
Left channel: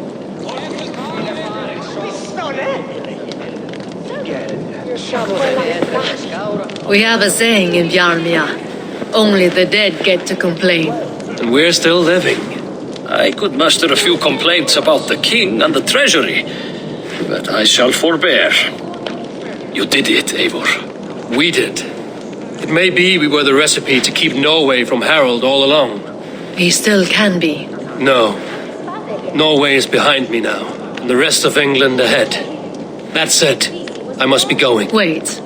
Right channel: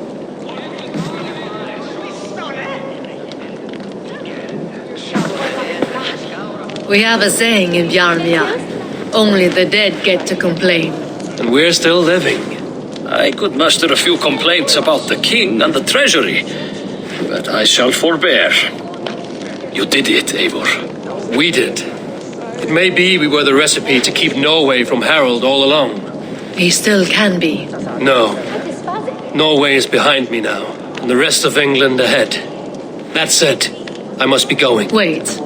We have a saying in Bjarmia. Only the dead get to complain. And we're still living. I could muster a few complaints about the king and the treasury, but I shall forbear. You did it, Eivor. We did. It may be we were the recipe to keep Norway from Harald all along. We still can be. No. Norway is behind me now, and the rest of England ahead. That said, I must be going. Wait.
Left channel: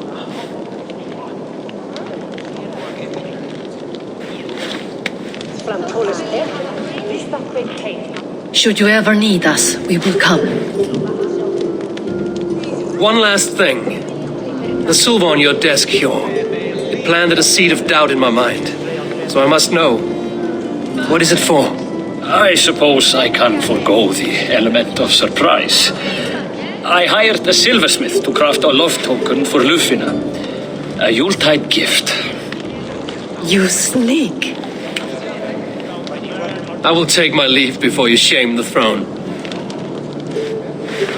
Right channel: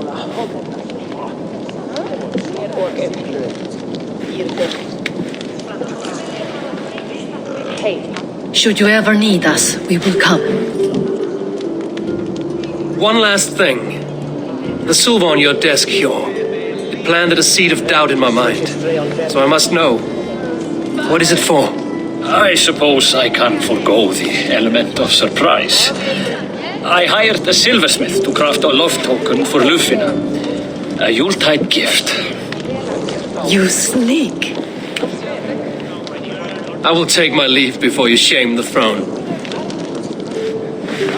Should you ever need us, we will come. One last thing. The silver on your desk, Hjord. It planted a seed of doubt in my mind. So I must know. What is it for? I suppose I can forego the element of surprise. I hired a silversmith to craft a love token for Lufina. A Yuletide gift. You sneak. I will take my leave before you shame the throne.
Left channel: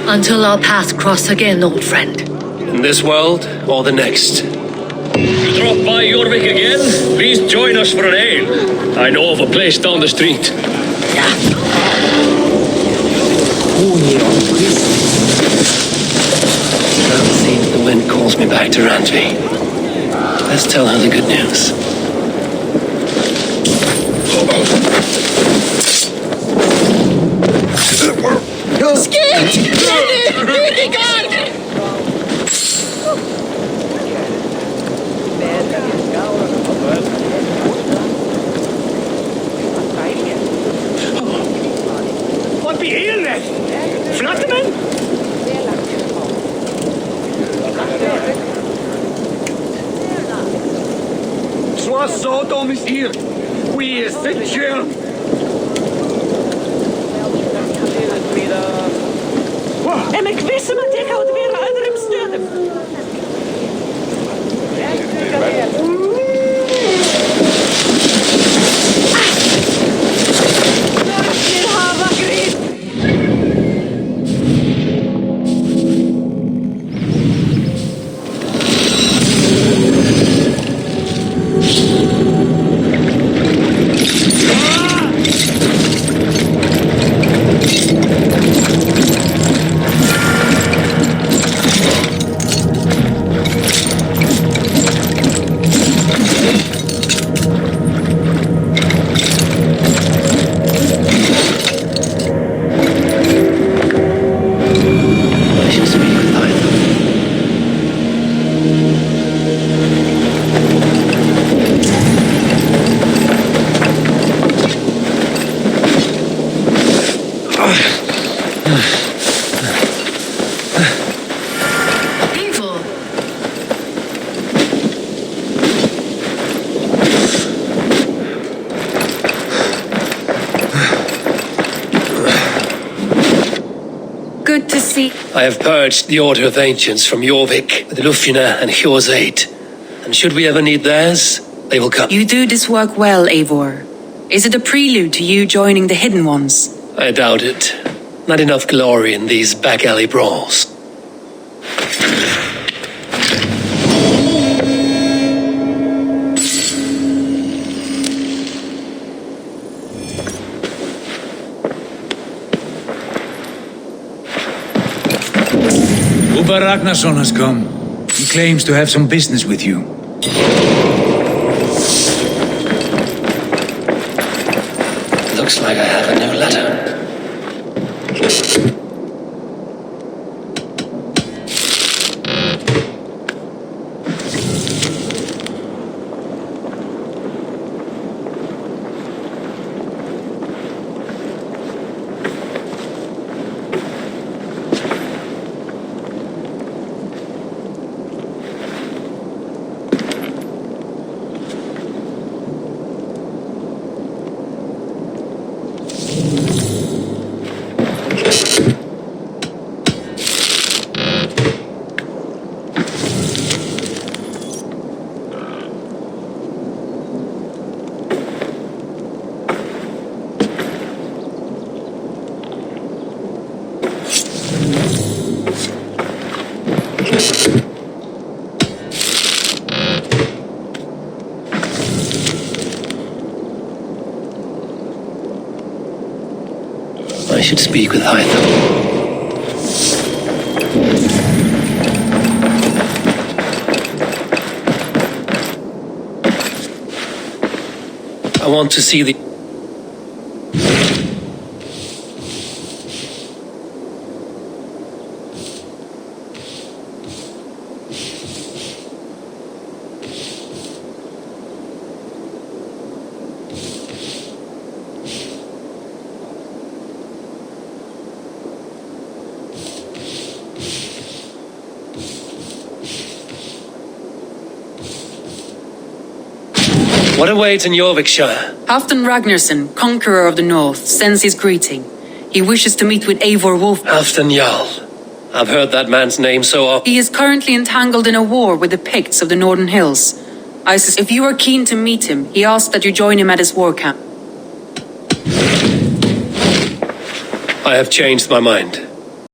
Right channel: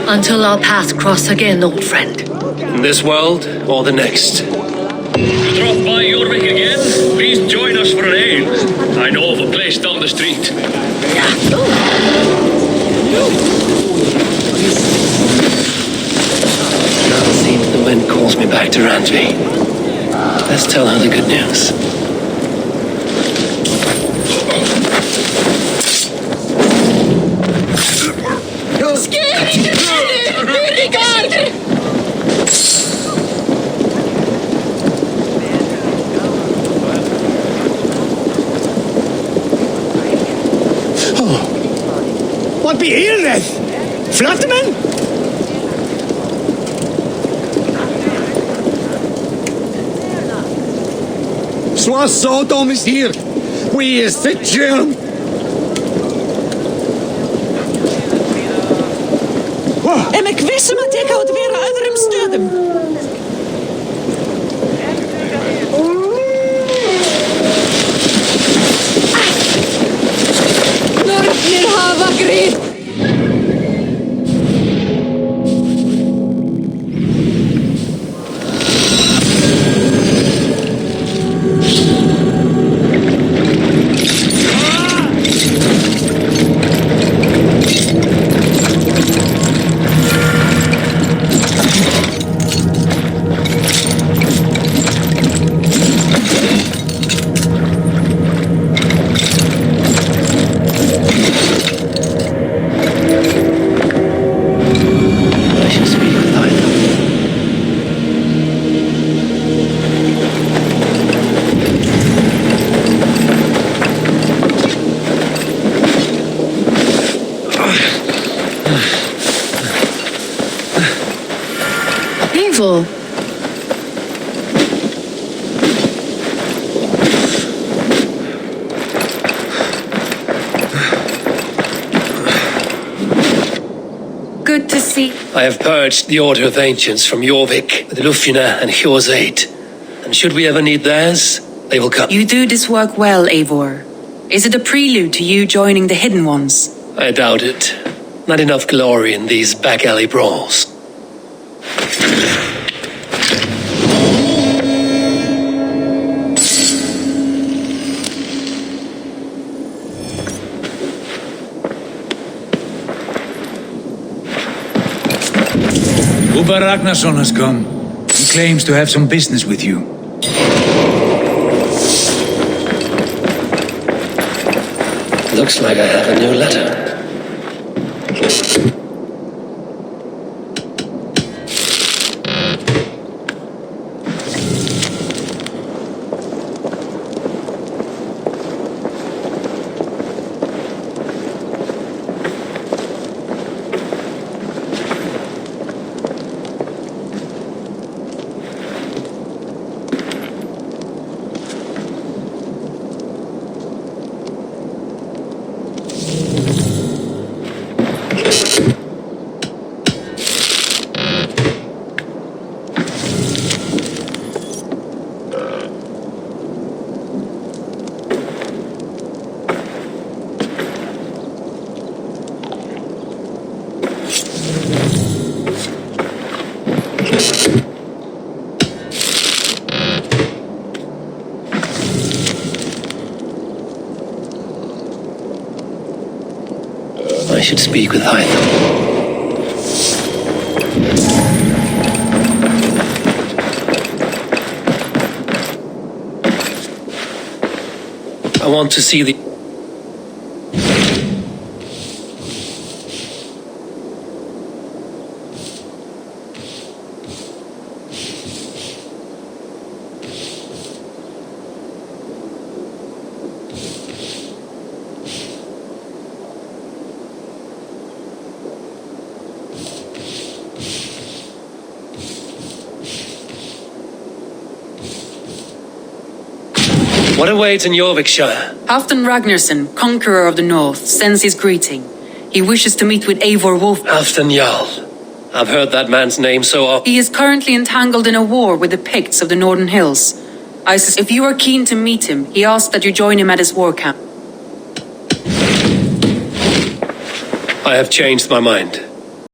Until our paths cross again, old friend. In this world or the next. You drop by Jorvik again? Please join us for an ale. I know of a place down the street. Now it seems the wind calls me back to Randvi. Let's tell her the good news. Wat beheerder! Flatterman? Zoals zo dom is hier. Wie is dit, June? see... I have purged the Order of Ancients from Jorvik with Lufina and Hjor's aid. And should we ever need theirs, they will come. You do this work well, Eivor. Is it a prelude to you joining the Hidden Ones? I doubt it. Not enough glory in these back-alley brawls. Uber Ragnarsson has come. He claims to have some business with you. Looks like I have a new letter. I should speak with Hytham. I want to see the... What awaits in Jorvikshire? Halfdan Ragnarsson, conqueror of the North, sends his greeting. He wishes to meet with Eivor Wolf. Halfdan Jarl. I've heard that man's name so often. He is currently entangled in a war with the Picts of the Northern Hills. If you are keen to meet him, he asks that you join him at his war camp. I have changed my mind.